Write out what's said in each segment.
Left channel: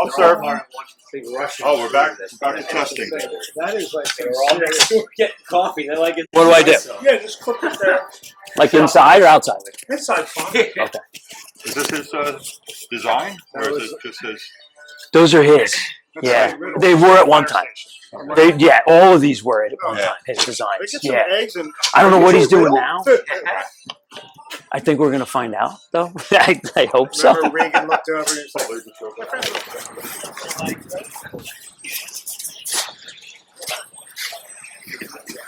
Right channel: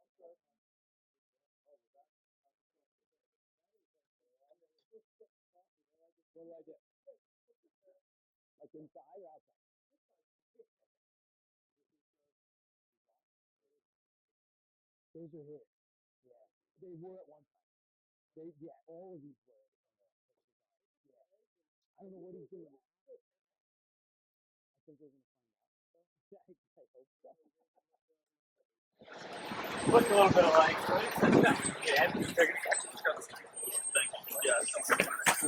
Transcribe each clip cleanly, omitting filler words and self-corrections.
I'll serve. Oh, we're back to testing. That is like They're all next door getting coffee. They like it. What do I do? yeah, just clip it there. Like inside or outside? Inside fine. Okay. Is this his design, or is it just his? Those are his. Yeah, they were at one time. All of these were at one time. His designs. Yeah. I don't know what he's doing now. I think we're gonna find out, though. I hope so. Remember Reagan looked over and he's like,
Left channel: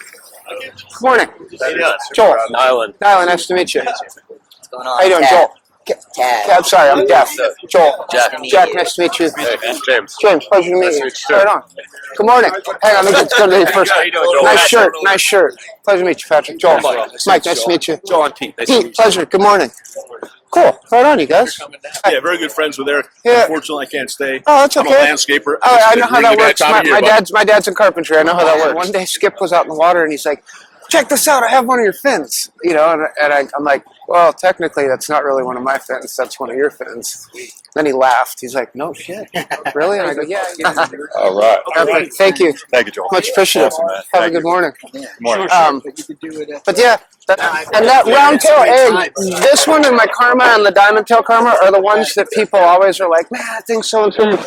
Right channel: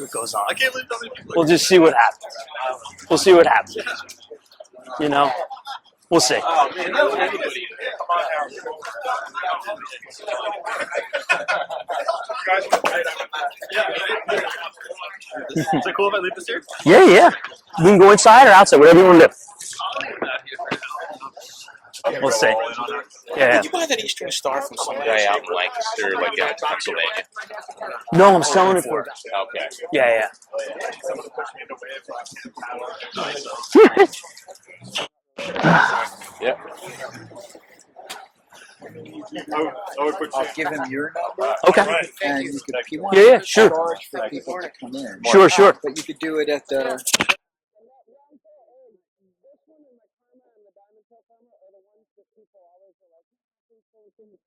It goes on. Morning. We'll just see what happens. Joel. Nyland. Nice to meet you. How you doing, Joel? We'll see. Yeah, I'm sorry, I'm deaf. Joel. Jack, nice to meet you. James. James, pleasure to meet you. Right on. Good morning. Hang on, let me get to you first. Nice shirt. Pleasure to meet you, Patrick. Joel. Yeah. Mike, nice to meet you. You can go inside or outside. Hey, Whatever you want to do. Good morning. Cool. Right on, you guys. Yeah, very good friends with Eric. Yeah. Unfortunately, I can't stay. Oh, that's okay. I'm a landscaper. I know how that works. My dad's in carpentry. I know how that works. One day Skip was out in the water and he's like, check this out, I have one of your fins. You know, and I'm like, well, technically that's not really one of my fins, that's one of your fins. Then he laughed. He's like, no shit. Really? And I go, yeah. All right. Okay. Thank you. Thank you, Joel. Much appreciated. Have a good morning. Sure. But you could do it at and that round tail egg, this one and my karma and the diamond tail karma are the ones that people always are like, man, I think so and so.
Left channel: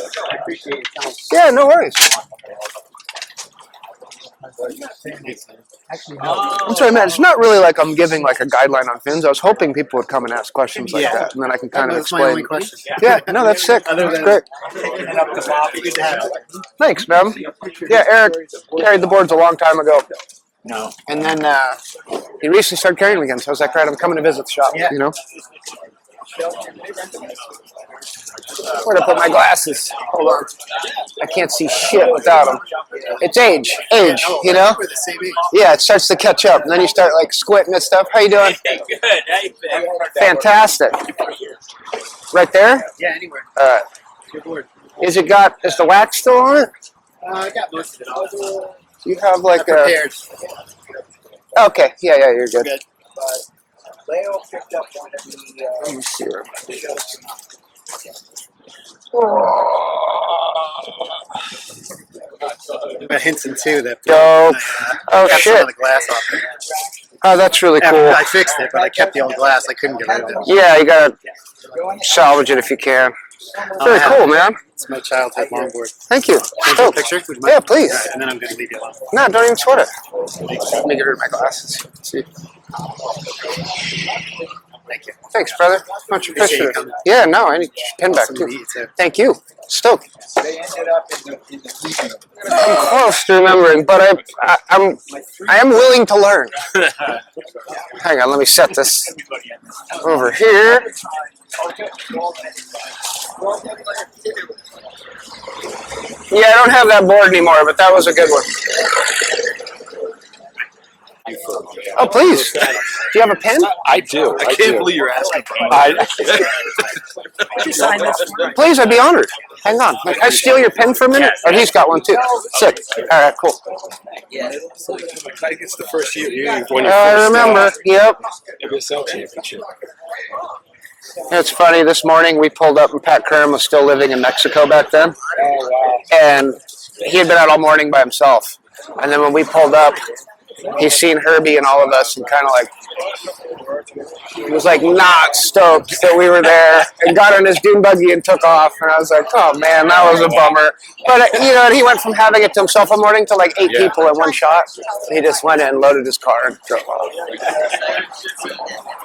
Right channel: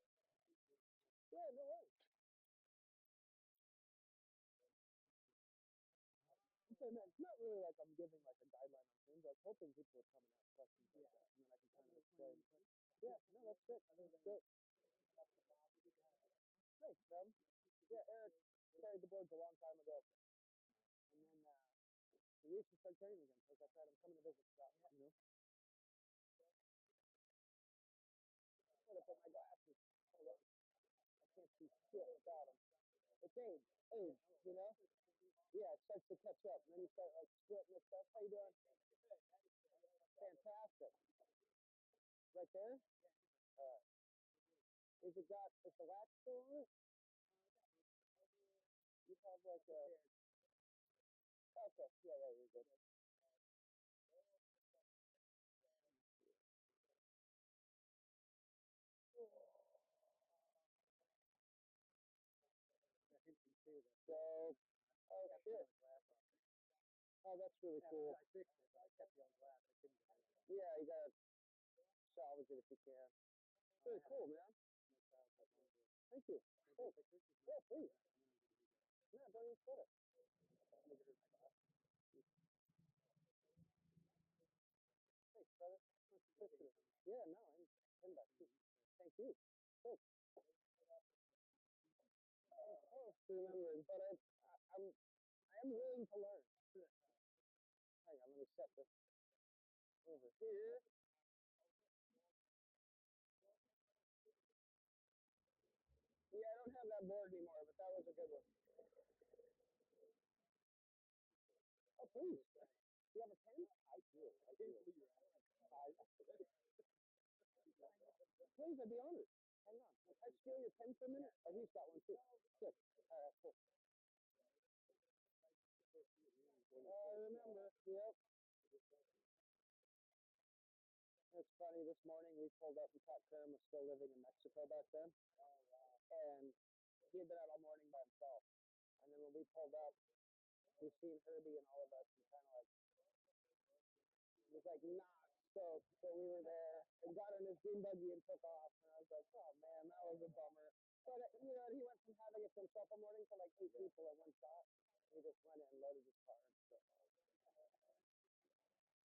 Yeah, no worries. I'm sorry, man. It's not really like I'm giving like a guideline on fins. I was hoping people would come and ask questions like that, and then I can kind of explain. Yeah, no, that's sick. That's great. Thanks, man. Yeah, Eric carried the boards a long time ago. no. And then he recently started carrying them again. So I was like, right, I'm coming to visit the shop, you know? Where to put my glasses? Hold on. I can't see shit without them. It's age, you know? Yeah, it starts to catch up. And then you start like squinting at stuff. How you doing? Good. How you been? Fantastic. Right there? Yeah, anywhere. All right. Good board. Is the wax still on it? I got most of it all. You have like Prepared. Okay, yeah, you're good. Good. But Leo picked up one of the. Let me see. Got Hinton too. That. Yo. Oh got shit. some of the glass off there. Oh, that's really cool. I fixed it, but I kept the old glass. I couldn't get rid of it. Yeah, you gotta salvage it if you can. Very cool, man. It's my childhood longboard. Thank you. Take a picture? Would you mind? Yeah, please. All right, and then I'm going to leave you alone. No, don't even sweat it. Let me get rid of my glasses. Let's see. Thank you. Thanks, brother. Much Appreciate you appreciated. coming. Yeah, no, I need pin back Awesome to too. meet you, too. Thank you. Stoked. They ended up in the I'm close to remembering, but I am willing to learn. Hang on, let me set this over here. Yeah, I don't have that board anymore, but that was a good one. Oh, please. Do you have a pen? I do. I can't believe you're asking for Please, I'd be honored. Hang on. Can I steal your pen for a minute? Or he's got one too. Sick. All right, cool. I think it's the first year. I remember. Yep. It's funny. This morning we pulled up and Pat Curran was still living in Mexico back then. And he had been out all morning by himself. And then when we pulled up, he's seen Herbie and all of us and kind of like, he was like not stoked that we were there and got on his dune buggy and took off. And I was like, oh man, that was a bummer. But you know, he went from having it to himself all morning to like 8 people in one shot. He just went in, loaded his car and drove off.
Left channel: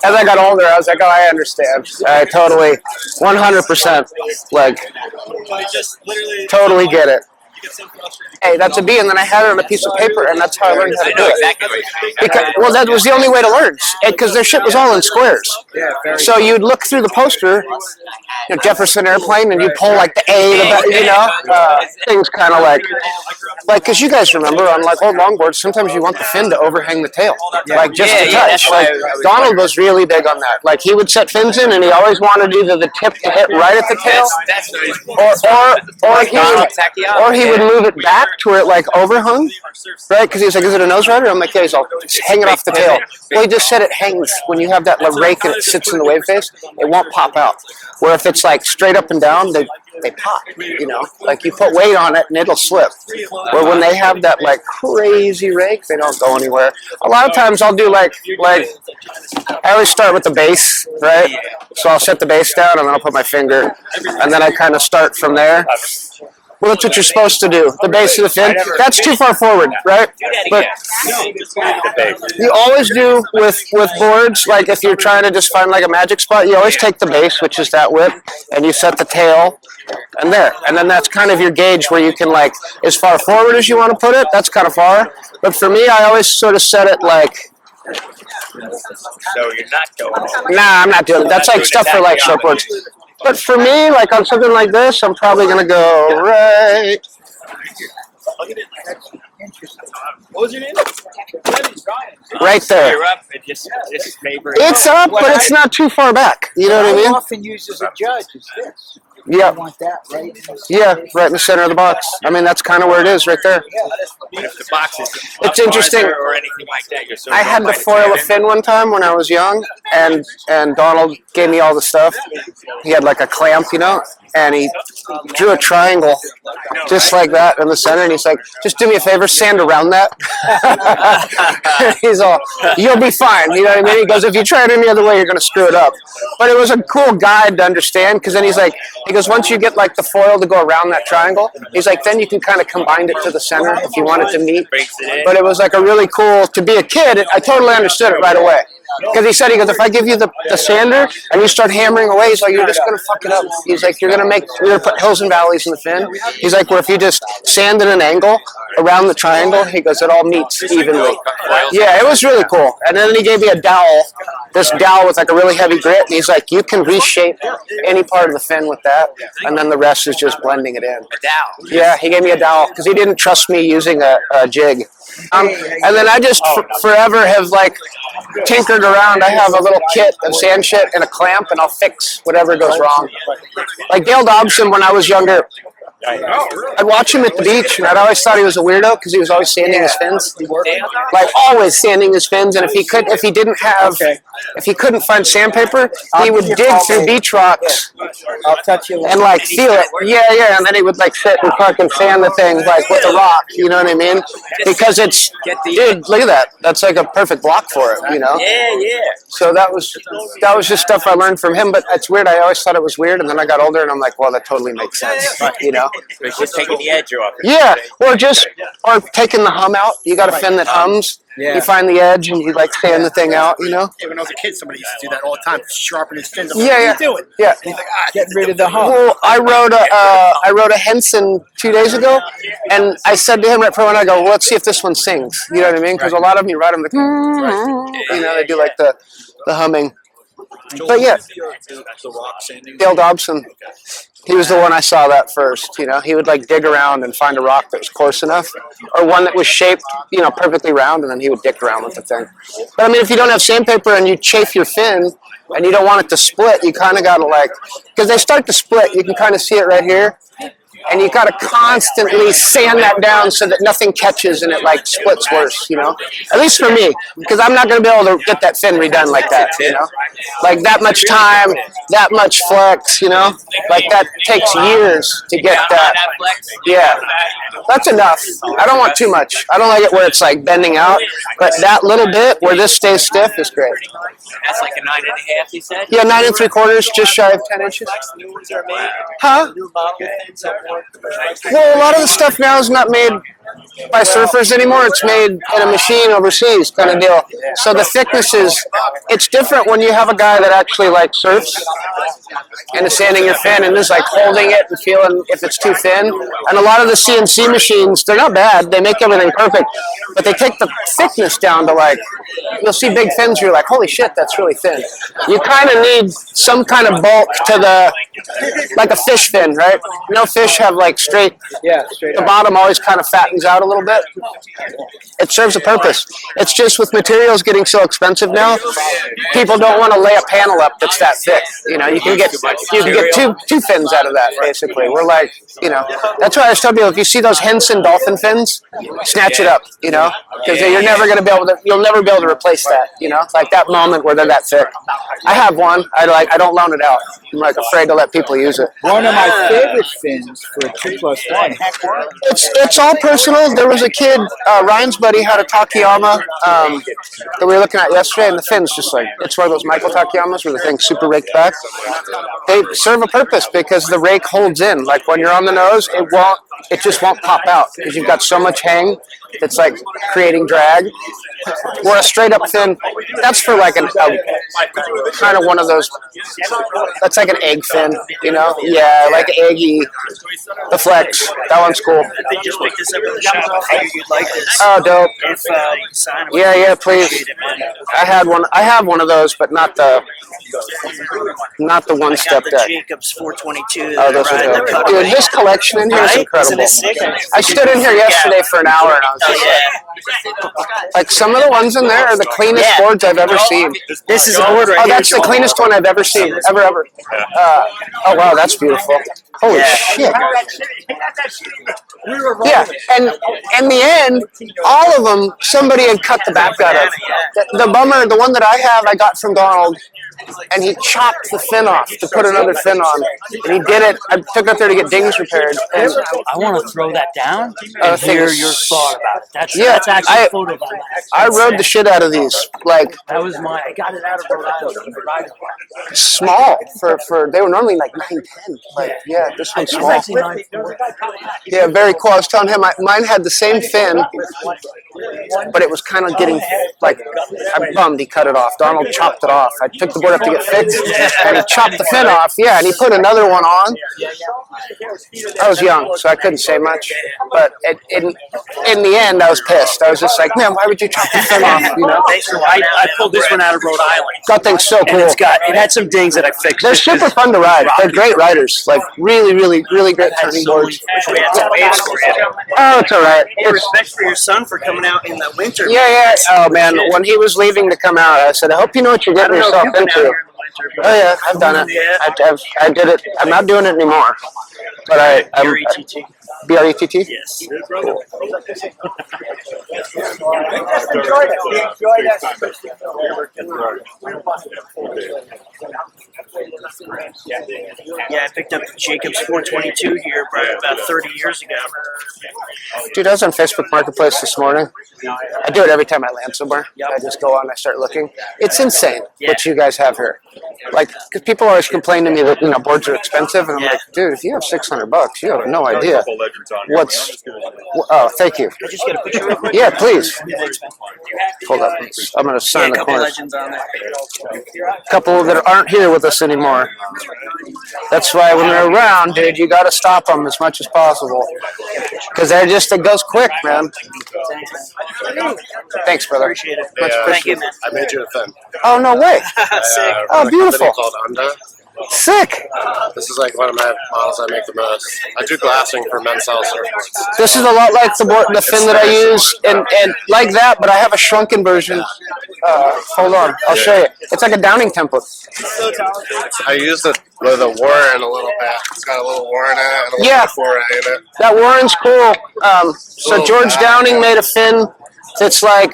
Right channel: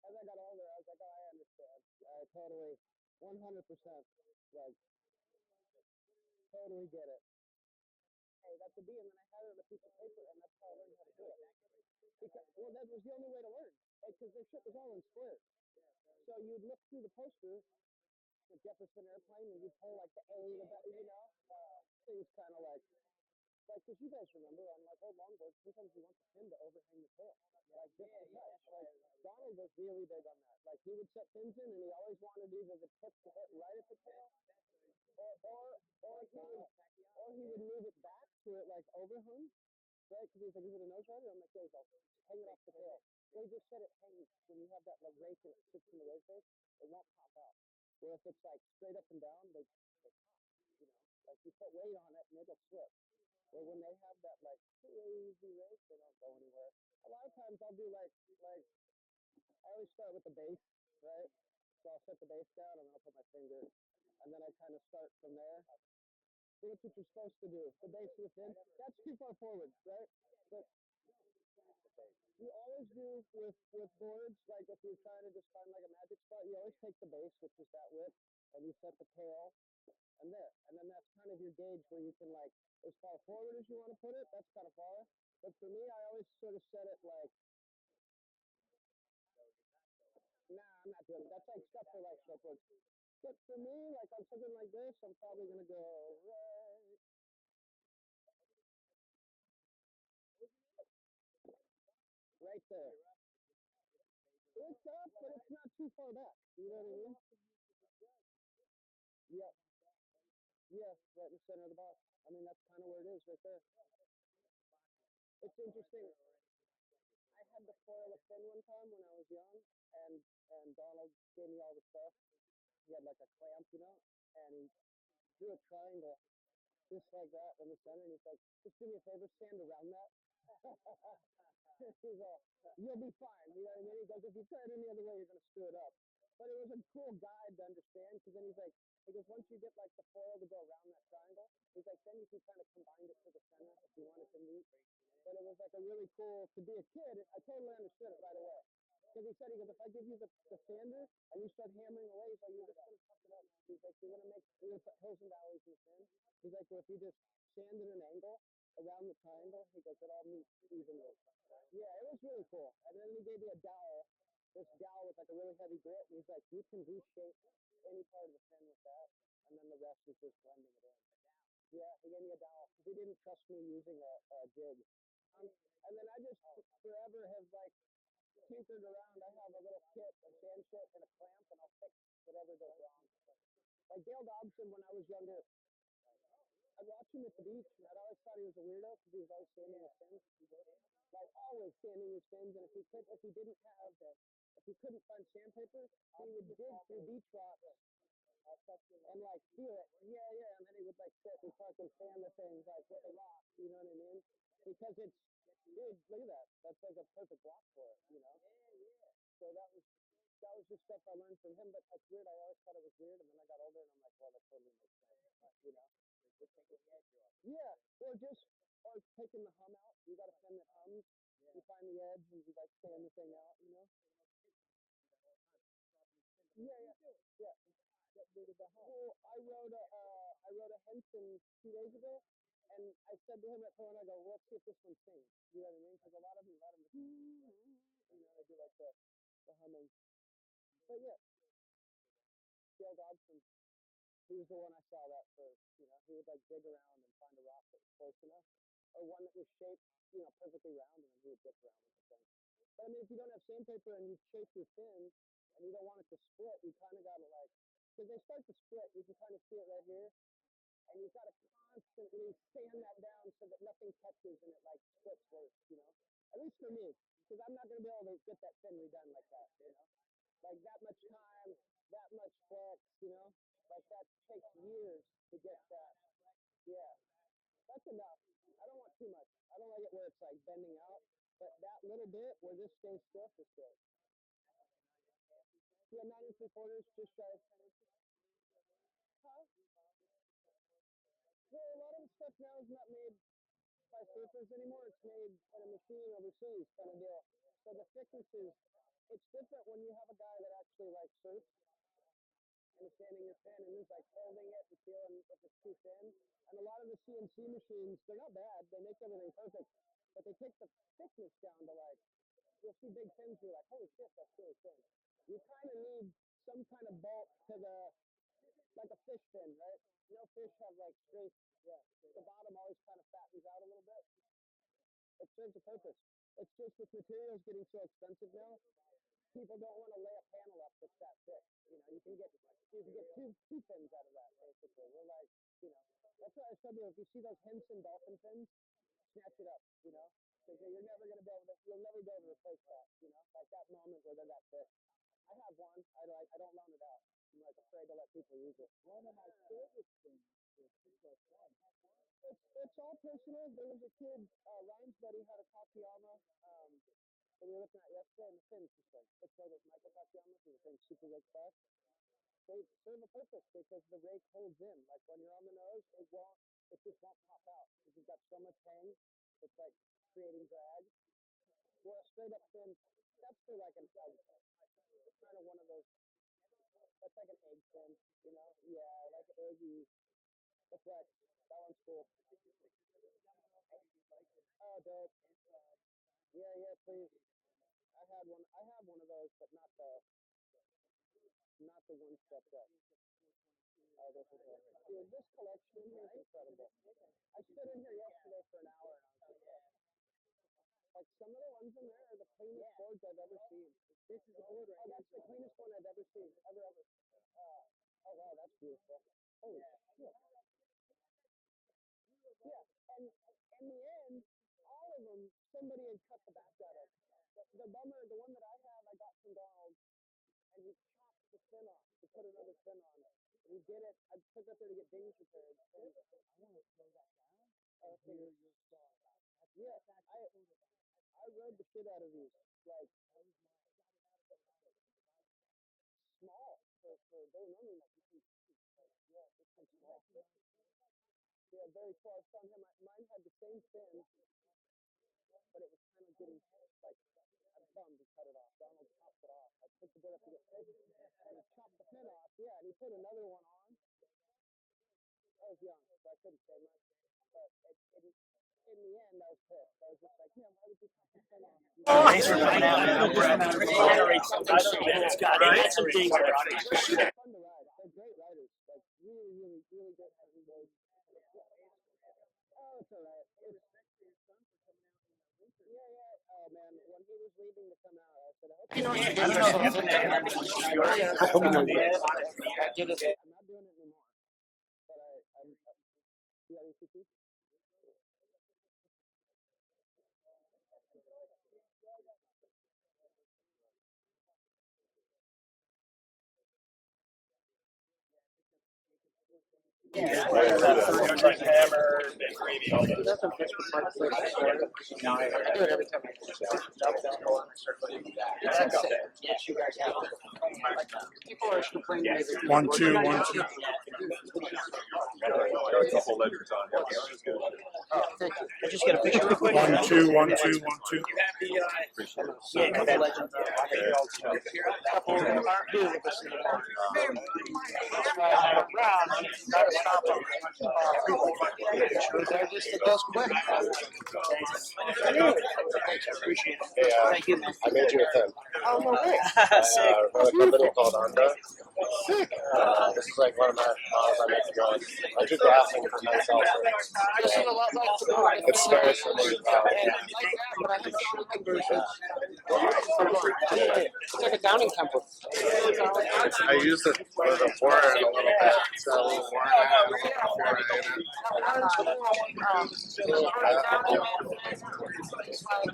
As I got older, I was like, oh, I understand. I totally, 100%, like, totally get it. Hey, that's a B, and then I had it on a piece of paper, and that's how I learned how to do it. Because, well, that was the only way to learn, because their shit was all in squares. So you'd look through the poster, you know, Jefferson Airplane, and you pull like the A, you know, things kind of like, because you guys remember on like old longboards, sometimes you want the fin to overhang the tail, like just a touch. Like Donald was really big on that. Like he would set fins in, and he always wanted either the tip to hit right at the tail, or he would move it back to where it like overhung, right? Because he was like, "Is it a nose rider?" I'm like, "Yeah." He's all hanging off the tail. Well, he just said it hangs when you have that rake and it sits in the wave face. It won't pop out. Where if it's like straight up and down, they pop. You know, like you put weight on it and it'll slip. Where when they have that like crazy rake, they don't go anywhere. A lot of times I'll do like I always start with the base, right? So I'll set the base down and then I'll put my finger, and then I kind of start from there. Well, that's what you're supposed to do. The base of the fin. That's too far forward, right? But you always do with boards, like if you're trying to just find like a magic spot, you always take the base, which is that width, and you set the tail and there. And then that's kind of your gauge where you can like, as far forward as you want to put it, that's kind of far. But for me, I always sort of set it like, So you're not going. nah, I'm not doing it. That's like stuff for like shortboards. But for me, like on something like this, I'm probably going to go right. What was your name? Right there. You're up. Just favor. It's up, but it's not too far back. You know what I I mean? often use as a judge is this. Yeah. I want that right. Yeah, right in the center of the box. I mean, that's kind of where it is right there. If the box is It's interesting. or anything like that, you're so I had to foil a fin one time when I was young, and Donald gave me all the stuff. He had like a clamp, you know, and he drew a triangle just like that in the center, and he's like, "Just do me a favor, sand around that." He's all, "You'll be fine." You know what I mean? He goes, "If you try it any other way, you're going to screw it up." But it was a cool guide to understand, because then he's like, he goes, once you get like the foil to go around that triangle, he's like, then you can kind of combine it to the center if you want it to meet. But it was like a really cool, to be a kid, I totally understood it right away. Because he said, he goes, if I give you the sander and you start hammering away, he's like, you're just going to fuck it up. He's like, you're going to put hills and valleys in the fin. He's like, where if you just sand at an angle around the triangle, he goes, it all meets evenly. Yeah, it was really cool. And then he gave me a dowel, this dowel with like a really heavy grit. And he's like, you can reshape any part of the fin with that. And then the rest is just blending it in. Yeah, he gave me a dowel because he didn't trust me using a jig. And then I just forever have like tinkered around. I have a little kit of sand shit and a clamp, and I'll fix whatever goes wrong. Like Dale Dobson, when I was younger, I'd watch him at the beach, and I'd always thought he was a weirdo because he was always sanding his fins, like always sanding his fins. And if he couldn't find sandpaper, he would dig through beach rocks I'll touch you and like feel it. Yeah, and then he would like sit and fucking sand the thing like with a rock. You know what I mean? Because it's, dude, look at that. That's like a perfect block for it. You know? Yeah. So that was just stuff I learned from him. But it's weird. I always thought it was weird, and then I got older, and I'm like, well, that totally makes sense. You know? It's just taking the edge off. Yeah, or taking the hum out. You got a fin that hums. Yeah. You find the edge and you like sand the thing out. You know? When I was a kid, somebody used to do that all the time, sharpen his fins. Yeah. What are you doing? Yeah. He's like, getting rid of the hump. Well, I wrote a Henson 2 days ago, and I said to him right before when I go, well, let's see if this one sings. You know what I mean? Because a lot of them you write them like, you know, they do like the humming. But yeah, Dale Dobson. He was the one I saw that first, you know. He would like dig around and find a rock that was coarse enough, or one that was shaped, you know, perfectly round, and then he would dick around with the thing. But I mean, if you don't have sandpaper and you chafe your fin and you don't want it to split, you kind of got to like, because they start to split, you can kind of see it right here. And you got to constantly sand that down so that nothing catches and it like splits worse, you know. At least for me, because I'm not going to be able to get that fin redone like that, you know. Like that much time, that much flex, you know. Like that takes years to get that. Yeah, that's enough. I don't want too much. I don't like it where it's like bending out, but that little bit where this stays stiff is great. That's like a 9.5, you said? Yeah, 9 3/4, just shy of 10 inches. New ones are made. Huh? Well, a lot of the stuff now is not made by surfers anymore. It's made in a machine overseas kind of deal. So the thickness is, it's different when you have a guy that actually like surfs and is sanding your fin and is like holding it and feeling if it's too thin. And a lot of the CNC machines, they're not bad. They make everything perfect, but they take the thickness down to like, you'll see big fins, you're like, holy shit, that's really thin. You kind of need some kind of bulk to like a fish fin, right? No fish have like straight. Yeah, straight The up. bottom always kind of fattens out a little bit. It serves a purpose. It's just with materials getting so expensive now, people don't want to lay a panel up that's that thick. You know, you can get two fins out of that basically. We're like, you know, that's why I tell people if you see those Henson dolphin fins, snatch it up. You know, because you'll never be able to replace that. You know, like that moment where they're that thick. I have one. I don't loan it out. I'm like afraid to let people use it. One of my favorite fins for a 2+1. It's all personal. There was a kid, Ryan's buddy had a Takayama that we were looking at yesterday, and the fin's just like, it's one of those Michael Takayamas where the thing's super raked back. They serve a purpose because the rake holds in. Like when you're on the nose, it just won't pop out because you've got so much hang. It's like creating drag. Where a straight up fin, that's for like a kind of one of those, that's like an egg fin, you know? Yeah, like an eggy. The Flex, that one's cool. They just picked this up in the shop. I figured you'd like this. Oh, dope. If you can sign them. Yeah, please. I have one of those, but not the one step The deck. Jacobs 422. Oh, those are dope. Dude, his collection in here is incredible. I stood in here yesterday for an hour and I was just like some of the ones in there are the cleanest boards I've ever seen. This is a board right Oh, here. that's the cleanest one I've ever seen, ever. Oh wow, that's beautiful. Holy shit. Yeah, and in the end, all of them, somebody had cut the back out of. The bummer, the one that I have, I got from Donald, and he chopped the fin off to put another fin on. And he did it. I took it up there to get dings repaired. And I want to throw that down the and thing hear is- your thought about it. That's Yeah, actually I- a photo of that. I rode the shit out of these. Like, That was I got it out of Rhode Island. small for they were normally like 9'10". Like, yeah, this one's It's small. actually 9'4". Yeah, very cool. I was telling him mine had the same fin, but it was kind of getting like I'm bummed he cut it off. Donald chopped it off. I took the board up to get fixed, and he chopped the fin off. Yeah, and he put another one on. I was young, so I couldn't say much. But in the end, I was pissed. I was just like, man, why would you chop the fin off? You know, I pulled this one out of Rhode Island. that thing's so And cool. it had some dings that I fixed. They're super fun to ride. They're great riders. Like really great turning boards. Oh, it's all right. Hey, respect for your son for coming out in the winter. Yeah. Oh man, when he was leaving to come out, I said, I hope you know what you're getting yourself into. Oh yeah, I've done it. I did it. I'm not doing it anymore. But I'm BRETT. BRETT. Yes. Enjoy that. Yeah, I picked up the Jacobs 422 here about 30 years ago. Dude, I was on Facebook Marketplace this morning. I do it every time I land somewhere. I just go on and I start looking. It's insane what you guys have here. Like, because people always complain to me that, boards are expensive. And I'm like, dude, if you have $600, you have no idea. What's... Oh, thank you. Yeah, please. Hold up. I'm going to sign the corner. A couple that aren't here with us anymore. That's why when they're around, dude, you got to stop them as much as possible. Because it goes quick, man. Thanks, brother. Appreciate it. Much Thank you, man. I made you a fin. Oh, no way. Sick. Oh, beautiful. Called Honda. Sick. This is like one of my models I make the most. I do glassing for men's health surfboards. This is a lot like the fin that I use, and like that, but I have a shrunken version. Hold on, I'll show you. It's like a Downing template. I use the with a Warren a little bit. It's got a little Warren in it and a little Warren in it. That Warren's cool. So George Downing made a fin that's like,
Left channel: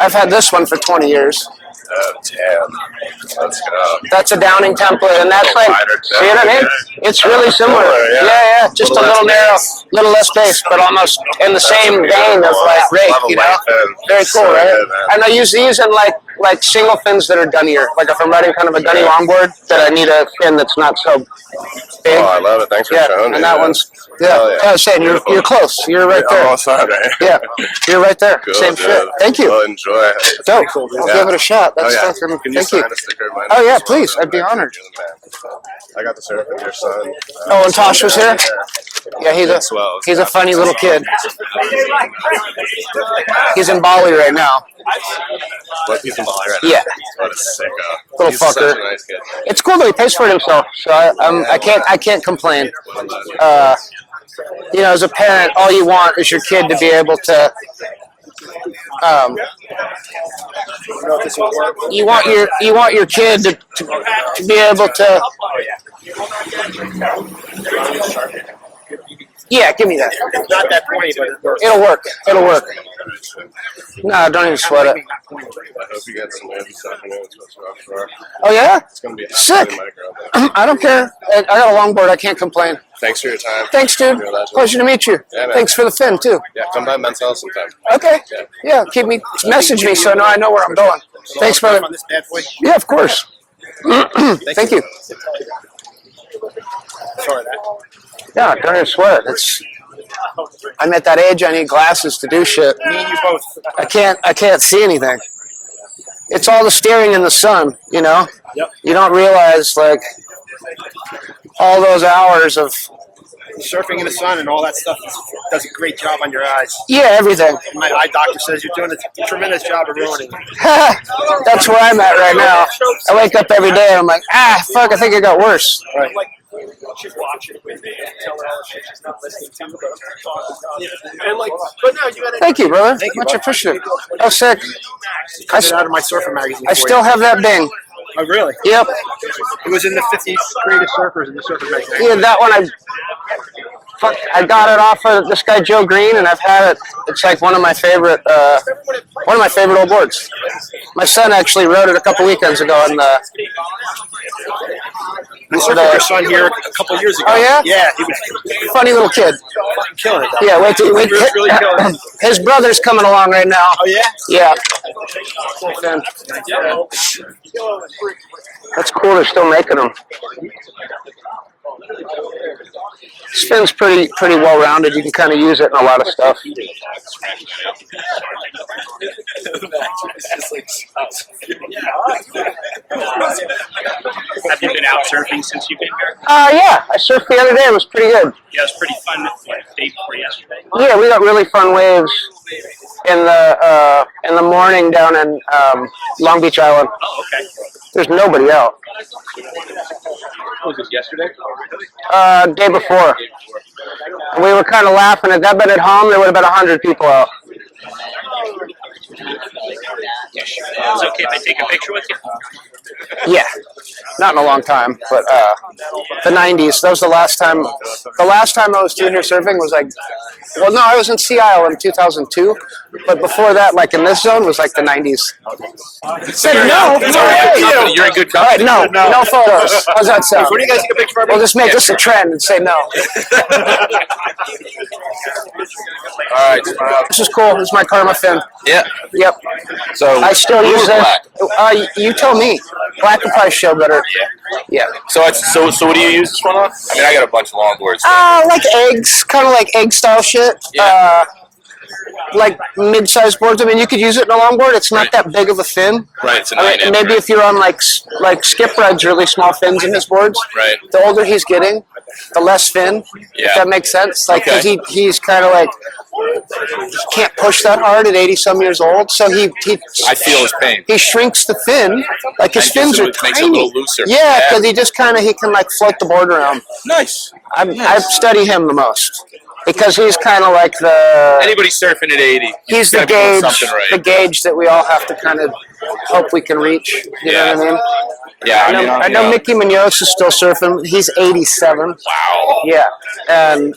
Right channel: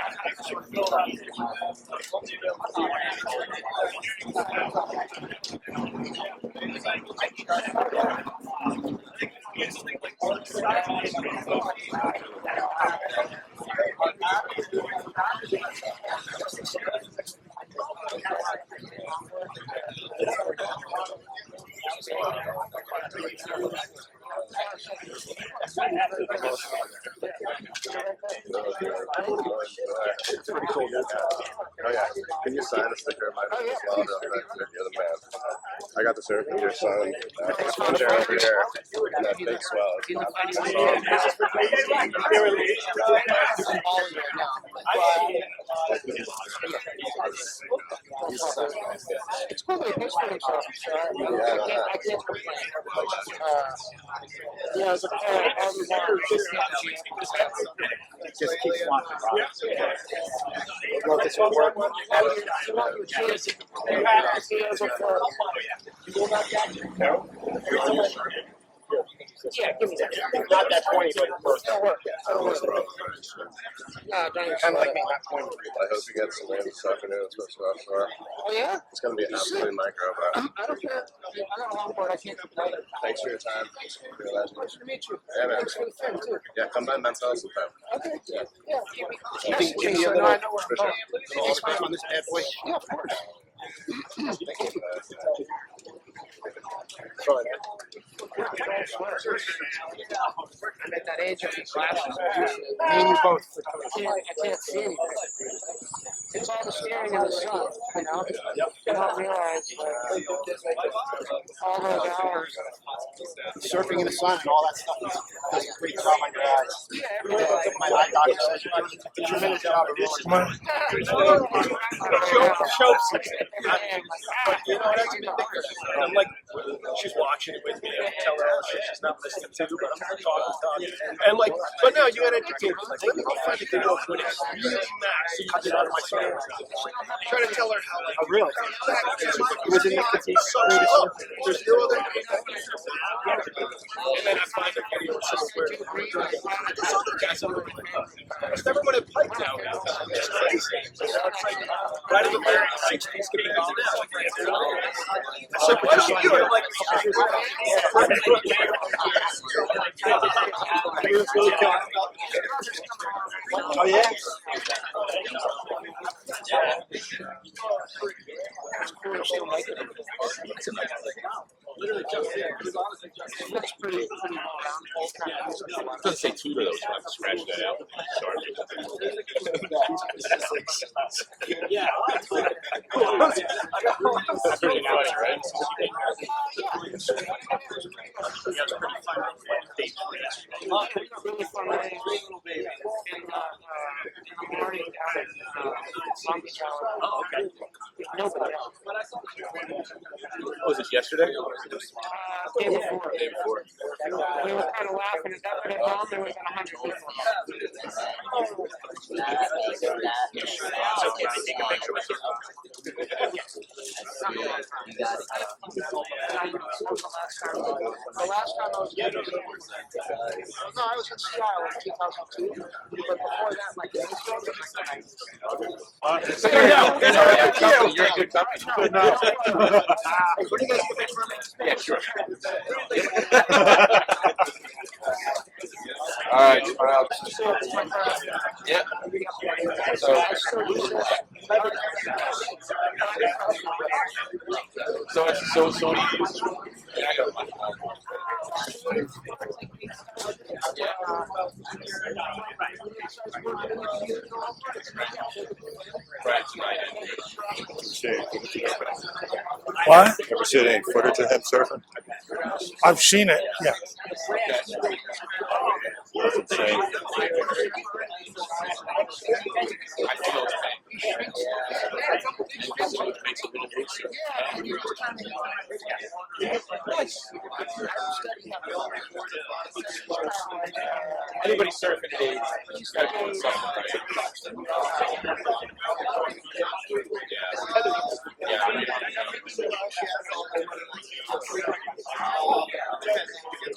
I've had this one for 20 years. Oh, damn. Let's go. That's a Downing template, and that's like, see what I mean? It's really similar. Yeah, just a little narrow, little less base, but almost in the same vein of like rake, Very cool, right? And I use these in like single fins that are dunnier. Like if I'm riding kind of a dunny longboard, that I need a fin that's not so big. Oh, I love it. Thanks for showing me. And that one's, I was saying, you're close. You're right there. Almost on it. Yeah, you're right there. Good, Same shit. Thank you. Well, enjoy. Dope. I'll give it a shot. That's Can you thank sign you. a sticker of mine? Oh yeah, please. I'd be honored. You're the man. I got the surf with your son. Oh, and Tosh was here? Yeah, he's a funny little kid. He's in Bali right now. What, he's in Bali right Yeah. now? What a sicko. Little He's fucker. such a nice kid. It's cool that he pays for it himself, so I can't complain. You know, as a parent, all you want is your kid to be able to. You want your kid to be able to. Yeah, give me that. It's not that pointy, but it works. It'll work. It'll work. No, don't even sweat it. I hope you get some random stuff in it. It's supposed to be offshore. Oh yeah? It's going to be Sick. absolutely micro, but I don't care. I got a longboard. I can't complain. thanks for your time. Thanks, dude. You're a legend. Pleasure to meet you. Yeah, man. Thanks for the fin too. Yeah, come by Men's Health sometime. Okay. Yeah. Yeah. Message me so I know where I'm going. Thanks, brother. On this bad boy. Yeah, of course. Thank you. Sorry, Yeah, don't even sweat it. I'm at that age. I need glasses to do shit. me and you both. I can't see anything. It's all the steering in the sun, you know? Yep. You don't realize, like, all those hours of, Surfing in the sun and all that stuff does a great job on your eyes. yeah, everything. My eye doctor says you're doing a tremendous job of ruining it. That's where I'm at right now. I wake up every day and I'm like, fuck, I think it got worse. I'm like, she's watching with me. Tell her all the shit she's not listening to, but I'm talking about it. And like, but no, you gotta. Thank you, brother. Much appreciated. Oh, sick. Cut it out of my surfer magazine. I still have that Bing. Oh, really? Yep. It was in the 50 greatest surfers in the surfer magazine. Yeah, that one I got it off of this guy Joe Green, and I've had it. It's like one of my favorite old boards. My son actually rode it a couple weekends ago in the. I surfed with your son here a couple years ago. Oh yeah? Yeah, he was Funny little kid. killing it. Yeah, wait. Really killing it. His brother's coming along right now. Oh yeah? Yeah. That's cool. They're still making them. Spin's pretty well rounded. You can kind of use it in a lot of stuff. Have you been out surfing since you've been here? Yeah. I surfed the other day. It was pretty good. Yeah, it was pretty fun. Day before yesterday. Yeah, we got really fun waves in the morning down in Long Beach Island. Oh, okay. There's nobody out. Was this yesterday? Day before. And we were kind of laughing. Had that been at home, there would have been 100 people out. It's okay if I take a picture with you? Yeah, not in a long time, but the 90s. That was the last time. The last time I was junior surfing was like, well, no, I was in Sea Isle in 2002, but before that, like in this zone, was like the 90s. Said no, it's all right. You're in good All right, company. no photos. How's that sound? What do you guys take a picture of? We'll just make this a trend and say no. All right. This is cool. This is my Karma fin. Yeah. Yep. So I still use this. You tell me. Black would probably show better. Yeah. So what do you use this one on? I mean, I got a bunch of longboards. Like eggs, kind of like egg style shit. Yeah. Like mid-sized boards. I mean, you could use it in a longboard. It's not that big of a fin. Right. It's a I 9 mean, inch. maybe if you're on like Skip rides really small fins in his boards. Right. The older he's getting, the less fin. If Yeah. that makes sense. Like 'cause Okay. he's kind of like can't push that hard at 80-some years old. So he I feel his pain. he shrinks the fin. Like his And fins are makes it a tiny. little looser. Yeah, because he just kind of he can like float the board around. Nice. I study him the most because he's kind of like the Anybody surfing at 80? he's the gotta be doing gauge, something right. the gauge that we all have to kind of hope we can reach. You know what I mean? Yeah. I know Mickey Munoz is still surfing. He's 87. Wow. Yeah, and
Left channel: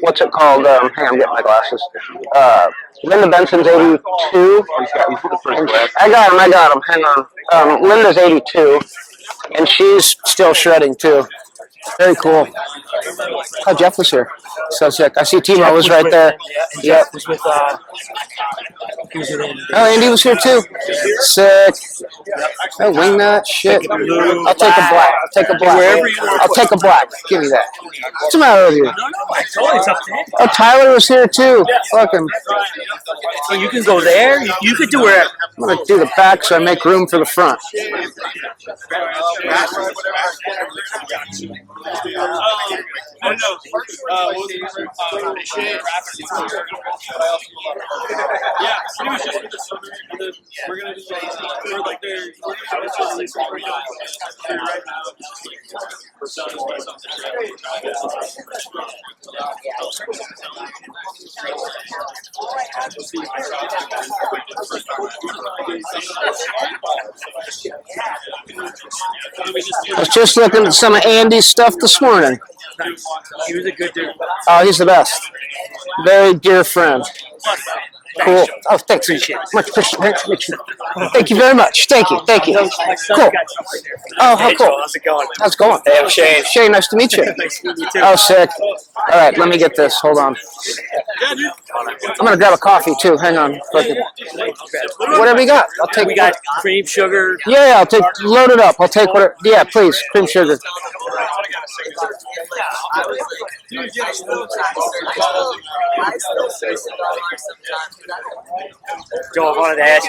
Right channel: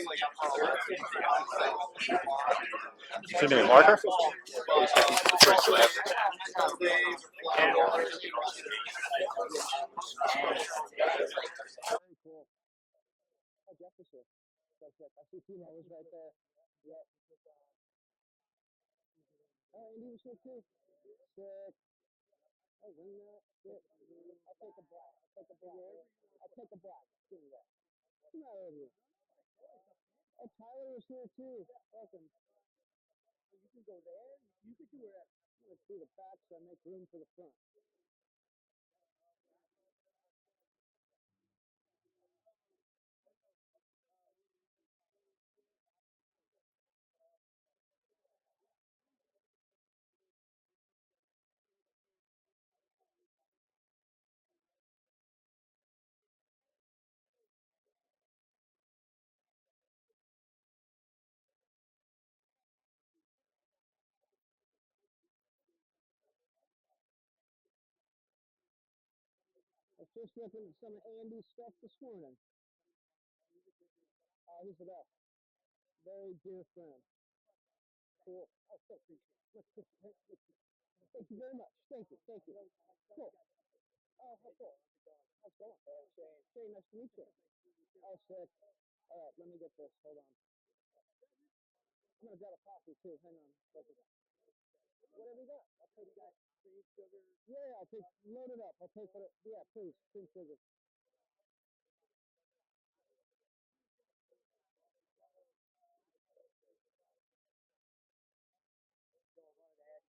what's it called? Hang on, I'm getting my glasses. Linda Benson's 82. I got him. Hang on. Linda's 82, and she's still shredding too. Very cool. Oh, Jeff was here. So sick. I see Timo was right there. Yeah. Was with, Oh, Andy was here too. Sick. Oh, wing nut, shit. I'll take a black. I'll take a black. Wherever you want. I'll take a black. Give me that. What's the matter with you? No, I told you it's up there. Oh, Tyler was here too. Fucking. So you can go there. You could do wherever. I'm gonna do the back so I make room for the front. I was just looking at some of Andy's stuff this morning. He was a good dude. Oh, he's the best. Very dear friend. Cool. Oh, thanks. Much appreciated. Thank you very much. Thank you. Thank you. Cool. Oh, how cool. How's it going? How's it going? Hey, I'm Shane. Shane, nice to meet you. Nice to meet you too. Oh, sick. All right, let me get this. Hold on. I'm gonna grab a coffee too. Hang on. Whatever you got, I'll take. We got cream, sugar. Yeah, I'll take. Load it up. I'll take whatever. Yeah, please, cream sugar. Joe, I wanted to ask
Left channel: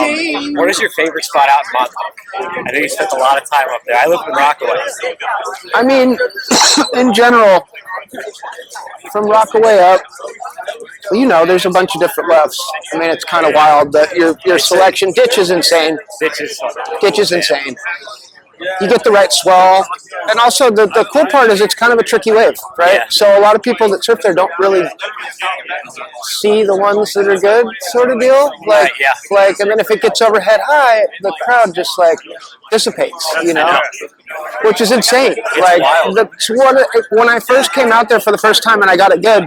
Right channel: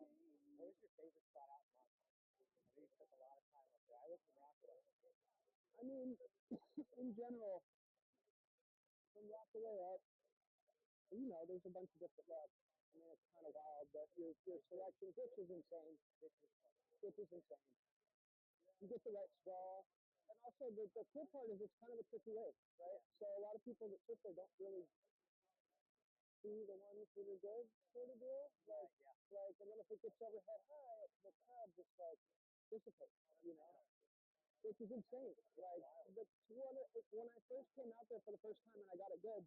you, what is your favorite spot out in Montauk? I know you spent a lot of time up there. I live in Rockaway. I mean, in general, from Rockaway up, well, you know, there's a bunch of different lefts. I mean, it's kind of wild, but your selection, Ditch is insane. Ditch is insane. You get the right swell. And also, the cool part is it's kind of a tricky wave, right? Yeah. So a lot of people that surf there don't really see the ones that are good, sort of deal. Like, yeah. like, and then if it gets overhead high, the crowd just like dissipates, you know, which is insane. Like, when I first came out there for the first time and I got it good,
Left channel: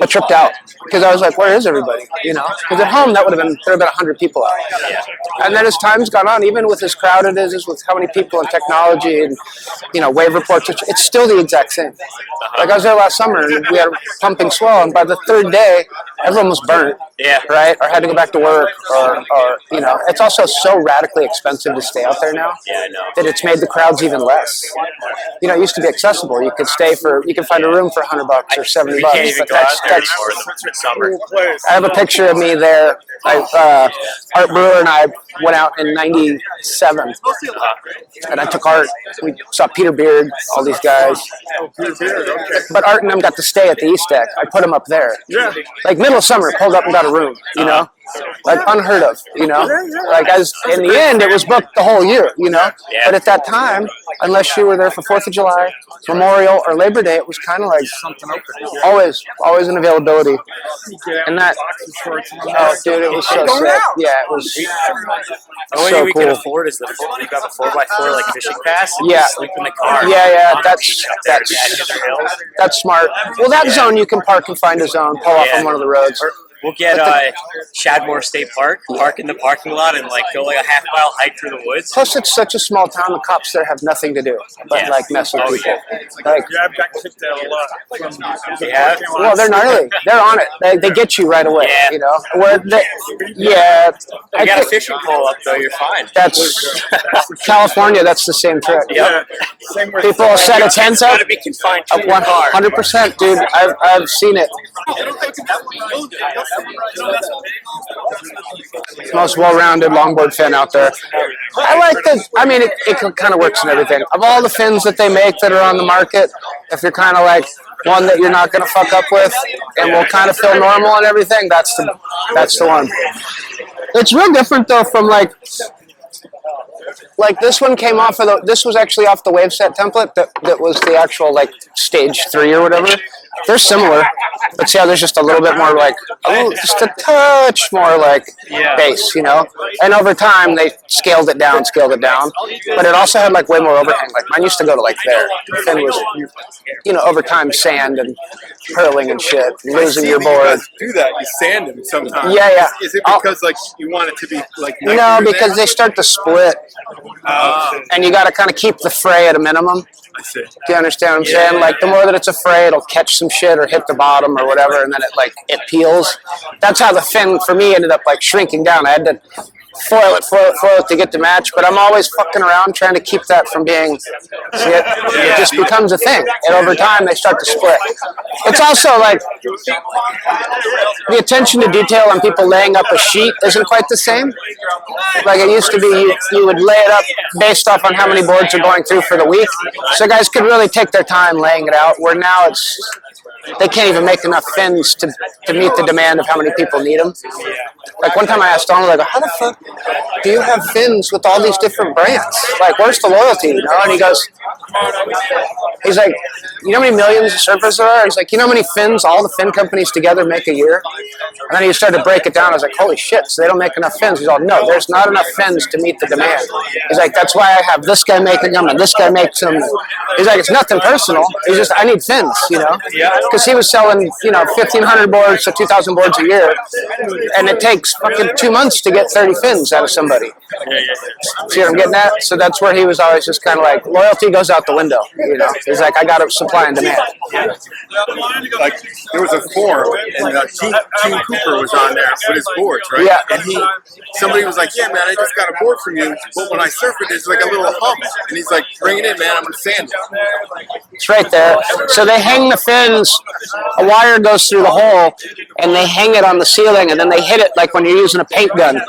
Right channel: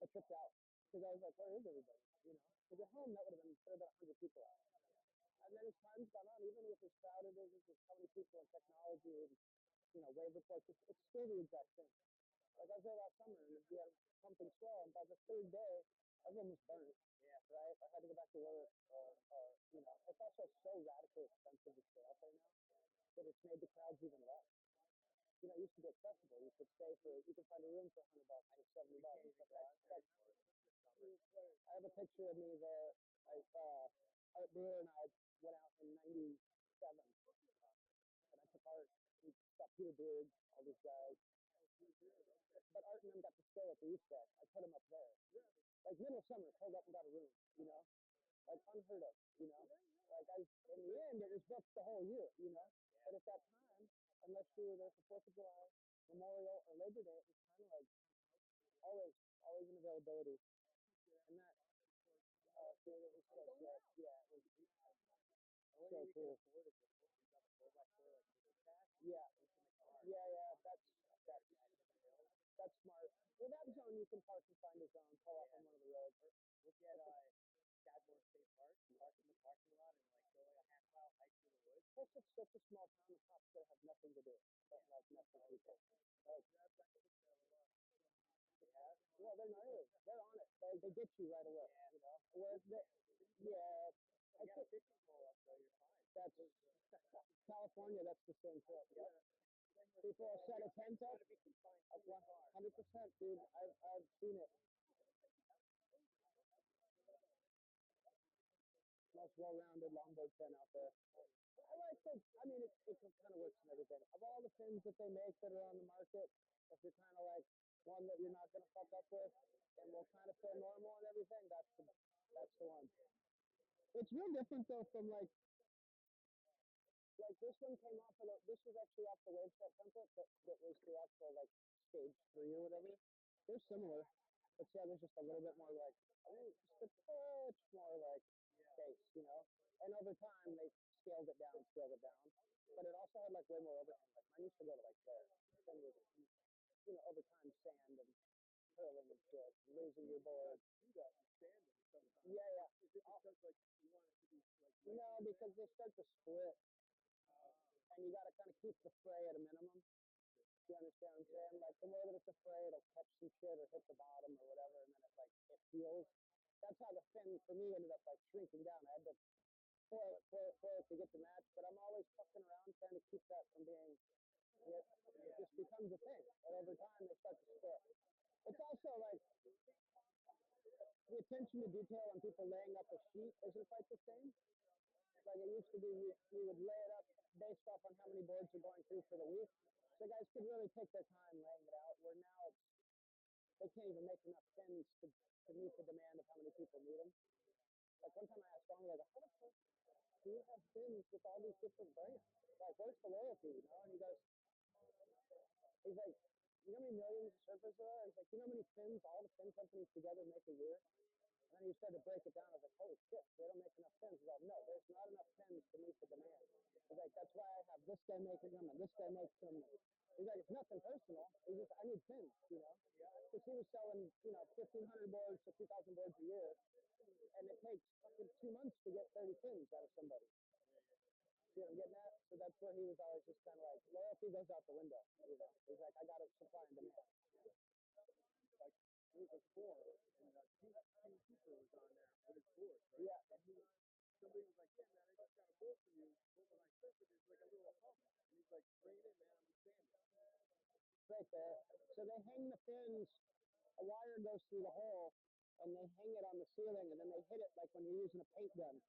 I tripped out because I was like, where is everybody? You know, because at home there would have been 100 people out. And then as time's gone on, even with as crowded as is, with how many people and technology and, you know, wave reports, it's still the exact same. Like I was there last summer and we had a pumping swell, and by the third day, everyone was burnt. Yeah. Right? Or had to go back to work, or you know, it's also so radically expensive to stay out there now. Yeah, I know. That it's made the crowds even less. You know, it used to be accessible. You could find a room for $100 or $70. You can't even But go out there that's anymore. It's summer. I have a picture of me there. Art Brewer and I went out in '97, and I took Art. We saw Peter Beard, all these guys. But Art and them got to stay at the East Deck. I put them up there. Yeah. Like middle of summer, pulled up and got a room. You know, like unheard of. You know, like in the end, it was booked the whole year. You know, but at that time, unless you were there for 4th of July, Memorial, or Labor Day, it was kind of like always an availability. And that, oh, dude, it was so sick. Yeah, it was The only so thing we can cool. afford is we got a 4x4 like fishing pass. And Yeah. just sleep in the car. Yeah, on the beach up there. that's smart. Well, that zone you can park and find a zone, pull off on one of the roads. We'll get Shadmore State Park, park in the parking lot, and like go like a half-mile hike through the woods. Plus, it's such a small town. The cops there have nothing to do but like mess with people. Like, Yeah, I've got kicked out a lot. Yeah. well, they're gnarly. They're on it. They get you right away. Yeah. You know. Where they, yeah. I got a think fishing pole up though. You're fine. that's California. That's the same trick. Yeah. People will set a tent It's up. got to be confined to your car. 100%, dude. I've seen it. Most well-rounded longboard fin out there. I like the. I mean, it kind of works in everything. Of all the fins that they make that are on the market, if you're kind of like one that you're not going to fuck up with and will kind of feel normal and everything, that's the one. It's real different though from like this one came off of this was actually off the Waveset template that was the actual like stage 3 or whatever. They're similar, but see how there's just a little bit more like, just a touch more like bass, you know? And over time, they scaled it down, but it also had like way more overhang. Like mine used to go to like there. The fin was, you know, over time, sand and hurling and shit, losing your board. Do that? You sand them sometimes. Yeah. Is it because like you want it to be like? No, because they start to split, and you got to kind of keep the fray at a minimum. I see. Do you understand what I'm saying? Like the more that it's a fray, it'll catch some shit or hit the bottom or whatever, and then it peels. That's how the fin for me ended up like shrinking down. I had to foil it to get the match, but I'm always fucking around trying to keep that from being, see it just becomes a thing, and over time they start to split. It's also like, the attention to detail on people laying up a sheet isn't quite the same. Like it used to be, you would lay it up based off on how many boards are going through for the week, so guys could really take their time laying it out, where now they can't even make enough fins to meet the demand of how many people need them. Like one time I asked Donald, I go, how the fuck do you have fins with all these different brands? Like, where's the loyalty, you know? And he's like, you know how many millions of surfers there are? He's like, you know how many fins all the fin companies together make a year? And then he started to break it down. I was like, holy shit, so they don't make enough fins. He's all, no, there's not enough fins to meet the demand. He's like, that's why I have this guy making them and this guy makes them. He's like, it's nothing personal. He's just, I need fins, you know? Because he was selling, 1,500 boards to 2,000 boards a year, and it takes fucking 2 months to get 30 fins out of somebody. See what I'm getting at? So that's where he was always just kind of like, loyalty goes out the window, you know? He's like, I got to supply and demand. Like, there was a forum, and Gene Cooper was on there with his boards, right? Yeah. And somebody was like, yeah, man, I just got a board from you, but when I surf it, there's like a little hump. And he's like, bring it in, man, I'm going to sand it. It's right there. So they hang the fins, a wire goes through the hole, and they hang it on the ceiling, and then they hit it like when you're using a paint gun.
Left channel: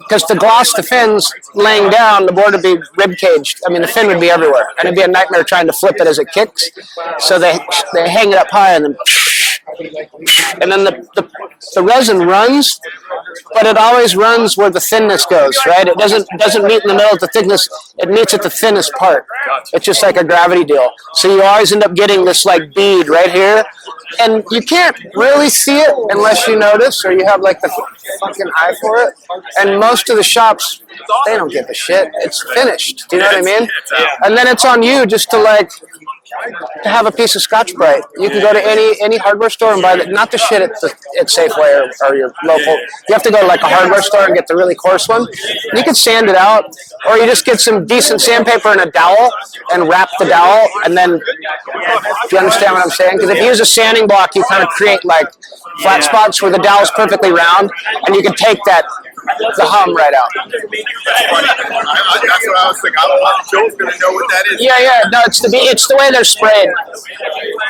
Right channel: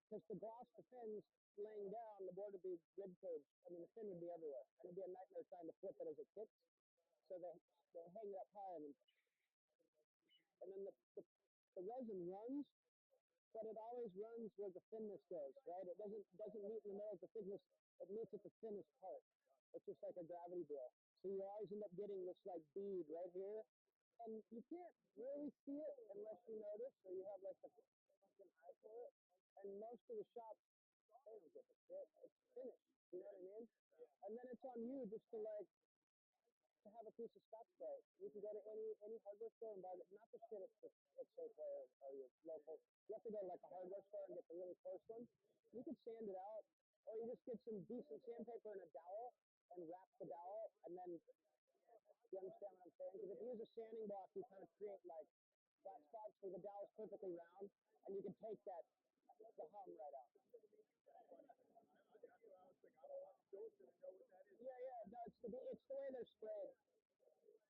Because to gloss the fins laying down, the board would be rib caged. I mean, the fin would be everywhere, and it'd be a nightmare trying to flip it as it kicks. So they hang it up high, and then the resin runs, but it always runs where the thinness goes, right? It doesn't meet in the middle of the thickness. It meets at the thinnest part. It's just like a gravity deal. So you always end up getting this like bead right here, and you can't really see it unless you notice or you have like the fucking eye for it. And most of the shops, they don't give a shit. It's finished. Do you know what I mean? And then it's on you just to have a piece of Scotch-Brite. You can go to any hardware store and buy not the shit at Safeway or your local. You have to go to like a hardware store and get the really coarse one. You can sand it out, or you just get some decent sandpaper and a dowel and wrap the dowel, and then, do you understand what I'm saying? Because if you use a sanding block, you kind of create like flat spots where the dowel's perfectly round, and you can take the hum right out. That's what I was thinking. Joe's going to know what that is. Yeah. No, it's the way they're sprayed.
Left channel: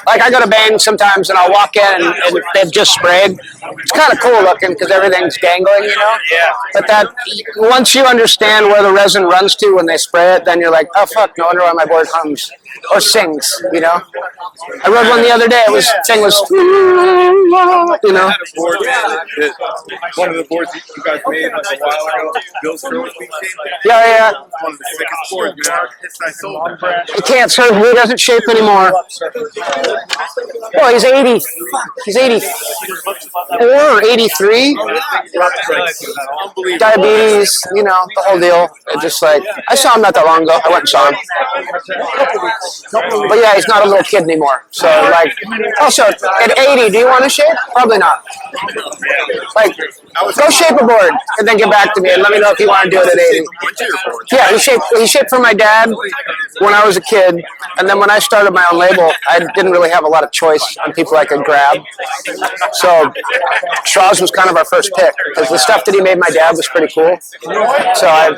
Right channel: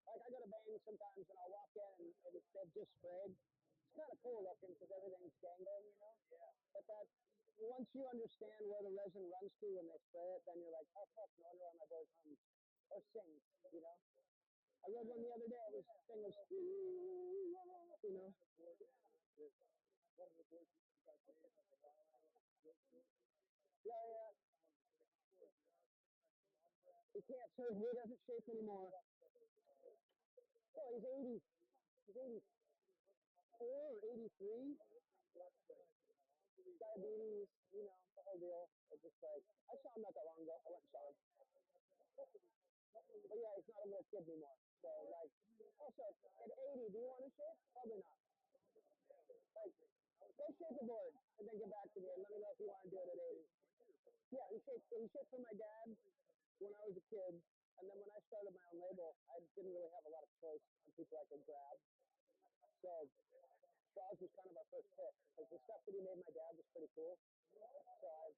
Like I go to Bang sometimes, and I'll walk in, and they've just sprayed. It's kind of cool looking because everything's dangling, you know? Yeah. But once you understand where the resin runs to when they spray it, then you're like, oh, fuck, no wonder why my board hums. Or sings, you know? I rode one the other day. Thing was, you know? One of the boards you guys made like a while ago, Bill's Trophy shape. Yeah. One of the sickest boards, man. I sold it. He can't surf. He doesn't shape anymore. Well, he's 80. He's 84 or 83. Diabetes, you know, the whole deal. It just like, I saw him not that long ago. I went and saw him. But yeah, he's not a little kid anymore. So like, also at 80, do you want to shape? Probably not. Like, go shape a board and then get back to me and let me know if you want to do it at 80. Yeah, he shaped for my dad when I was a kid, and then when I started my own label, I didn't really have a lot of choice on people I could grab. So Shaw's was kind of our first pick because the stuff that he made my dad was pretty cool. So I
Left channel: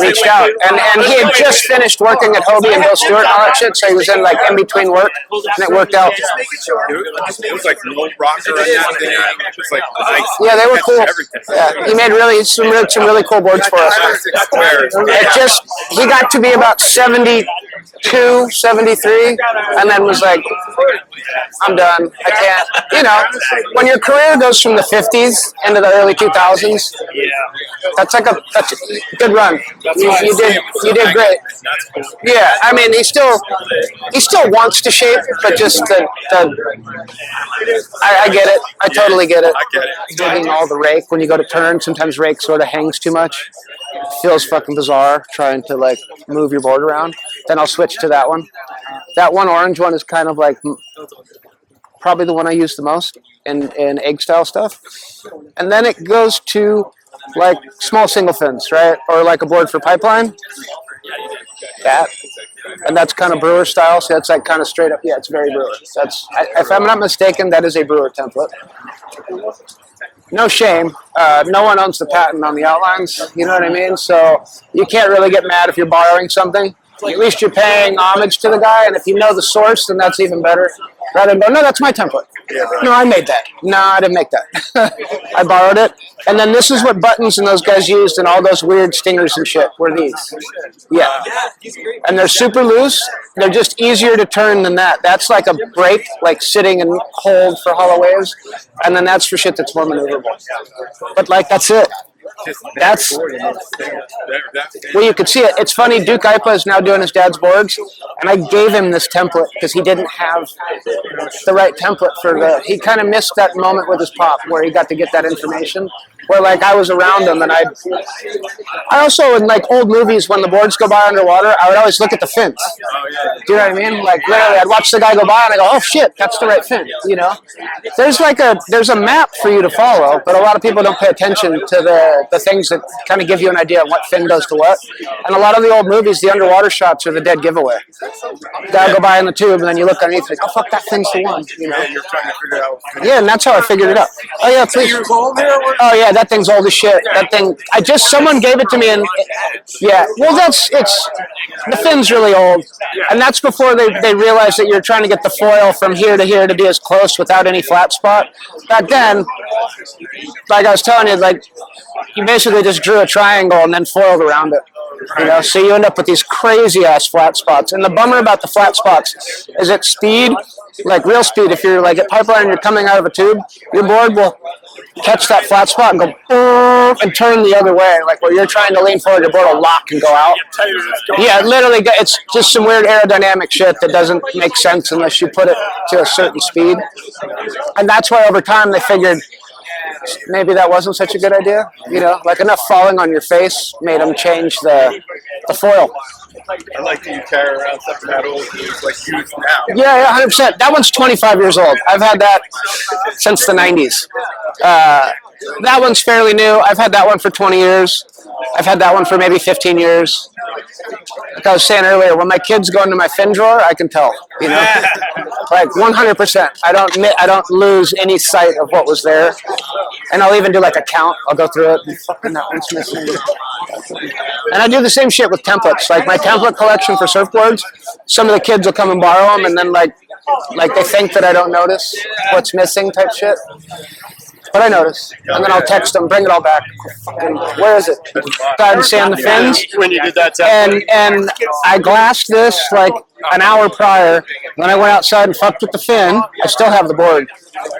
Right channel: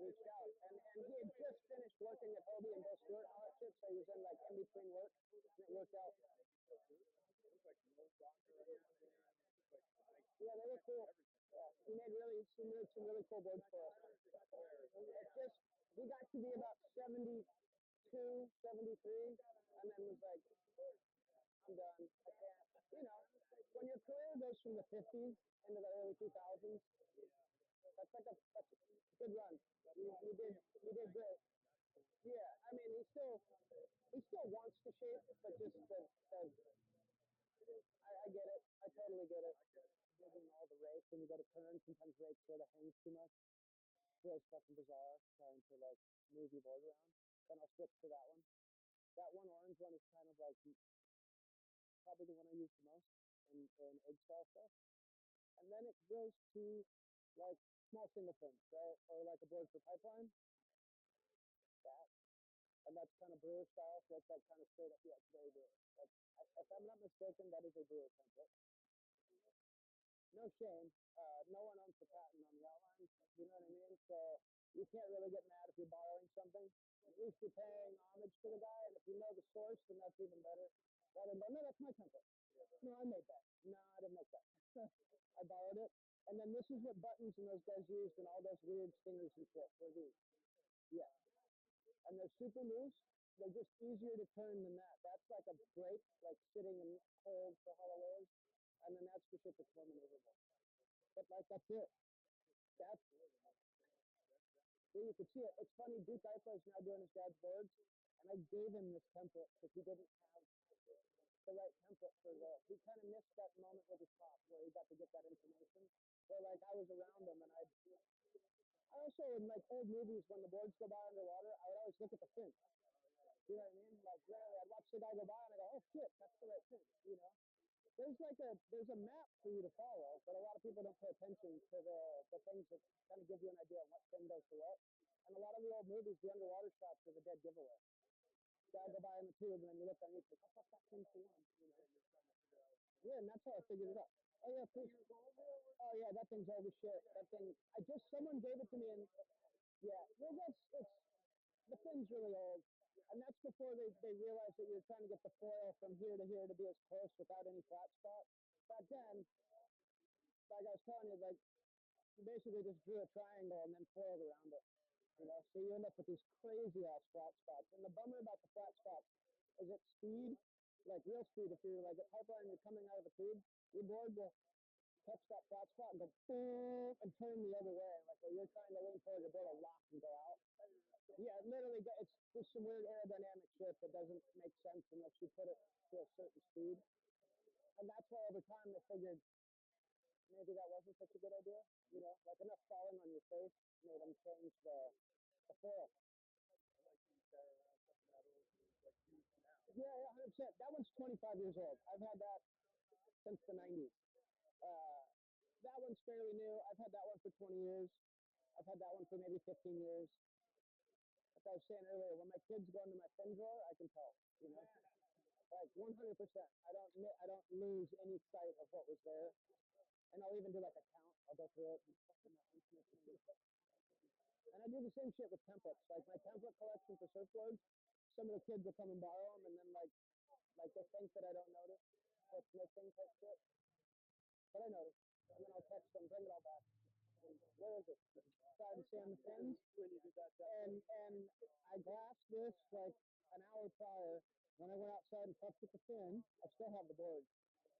reached out, and he had just finished working at Hobie and Bill Stewart and all that shit, so he was in like in between work, and it worked out. It was like no rocker or anything. It was like nice. Yeah, they were cool. Yeah, he made some really cool boards for us. He got to be about 72, 73, and then was like, I'm done. I can't. You know, when your career goes from the 50s into the early 2000s, that's a good run. You did great. Yeah, I mean, he still wants to shape, but just I get it. I totally get it. Digging all the rake when you go to turn, sometimes rake sort of hangs too much. Feels fucking bizarre trying to like move your board around. Then I'll switch to that one. That one orange one is kind of like probably the one I use the most in egg style stuff. And then it goes to like small single fins, right? Or like a board for pipeline. That. And that's kind of brewer style, so that's like kind of straight up. Yeah, it's very brewer. If I'm not mistaken, that is a brewer template. no shame. No one owns the patent on the outlines. You know what I mean? So you can't really get mad if you're borrowing something. At least you're paying homage to the guy, and if you know the source, then that's even better. Rather than go, no, that's my template. No, I made that. No, I didn't make that. I borrowed it. And then this is what Buttons and those guys used and all those weird stingers and shit were these. Yeah. And they're super loose. They're just easier to turn than that. That's like a brake, like sitting and hold for hollow waves. And then that's for shit that's more maneuverable. But like, that's it. That's well, you could see it. It's funny. Duke Ipa is now doing his dad's boards, and I gave him this template because he didn't have the right template for the. He kind of missed that moment with his pop where he got to get that information. Where like I was around him, and I also in like old movies when the boards go by underwater, I would always look at the fins. Do you know what I mean? Like literally, I'd watch the guy go by, and I go, "Oh shit, that's the right fin." You know, there's a map for you to follow, but a lot of people don't pay attention to the things that kind of give you an idea of what fin does to what. And a lot of the old movies, the underwater shots are the dead giveaway. Guy go by in the tube, and then you look underneath, like, "Oh fuck, that fin's the one." You know? You're trying to figure it out. Yeah, and that's how I figured it out. Oh yeah, please. Oh yeah, that thing's old as shit. That thing, someone gave it to me, and yeah, well, the fin's really old, and that's before they realized that you're trying to get the foil from here to here to be as close without any flat spot. Back then, like I was telling you, like you basically just drew a triangle and then foiled around it. You know, so you end up with these crazy ass flat spots. And the bummer about the flat spots is at speed, like real speed. If you're like at pipeline and you're coming out of a tube, your board will catch that flat spot and go and turn the other way. Like where you're trying to lean forward, your board will lock and go out. Yeah, literally, it's just some weird aerodynamic shit that doesn't make sense unless you put it to a certain speed. And that's why over time they figured maybe that wasn't such a good idea. You know, like enough falling on your face made them change the foil. I like that you carry around something that old and it's like used now. Yeah, 100%. That one's 25 years old. I've had that since the 90s. That one's fairly new. I've had that one for 20 years. I've had that one for maybe 15 years. Like I was saying earlier, when my kids go into my fin drawer, I can tell. You know, like 100%. I don't lose any sight of what was there, and I'll even do like a count. I'll go through it. And fucking that one's missing. And I do the same shit with templates. Like my template collection for surfboards, some of the kids will come and borrow them, and then like they think that I don't notice what's missing type shit. But I notice, and then I'll text them, bring it all back. Fucking, where is it? Tried to sand the fins. When you did that and I glassed this like an hour prior. When I went outside and fucked with the fin, I still have the board.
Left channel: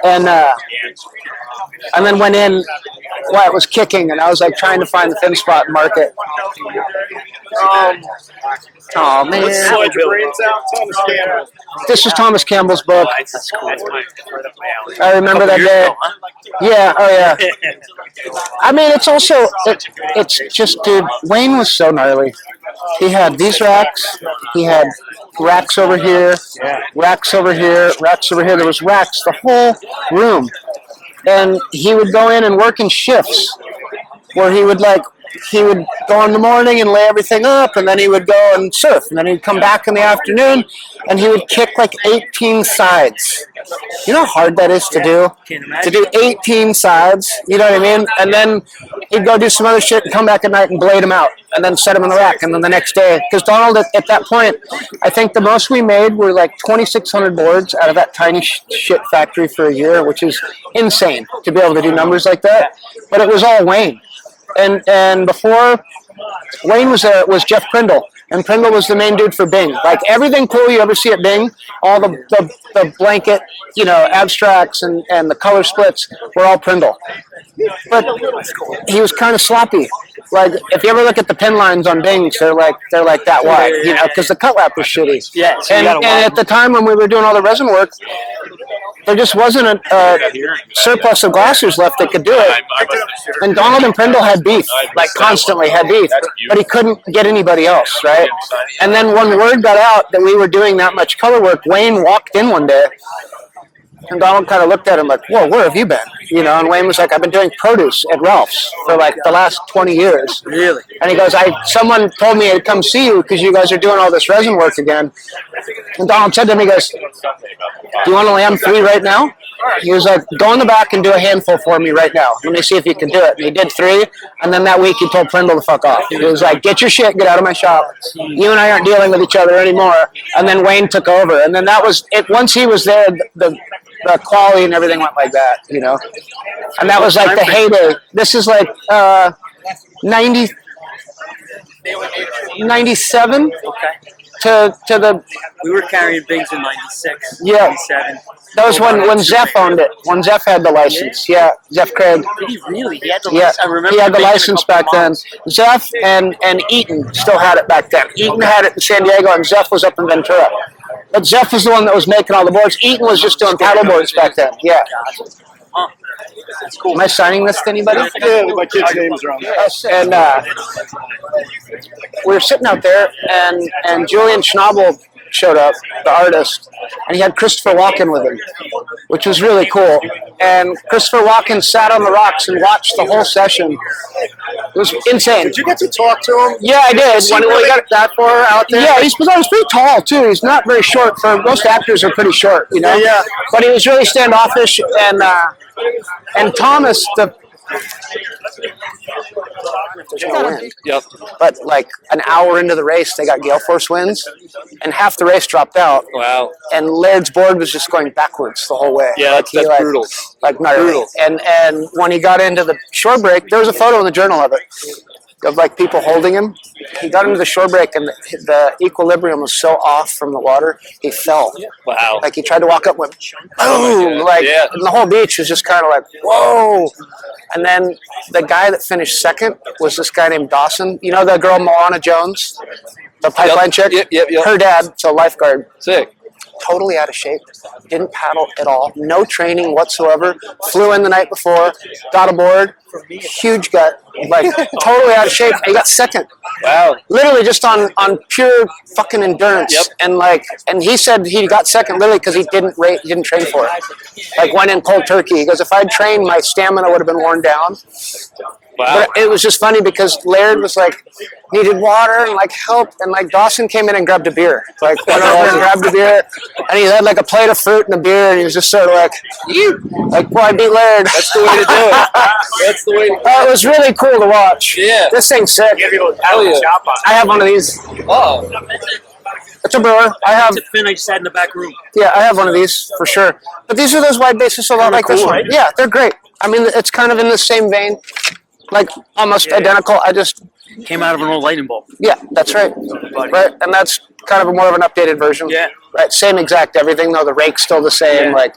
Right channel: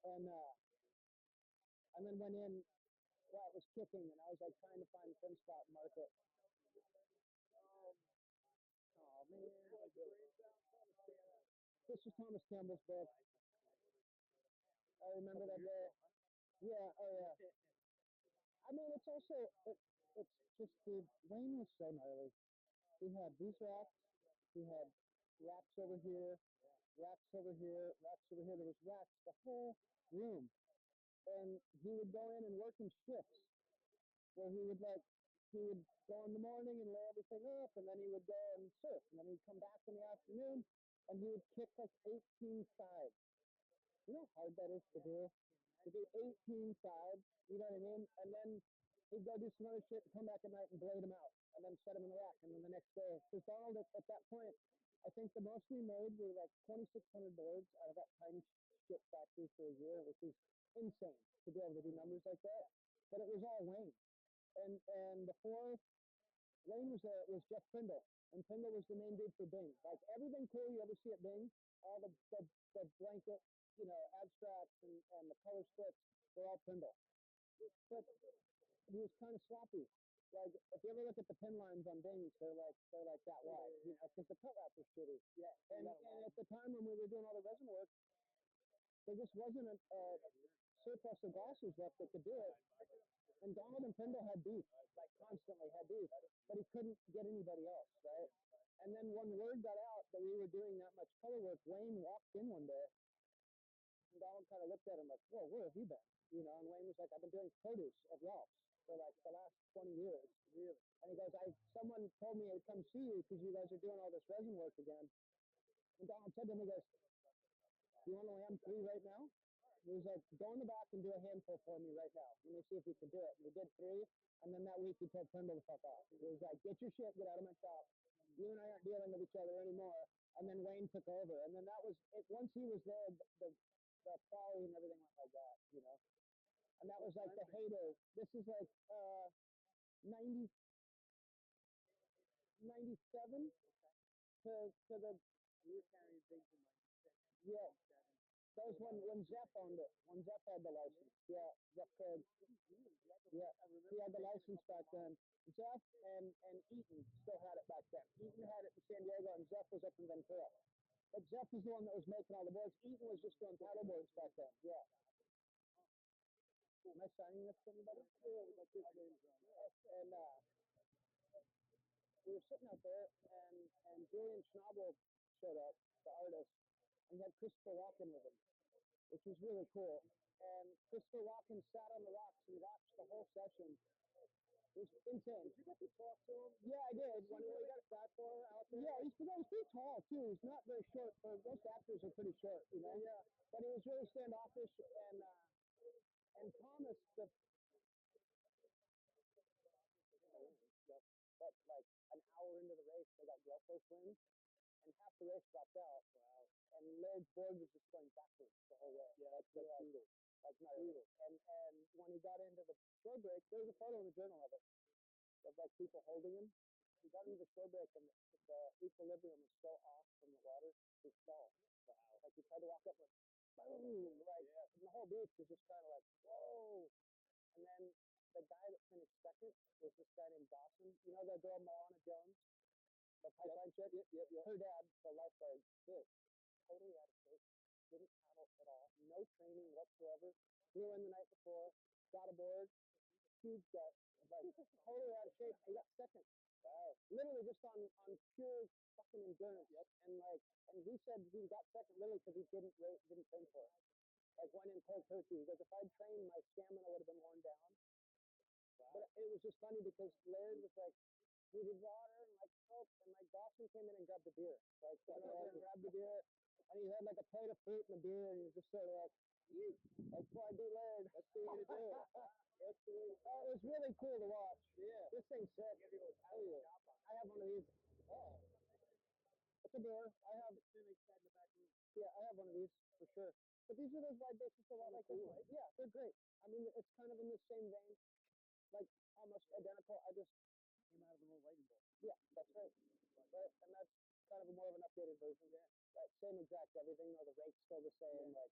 And then went in while it was kicking, and I was like trying to find the fin spot and mark it. Oh man! This is Thomas Campbell's book. I remember that day. Yeah. Oh yeah. I mean, it's also it's just, dude. Wayne was so gnarly. He had these racks. He had racks over here, racks over here, racks over here. There was racks the whole room, and he would go in and work in shifts where he would go in the morning and lay everything up, and then he would go and surf, and then he'd come back in the afternoon, and he would kick like 18 sides. You know how hard that is to do? To do 18 sides, you know what I mean? And then he'd go do some other shit and come back at night and blade them out, and then set them in the rack, and then the next day, because Donald, at that point, I think the most we made were like 2,600 boards out of that tiny shit factory for a year, which is insane to be able to do numbers like that. But it was all Wayne. And before Wayne was Jeff Prindle, and Prindle was the main dude for Bing. Like everything cool you ever see at Bing, all the blanket, you know, abstracts and the color splits were all Prindle. But he was kind of sloppy. Like if you ever look at the pin lines on Bings, they're like that wide, you know, because the cut lap was shitty. Yeah. So and at the time when we were doing all the resin work, there just wasn't a surplus of glassers left that could do it. And Donald and Prindle had beef, like constantly had beef, but he couldn't get anybody else, right? And then when word got out that we were doing that much color work, Wayne walked in one day And Donald kind of looked at him like, whoa, where have you been? You know, and Wayne was like, I've been doing produce at Ralph's for like the last 20 years. Really? And he goes, someone told me to come see you because you guys are doing all this resin work again. And Donald said to him, he goes, do you want to lamb 3 right now? He was like, go in the back and do a handful for me right now. Let me see if you can do it. And he did 3, and then that week he told Prindle to fuck off. He was like, get your shit, get out of my shop. You and I aren't dealing with each other anymore. And then Wayne took over. And then that was it. Once he was there, the quality and everything went like that, you know. And that was like the heyday. This is like 97 to the. We were carrying bigs in 96, Yeah. 97. That was when Zeph owned it. When Zeph had the license. Yeah, Zeph Craig. Did he really? He had the Yeah, license. I remember he had the making a license couple back then. models. Zeph and Eaton still had it back then. Eaton had it in San Diego, and Zeph was up in Ventura. But Zeph was the one that was making all the boards. Eaton was just doing paddle boards back then. Yeah. Huh. That's cool. Am I signing this to anybody? Yeah, my kids' names are on there. Yes, and we were sitting out there, and Julian Schnabel showed up, the artist, and he had Christopher Walken with him, which was really cool. And Christopher Walken sat on the rocks and watched the whole session. It was insane. Did you get to talk to him? Yeah, I did. When we got that far out there? Yeah, he's pretty tall too. He's not very short. For most actors are pretty short, you know. Yeah. But he was really standoffish, and Thomas the. There's no wind. Yep. But like an hour into the race, they got gale force winds, and half the race dropped out. Wow. And Laird's board was just going backwards the whole way. Yeah, that's brutal. Like gnarly. Brutal. And when he got into the shore break, there was a photo in the journal of it, of like people holding him. He got into the shore break, and the equilibrium was so off from the water, he fell. Wow. Like he tried to walk up with boom, like, Yeah. and the whole beach was just kind of like, whoa. And then the guy that finished second was this guy named Dawson. You know the girl Moana Jones, the pipeline chick? Yep. Her dad, so lifeguard. Sick. Totally out of shape. Didn't paddle at all. No training whatsoever. Flew in the night before. Got aboard. Huge gut. Like totally out of shape. He got second. Wow. Literally just on pure fucking endurance. Yep. And he said he got second literally because he didn't train for it. Like went in cold turkey. He goes, if I'd trained, my stamina would have been worn down. Wow. But it was just funny because Laird was like, needed water and like help, and like Dawson came in and grabbed a beer. Like went over and grabbed a beer, and he had like a plate of fruit and a beer, and he was just sort of like, boy, I beat Laird. That's the way to do it. That's the way to do it. It was really cool to watch. Yeah. This thing's sick. Hell yeah. I have one of these. Oh. It's a brewer. I have. It's a fin I just had in the back room. Yeah, I have one of these for sure. But these are those wide bases, a lot like this cool, one. right? Yeah, they're great. I mean, it's kind of in the same vein, like almost identical. I just. Came out of an old lightning bolt. Yeah, that's right. Right, and that's kind of more of an updated version. Yeah. Right, same exact everything though. The rake's still the same. Yeah. Like,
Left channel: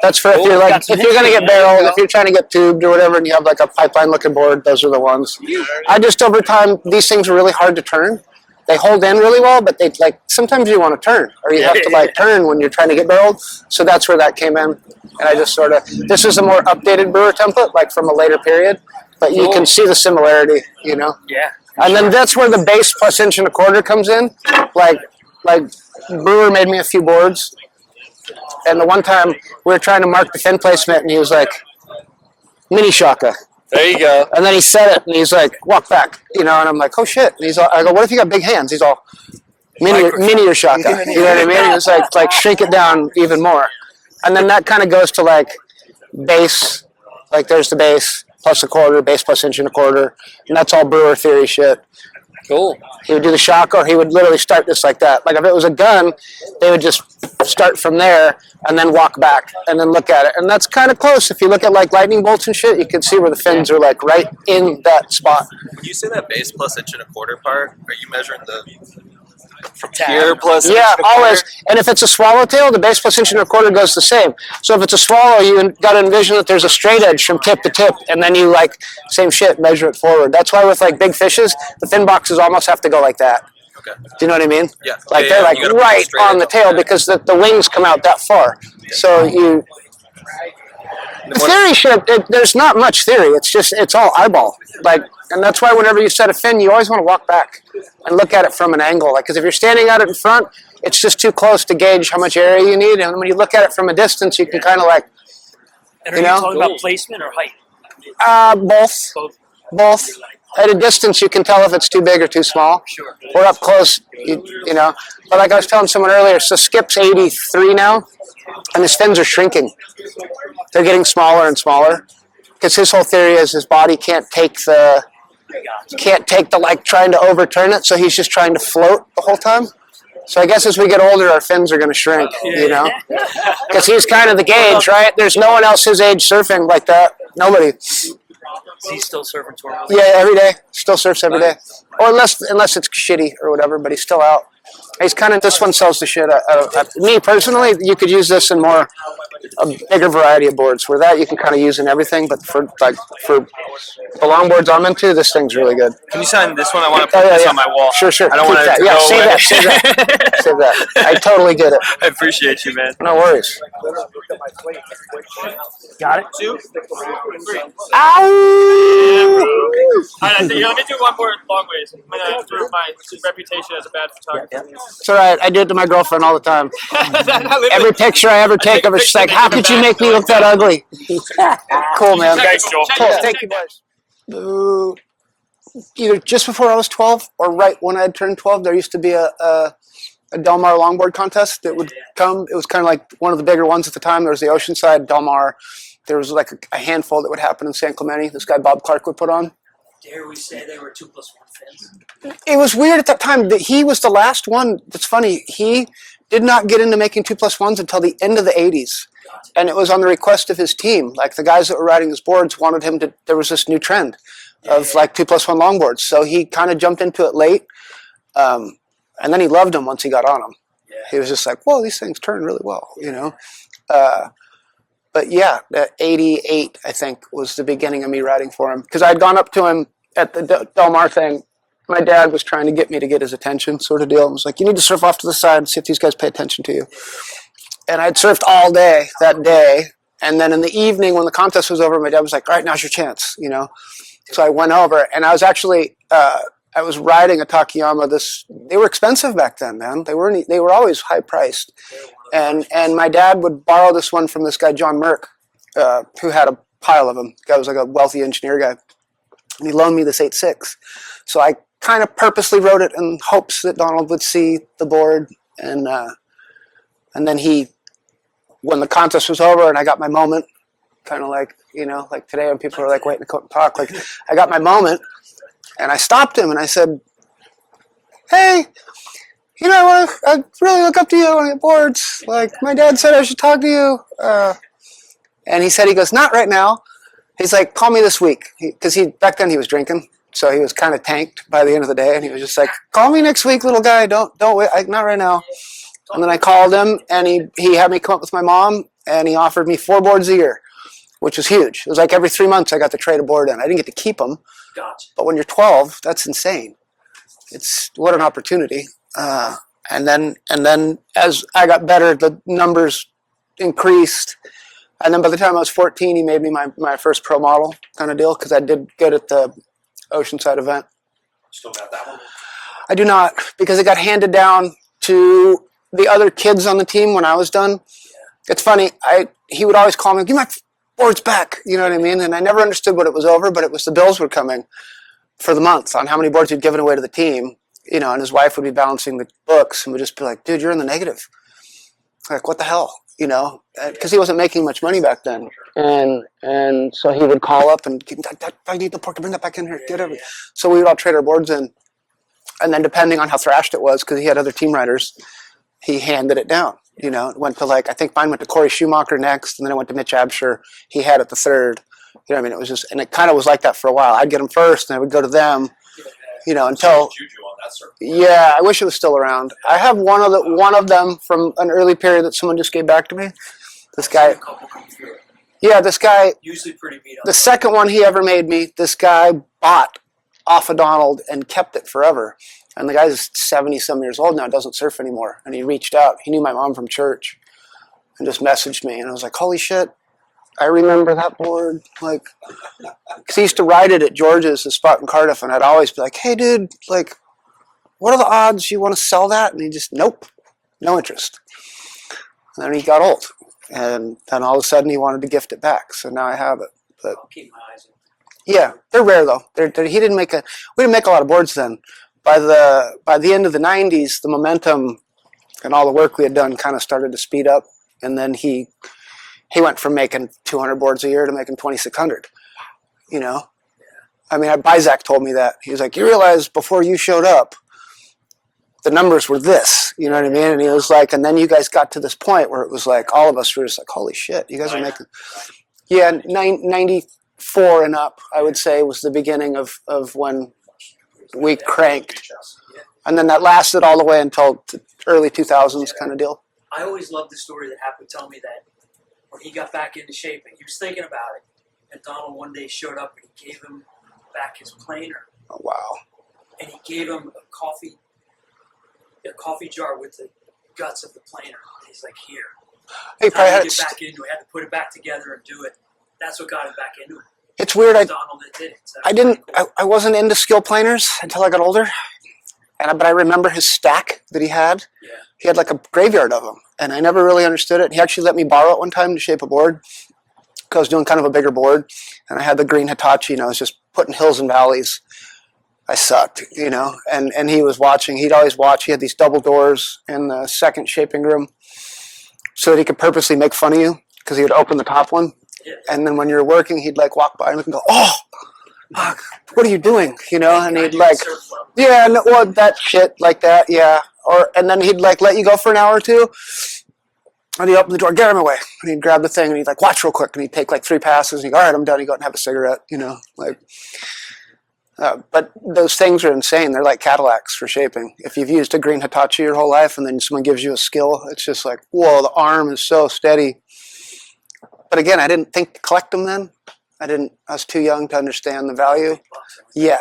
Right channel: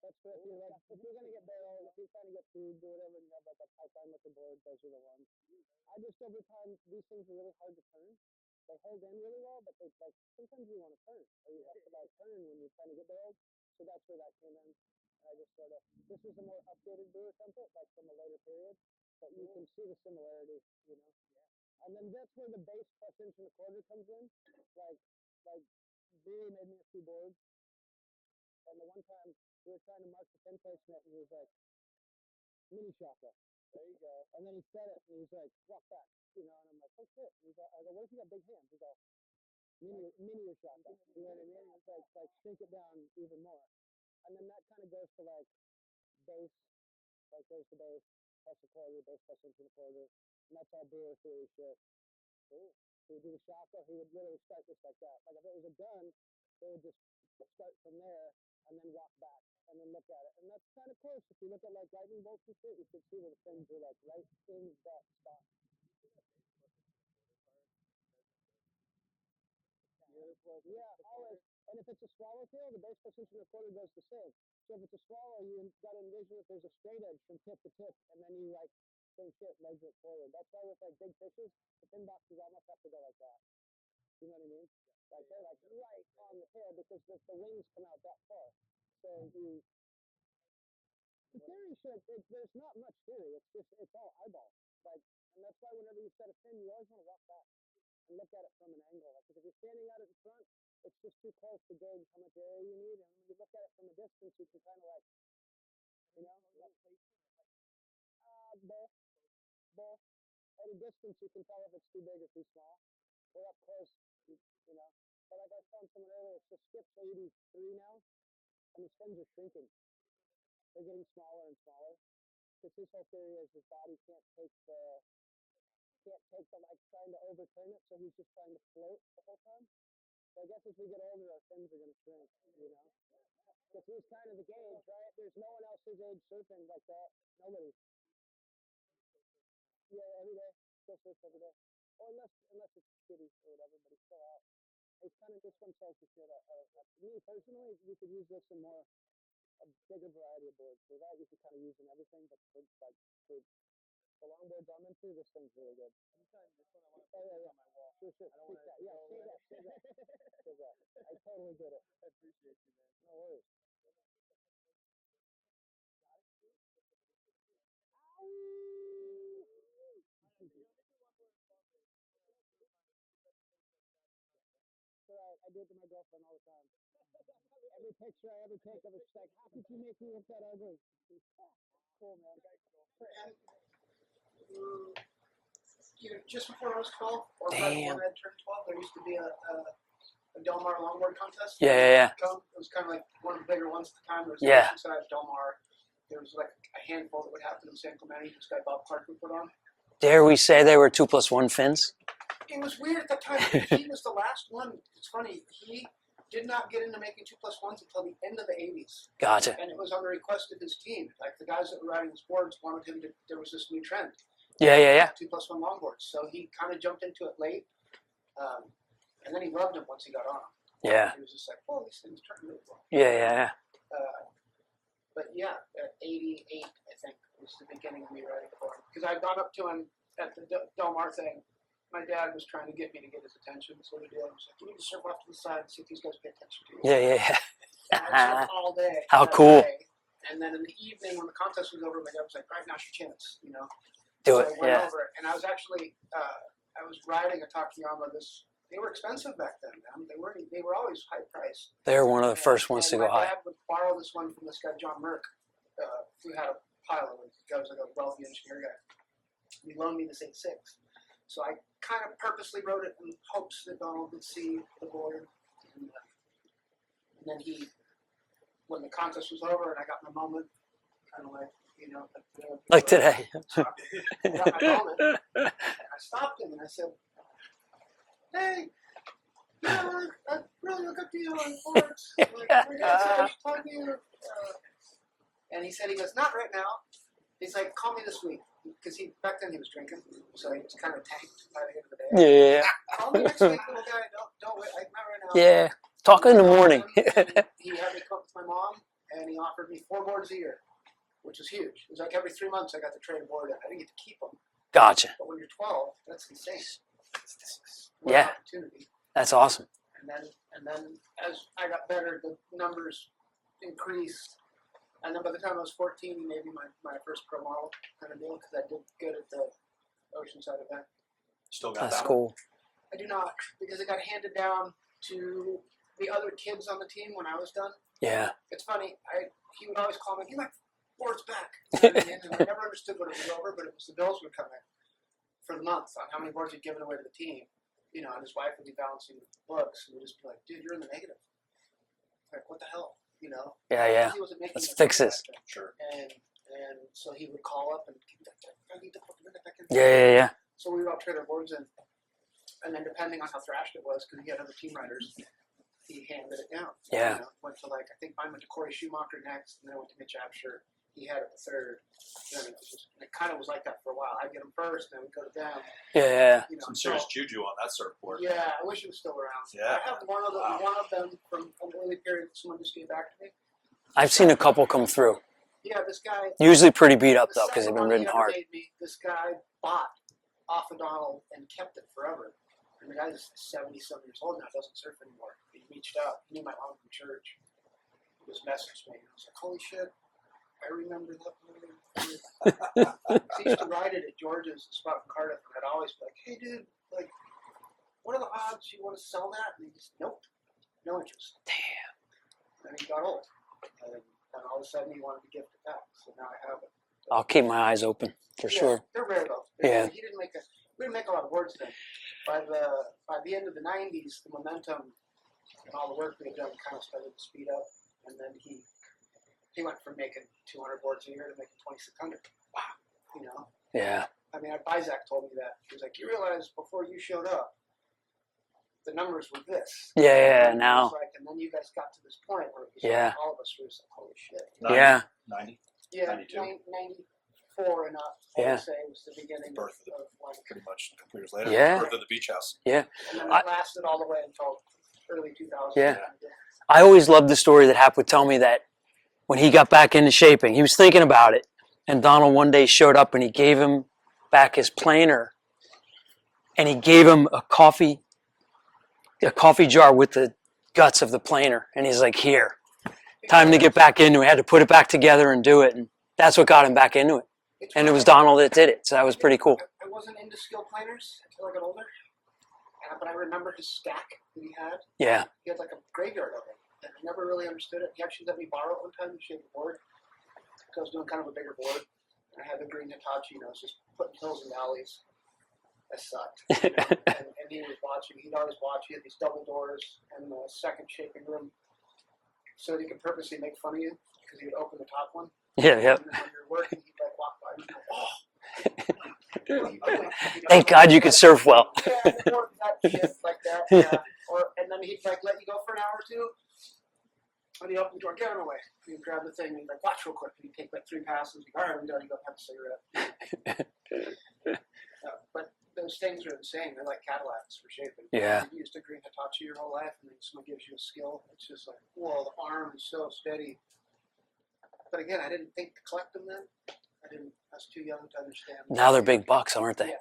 that's for if you're like if you're gonna get barreled, if you're trying to get tubed or whatever, and you have like a pipeline looking board, those are the ones. I just over time these things are really hard to turn. They hold in really well, but they like sometimes you want to turn or you have to like turn when you're trying to get barreled. So that's where that came in, and I just sort of this is a more updated brewer template, like from a later period. But you can see the similarity, you know? Yeah. And then that's where the base plus inch and a quarter comes in. Like Brewer made me a few boards. And the one time we were trying to mark the fin placement and he was like, mini shaka. There you go. And then he said it and he's like, walk back, you know, and I'm like, oh shit. And he's all, I go, what if you got big hands? He's all, mini or shaka. You know what I mean? And it's like shrink it down even more. And then that kind of goes to like base, like there's the base. Plus a quarter, base plus inch and a quarter, and that's all brewer theory shit. Cool. He would do the shock, or he would literally start this like that. Like if it was a gun, they would just start from there and then walk back and then look at it. And that's kind of close. If you look at like lightning bolts and shit, you can see where the fins are like right in that spot. When you say that base plus inch and a quarter part, are you measuring the Here plus Yeah, always. And if it's a swallowtail, the base plus inch and a quarter goes the same. So if it's a swallow, you got to envision that there's a straight edge from tip to tip, and then you like same shit, measure it forward. That's why with like big fishes, the fin boxes almost have to go like that. Okay. Do you know what I mean? Yeah. Like Yeah, they're yeah, like you gotta put right straight on the edge tail on that. because the wings come out that far. So you. The theory shit, there's not much theory. It's just, it's all eyeball. Like, And that's why whenever you set a fin, you always want to walk back and look at it from an angle. Like, because if you're standing at it in front, it's just too close to gauge how much area you need. And when you look at it from a distance, you can kind of like, And are you talking about placement or height? both. Both. At a distance, you can tell if it's too big or too small. Sure. Or up close, you know. But like I was telling someone earlier, so Skip's 83 now, and his fins are shrinking. They're getting smaller and smaller. Because his whole theory is his body can't take the like trying to overturn it, so he's just trying to float the whole time. So I guess as we get older, our fins are going to shrink, you know? Because he's kind of the gauge, right? There's no one else his age surfing like that. Nobody. Is he still surfing tour? Yeah, every day. Still surfs every day. Or unless it's shitty or whatever, but he's still out. He's kind of, this one sells the shit. Me personally, you could use this in a bigger variety of boards. Where that you can kind of use in everything, but for the longboards I'm into, this thing's really good. Can you sign this one? I want to put this on my wall. Sure. I don't want it to Yeah, go save away. that. Save that. I totally get it. I appreciate you, man. No worries. Got it? 2, 3. Ow! Let me do one more long ways. I'm gonna through my reputation as a bad photographer. It's all right. I do it to my girlfriend all the time. Every picture I ever take of her, she's like, "How could you make me look that ugly?" Cool, man. Thanks, Joel. Cool. Thank you, boys. Either just before I was 12 or right when I had turned 12, there used to be a Del Mar longboard contest that would come. It was kind of like one of the bigger ones at the time. There was the Oceanside, Del Mar. There was like a handful that would happen in San Clemente. This guy Bob Clark would put on. Dare we say they were 2+1 fins? It was weird at that time that he was the last one. That's funny. He did not get into making 2+1s until the end of the 80s. Gotcha. And it was on the request of his team. Like the guys that were riding his boards wanted him to, there was this new trend of like 2+1 longboards. So he kind of jumped into it late. And then he loved them once he got on them. Yeah. He was just like, whoa, these things turn really well. Yeah. You know? But yeah, that 88, I think, was the beginning of me riding for him. Because I'd gone up to him at the Del Mar thing. My dad was trying to get me to get his attention, sort of deal. I was like, you need to surf off to the side and see if these guys pay attention to you. Yeah. And I'd surfed all day that cool. day. And then in the evening, when the contest was over, my dad was like, all right, now's your chance, you know. So I went over, and I was actually, I was riding a Takayama. They were expensive back then, man. They were always high priced. They were one of the first ones. And my dad would borrow this one from this guy, John Merck, who had a pile of them. The guy was like a wealthy engineer guy. And he loaned me this 8.6. So I kind of purposely wrote it in hopes that Donald would see the board. And then when the contest was over and I got my moment, kind of like, you know, like today when people are like, waiting to talk, like I got my moment and I stopped him and I said, hey, you know, I really look up to you on your boards. Like my dad said I should talk to you. And he goes, not right now. He's like, call me this week. Because back then he was drinking. So he was kind of tanked by the end of the day. And he was just like, call me next week, little guy. Don't wait. Not right now. Yeah. And then I called him and he had me come up with my mom and he offered me 4 boards a year, which was huge. It was like every 3 months I got to trade a board in. I didn't get to keep them. Gotcha. But when you're 12, that's insane. What an opportunity. That's awesome. And then as I got better, the numbers increased. And then by the time I was 14, he made me my first pro model kind of deal because I did good at the Oceanside event. That's cool. I do not, because it got handed down to the other kids on the team when I was done. Yeah. It's funny. He would always call me, give my boards back. You know what I mean? And I never understood what it was over, but it was the bills were coming for the month on how many boards he'd given away to the team. You know, and his wife would be balancing the books and would just be like, dude, you're in the negative. Like, what the hell? You know, because he wasn't making much money back then. And so he would call up and, I need the pork, bring that back in here. Yeah. So we would all trade our boards in. And then depending on how thrashed it was, because he had other team riders, he handed it down. Yeah. You know, it went to I think mine went to Corey Schumacher next, and then it went to Mitch Absher. He had it the third. You know what I mean? It was just, and it kind of was like that for a while. I'd get them first, and I would go to them. Yeah. You know, until Juju on that surfboard. Yeah, I wish it was still around. Yeah. I have one of them from an early period that someone just gave back to me. I've seen a couple come through. Yeah, this guy. Usually pretty beat up. The second one he ever made me, this guy bought off of Donald and kept it forever. And the guy's 70-some years old now, doesn't surf anymore. And he reached out. He knew my mom from church and just messaged me. And I was like, holy shit. I remember that board. Like, because he used to ride it at George's, the spot in Cardiff, and I'd always be like, hey, dude, like, what are the odds you want to sell that? And he just, nope, no interest. And then he got old. And then all of a sudden he wanted to gift it back. So now I have it. But, I'll keep my eyes open. yeah, Sure. they're rare though. Yeah. We didn't make a lot of boards then. By the end of the 90s, the momentum and all the work we had done kind of started to speed up. And then he went from making 200 boards a year to making 2,600. You know? Yeah. I mean, Bizak told me that. He was like, you realize before you showed up, the numbers were this. You know what I mean? And it was like, and then you guys got to this point where it was like, all of us were just like, holy shit, you guys are making. Yeah, 94 and up, I would say, was the beginning of when we cranked. Yeah. And then that lasted all the way until early 2000s kind of deal. I always loved the story that Hap would tell me that when he got back into shaping, he was thinking about it, and Donald one day showed up and he gave him back his planer. Oh, wow. And he gave him a coffee jar with the guts of the planer, and he's like, here, time to get back into it. Had to put it back together and do it, and that's what got him back into it. It's and weird. It was Donald that did it, so that was pretty cool. I wasn't into skill planers until I got older, but I remember his stack that he had. Yeah. He had like a graveyard of them, and I never really understood it. He actually let me borrow it one time to shape a board, because I was doing kind of a bigger board, and I had the green Hitachi, and I was just putting hills and valleys. I sucked, you know, and he was watching. He'd always watch. He had these double doors in the second shaping room so that he could purposely make fun of you, because he would open the top one. Yeah, yeah. And then when you're working, he'd like walk by and go, oh, fuck, what are you doing? You know, Thank God you can surf well. Yeah, no, well, that shit like that, yeah. And then he'd like let you go for an hour or two, and he'd open the door, get him away. And he'd grab the thing, and he'd like, watch real quick. And he'd take like 3 passes, and he'd go, all right, I'm done. He'd go out and have a cigarette, you know, like. But those things are insane. They're like Cadillacs for shaping. Yeah. If you've used a green Hitachi your whole life and then someone gives you a skill, it's just like, whoa, the arm is so steady. But again, I didn't think to collect them then. I was too young to understand the Now value. they're big bucks, aren't they? Yeah.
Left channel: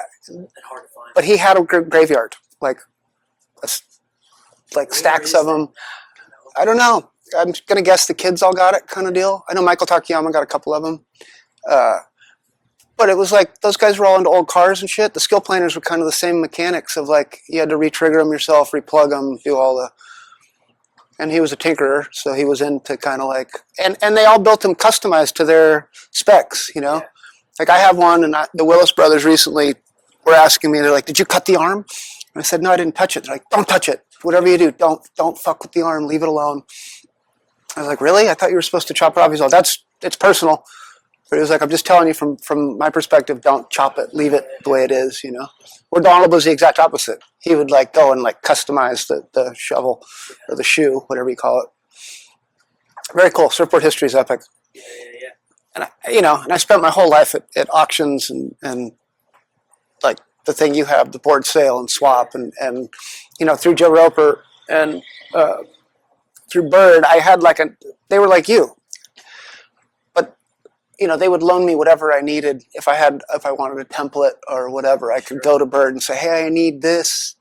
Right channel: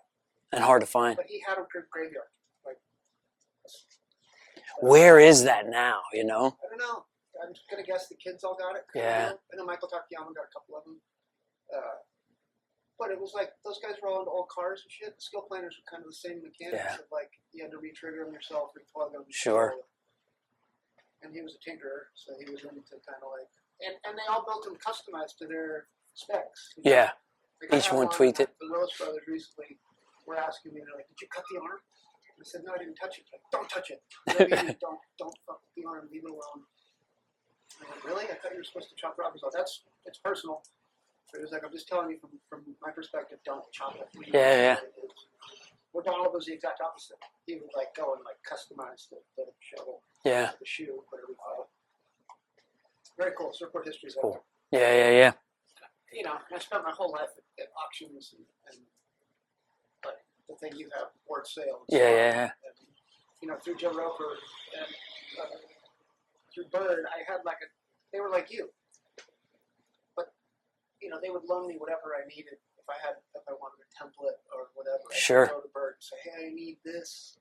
And hard to find. But he had a graveyard. Like where stacks is of that them. now, you know? I don't know. I'm going to guess the kids all got it kind of deal. I know Michael Takayama got a couple of them. But it was like those guys were all into old cars and shit. The skill planers were kind of the same mechanics of like you had to re-trigger them yourself, replug them, do all the. And he was a tinkerer, so he was into kind of like, and they all built them customized to their specs, you know. Yeah. Like I have one, and the Willis brothers recently were asking me, they're like, "Did you cut the arm?" And I said, "No, I didn't touch it." They're like, "Don't touch it. Whatever you do, don't fuck with the arm. Leave it alone." I was like, "Really? I thought you were supposed to chop it off." He's like, "It's personal." But he was like, I'm just telling you from my perspective, don't chop it. Leave it the way it is, you know. Where Donald was the exact opposite. He would like go and like customize the shovel or the shoe, whatever you call it. Very cool. Surfboard history is epic. Yeah. And I spent my whole life at auctions and like the thing you have, the board sale and swap and through Joe Roper and through Bird, I had they were like you. They would loan me whatever I needed if I wanted a template or whatever. I could go to Bird and say, hey, I need this.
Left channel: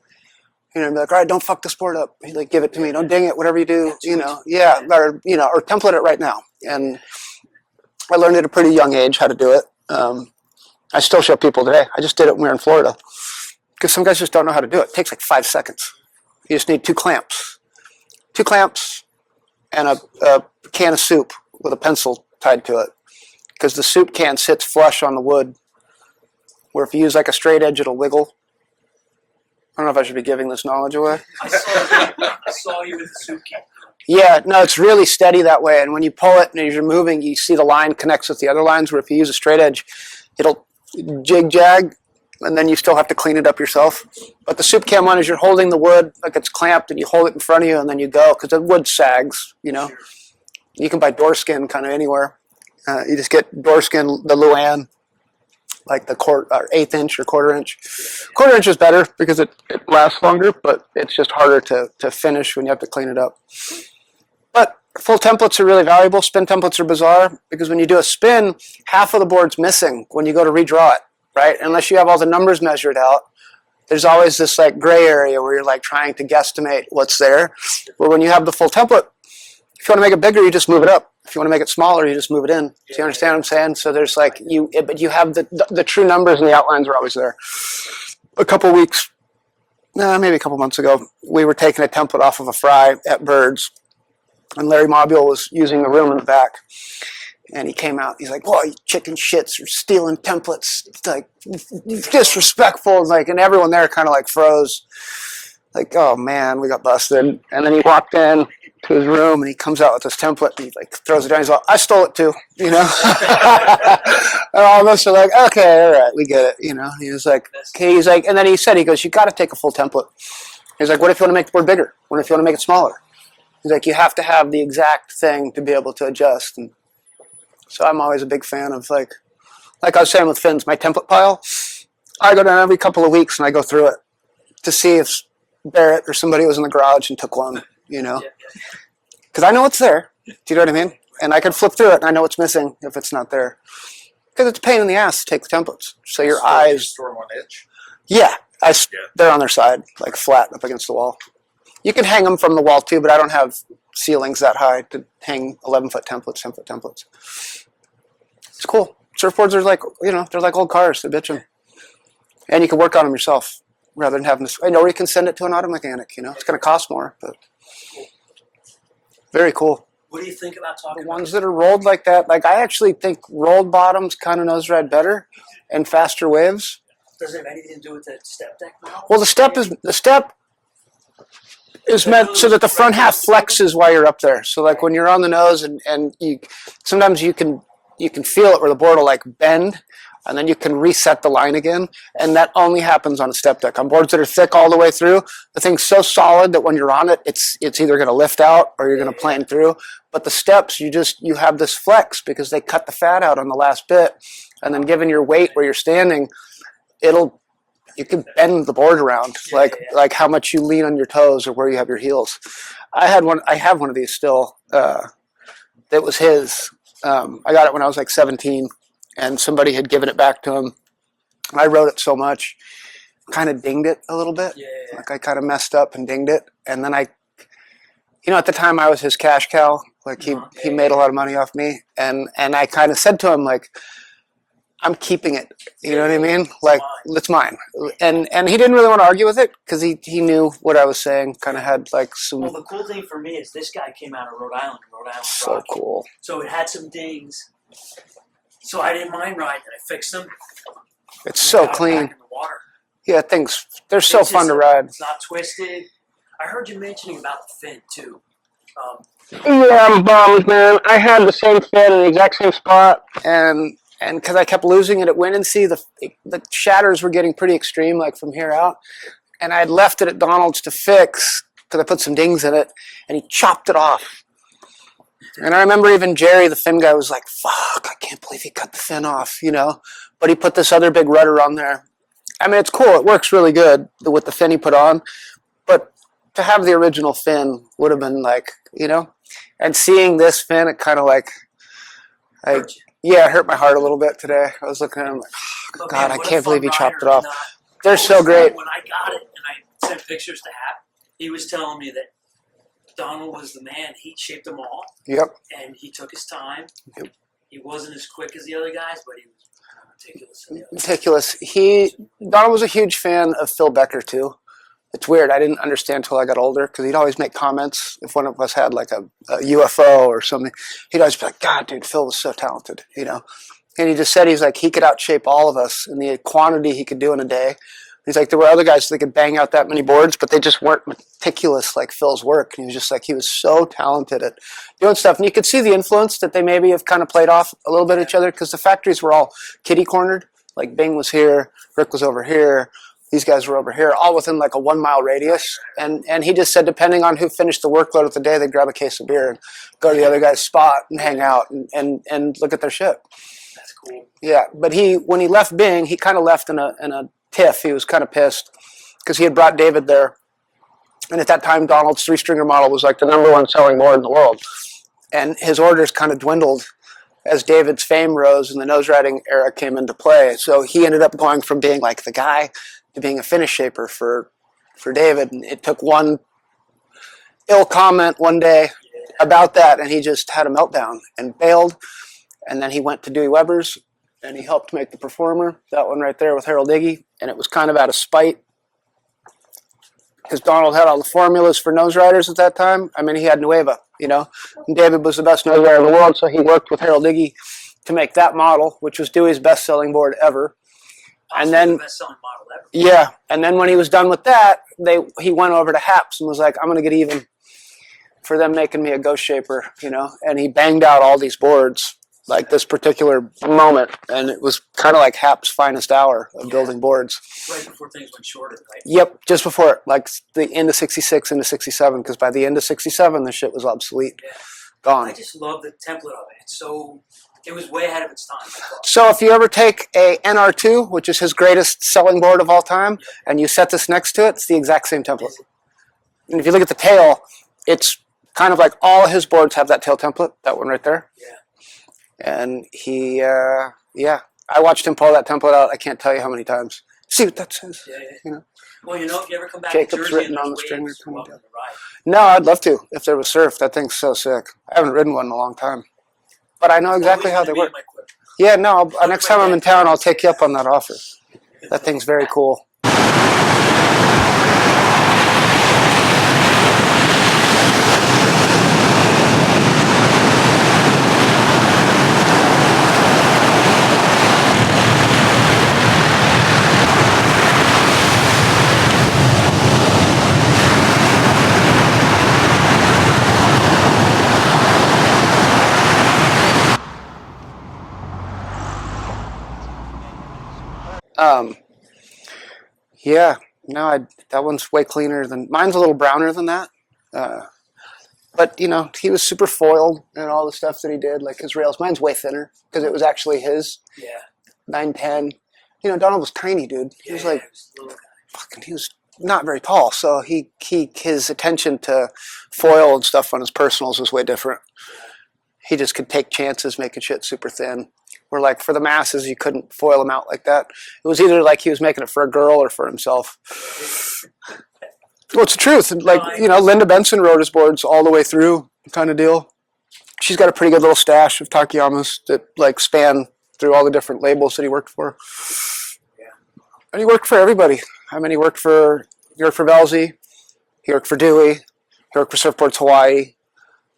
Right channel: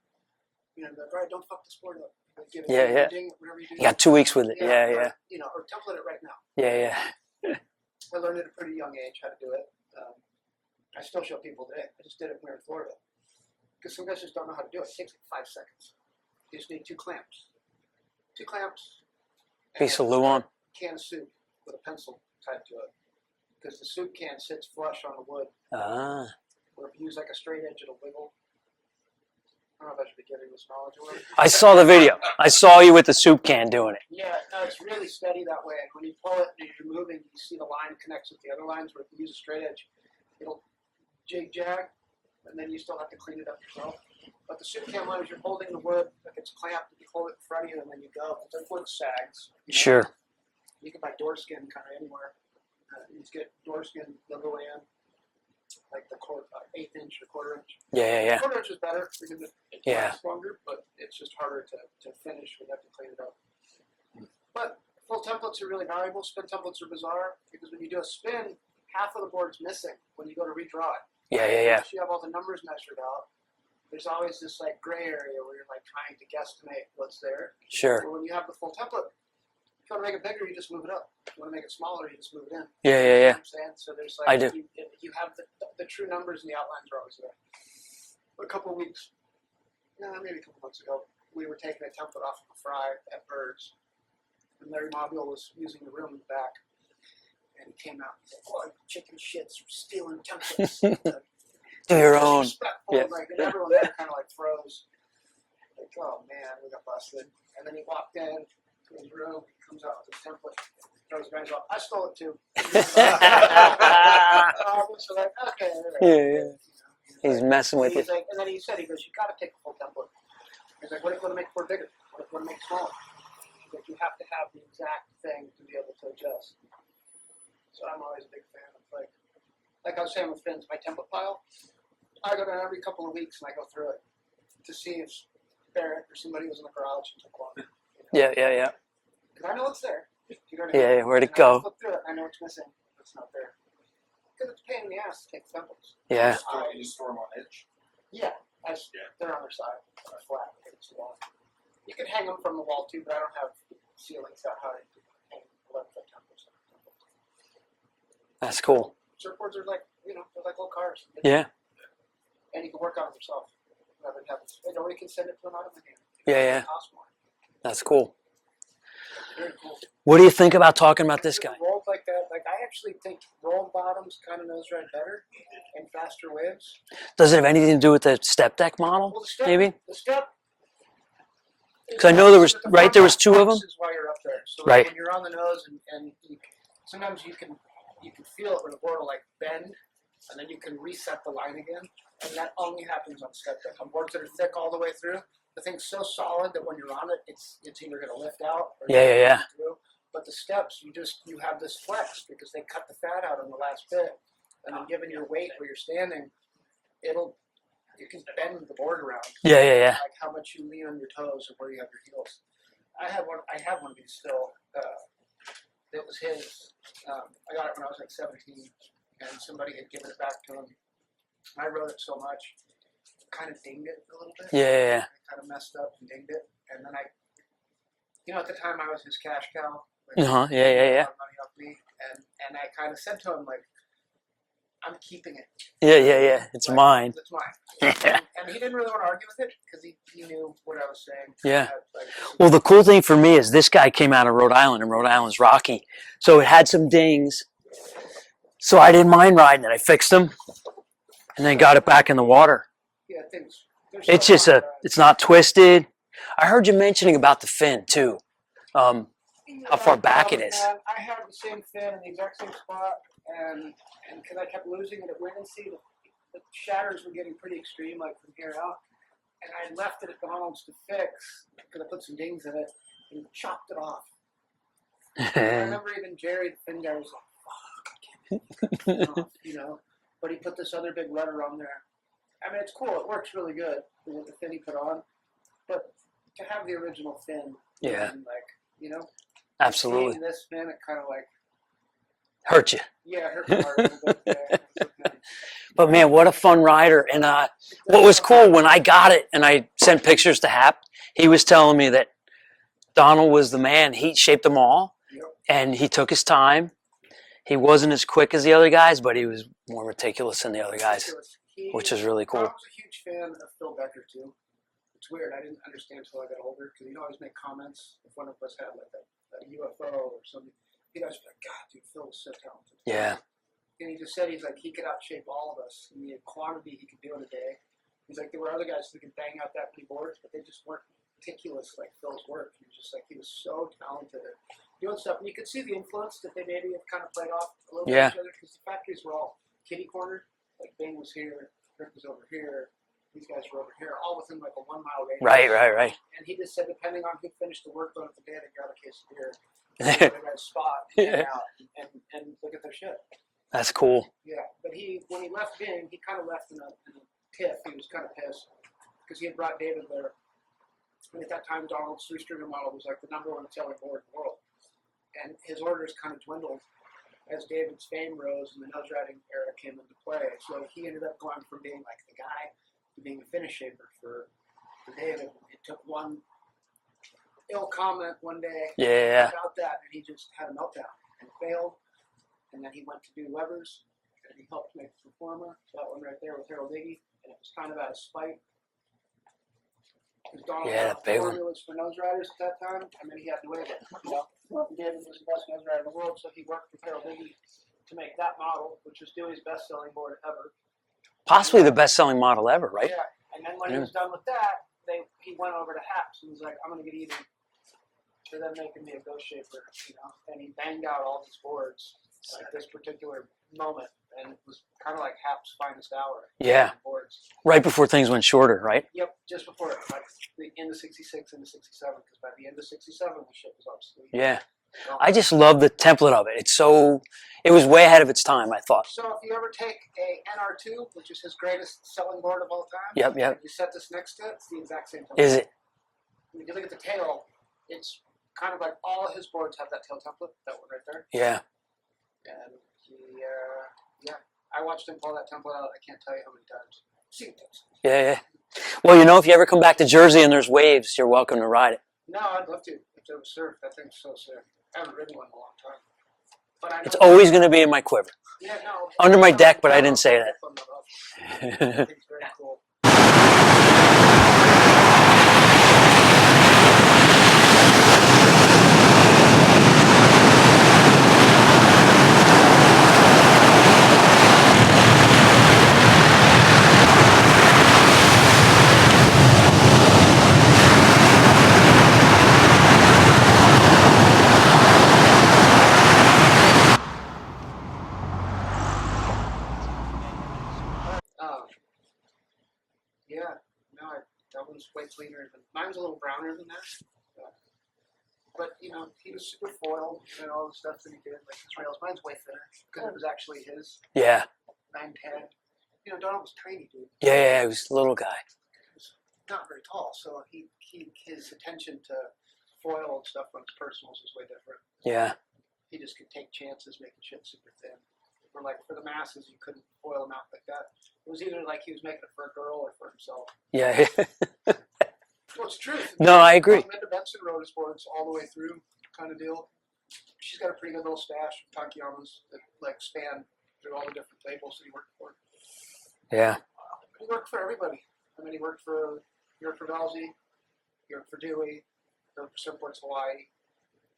And be like, all right, don't fuck this board up. He'd like, give it to me. Don't ding it, whatever you do. Yeah, 2 weeks with it. Or template it right now. I learned at a pretty young age how to do it. I still show people today. I just did it when we were in Florida. Because some guys just don't know how to do it. It takes like 5 seconds. You just need 2 clamps. 2 clamps and a can of soup with a pencil tied to it. Because the soup can sits flush on the wood, where if you use like a straight edge, it'll wiggle. I don't know if I should be giving this knowledge away. I saw the video. I saw you with the soup can doing it. Yeah, no, it's really steady that way. And when you pull it and as you're moving, you see the line connects with the other lines, where if you use a straight edge, it'll jig-jag, and then you still have to clean it up yourself. But the soup can one is you're holding the wood like it's clamped, and you hold it in front of you, and then you go, because the wood sags, Sure. You can buy door skin kind of anywhere. You just get door skin, the Luan, like the 1/8 inch or 1/4 inch. Yeah. 1/4 inch is better because it lasts longer, but it's just harder to finish when you have to clean it up. But full templates are really valuable. Spin templates are bizarre because when you do a spin, half of the board's missing when you go to redraw it, right? Unless you have all the numbers measured out. There's always this like gray area where you're like trying to guesstimate what's there. Sure. But when you have the full template, if you want to make it bigger, you just move it up If you want to make it smaller, you just move it in. Yeah, Do you understand what I'm saying? So there's like but you have the true numbers and the outlines are always there. A couple weeks, maybe a couple months ago, we were taking a template off of a fry at Birds, and Larry Mobule was using the room in the back. And he came out. He's like, "Boy, you chicken shits are stealing templates. It's like disrespectful." Like, and everyone there kind of like froze. Like, oh man, we got busted. And then he walked in to his room and he comes out with this template and he like throws it down. He's like, "I stole it too," you know. And all of us are like, "Okay, all right, we get it," you know. He was like, he's like, and then he said, he goes, "You got to take a full template." He's like, "What if you want to make the board bigger? What if you want to make it smaller?" He's like, "You have to have the exact thing to be able to adjust." And so I'm always a big fan of like I was saying with fins, my template pile, I go down every couple of weeks and I go through it to see if Barrett or somebody was in the garage and took one, you know. Yeah. Because I know it's there. Do you know what I mean? Yeah, and I can flip through it and I know what's missing if it's not there. Because it's a pain in the ass to take the templates. So your eyes. Store them on edge. Yeah, they're on their side, like flat up against the wall. You can hang them from the wall too, but I don't have ceilings that high to hang 11-foot templates, 10-foot templates. That's it's cool. Surfboards are like, you know, they're like old cars. They're bitching. Yeah. And you can work on them yourself rather than having to. I know you can send it to an auto mechanic. You know, it's going to cost more, but that's cool. Very cool. What do you think about talking about this? That are rolled like that. Like I actually think rolled bottoms kind of nose ride better and faster waves. Does it have anything to do with the step deck model? Well, the step is meant so that the front half flexes while you're up there. So like when you're on the nose and you sometimes you can feel it where the board will like bend and then you can reset the line again. And that only happens on a step deck. On boards that are thick all the way through, the thing's so solid that when you're on it, it's either going to lift out or you're going to plane through. But the steps, you have this flex because they cut the fat out on the last bit. And then given your weight where you're standing, you can bend the board around, like how much you lean on your toes or where you have your heels. I have one of these still. That was his. I got it when I was like 17, and somebody had given it back to him. I rode it so much, kind of dinged it a little bit. Yeah. Like I kind of messed up and dinged it, and then at the time I was his cash cow. Like he made a lot of money off me, and I kind of said to him like, I'm keeping it. You know what I mean? It's like, mine. It's mine. And he didn't really want to argue with it because he knew what I was saying. Kind of had like some... Well, the cool thing for me is this guy came out of Rhode Island, and Rhode Island's rocky. Cool. So it had some dings. So I didn't mind riding it. I fixed them. And then got it back in the water. Yeah, they're so fun to ride. It's not twisted. I heard you mentioning about the fin too. I'm bummed, man. I had the same fin in the exact same spot, and because I kept losing it at Wind and Sea, the shatters were getting pretty extreme, like from here out. And I had left it at Donald's to fix because I put some dings in it, and he chopped it off. And I remember even Jerry, the fin guy, was like, "Fuck, I can't believe he cut the fin off," you know. But he put this other big rudder on there. I mean, it's cool. It works really good with the fin he put on. But to have the original fin would have been like, you know. And seeing this fin, it kind of like hurt you. Yeah, it hurt my heart a little bit today. I was looking at him like, but man, what a fun rider. And what was cool when I got it and I sent pictures to Hap, he was telling me that Donald was the man. He shaped them all. Yep. And he took his time. Yep. He wasn't as quick as the other guys, but he was more meticulous than the other guys. Meticulous. Which is really cool. Donald was a huge fan of Phil Becker too. It's weird. I didn't understand until I got older because he'd always make comments if one of us had like a UFO or something. He'd always be like, "God, dude, Phil was so talented," you know. And he just said he's like he could outshape all of us in the quantity he could do in a day. He's like there were other guys that could bang out that many boards, but they just weren't meticulous like Phil's work. And he was just like he was so talented at doing stuff. And you could see the influence that they maybe have kind of played off a little bit each other because the factories were all kitty cornered. Like Bing was here, Rick was over here. These guys were over here, all within like a 1 mile radius. Right. And he just said, depending on who finished the workload of the day, they'd grab a case of beer and go to the other guy's spot and hang out and look at their shit. That's cool. Yeah, but when he left Bing, he kind of left in a tiff. He was kind of pissed because he had brought David there. And at that time, Donald's 3-stringer model was like the #1 selling board in the world. And his orders kind of dwindled as David's fame rose and the nose riding era came into play. So he ended up going from being like the guy to being a finish shaper for David. And it took one ill comment one day Yeah. about that, and he just had a meltdown and bailed. And then he went to Dewey Weber's, and he helped make the Performer, that one right there with Harold Iggy, and it was kind of out of spite. Because Donald had all the formulas for nose riders at that time. I mean, he had Nueva, you know. And David was the best nose rider in the world, so he worked with Harold Iggy to make that model, which was Dewey's best-selling board ever. Possibly the best-selling model ever. Right? Yeah, and then when he was done with that, he went over to Haps and was like, I'm going to get even for them making me a Ghost Shaper, you know. And he banged out all these boards, like this particular moment, and it was kind of like Hap's finest hour of building boards. Right before things went shorter, right? Yep, just before it, like the end of 66 into 67, because by the end of 67, the shit was obsolete. Yeah. Gone. I just love the template of it. It was way ahead of its time, I thought. So if you ever take a NR2, which is his greatest selling board of all time, Yep. and you set this next to it, it's the exact same template. Is it? And if you look at the tail, it's kind of like all his boards have that tail template, that one right there. Yeah. And he, I watched him pull that template out. I can't tell you how many times. See what that says. Yeah. You know? Well, you know, if you ever come back to Shake Jersey the and there's foot on the waves, streamer. you're welcome to ride it. No, I'd love to if there was surf. That thing's so sick. I haven't ridden one in a long time. But I know It's exactly always how going to they be work. in my quiver. Yeah, no. Under Next my time deck, I'm in but I town, didn't I'll say take you that. up on that offer. That thing's very cool. Yeah, no, that one's way cleaner than mine's. A little browner than that, but you know he was super foiled and all the stuff that he did, like his rails. Mine's way thinner because it was actually his Yeah. 910. You know, Donald was tiny, dude. He was Yeah, like, he was a little guy. fucking, he was not very tall, so his attention to foil and stuff on his personals was way different. Yeah. He just could take chances making shit super thin. Where like for the masses, you couldn't foil him out like that. It was either like he was making it for a girl or for himself. Yeah. Well, it's the truth. No, I Like, you know, Linda Benson rode his boards all the way through, kind of deal. She's got a pretty good little stash of Takeyamas that like span through all the different labels that he worked for. Yeah. And he worked for everybody. I mean, he worked for Velzy, he worked for Dewey, he worked for Surfboards Hawaii.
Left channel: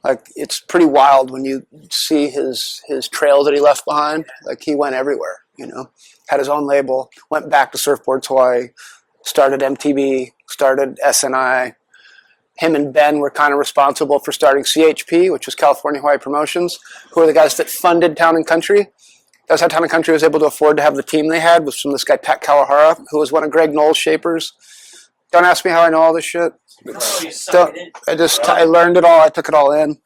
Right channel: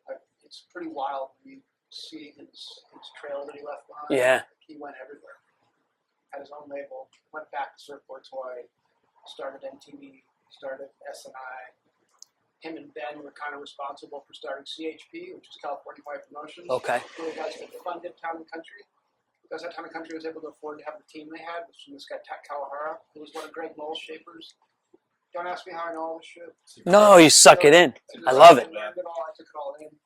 Like, it's pretty wild when you see his trail that he left behind. Yeah. Like, he went everywhere, you know. Had his own label, went back to Surfboards Hawaii, started MTB, started SNI. Him and Ben were kind of responsible for starting CHP, which was California Hawaii Promotions, Okay. who were the guys that funded Town and Country. That's how Town and Country was able to afford to have the team they had, was from this guy, Pat Kawahara, who was one of Greg Knoll's shapers. Don't ask me how I know all this shit. No, you suck it in. I learned it all. I took it all in.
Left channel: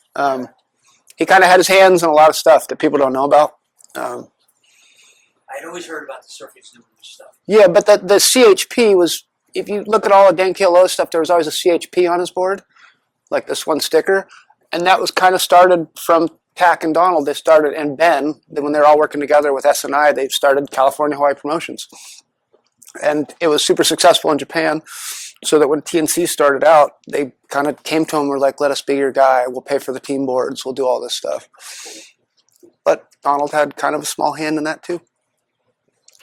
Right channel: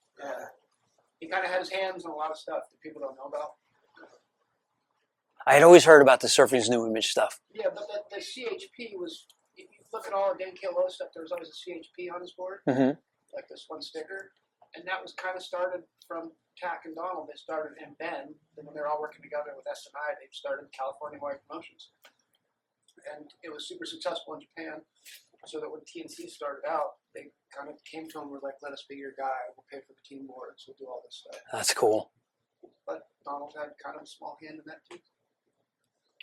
He kind of had his hands in a lot of stuff that people don't know about. I had always heard about the Surfing's New Image stuff. Yeah, but the CHP was, if you look at all of Dan Kealoha's stuff, there was always a CHP on his board, like this one sticker. And that was kind of started from Tack and Donald. They started, and Ben, when they were all working together with SNI, they started California Hawaii Promotions. And it was super successful in Japan. So that when TNC started out, they kind of came to him and were like, let us be your guy. We'll pay for the team boards. We'll do all this stuff. That's cool. But Donald had kind of a small hand in that too.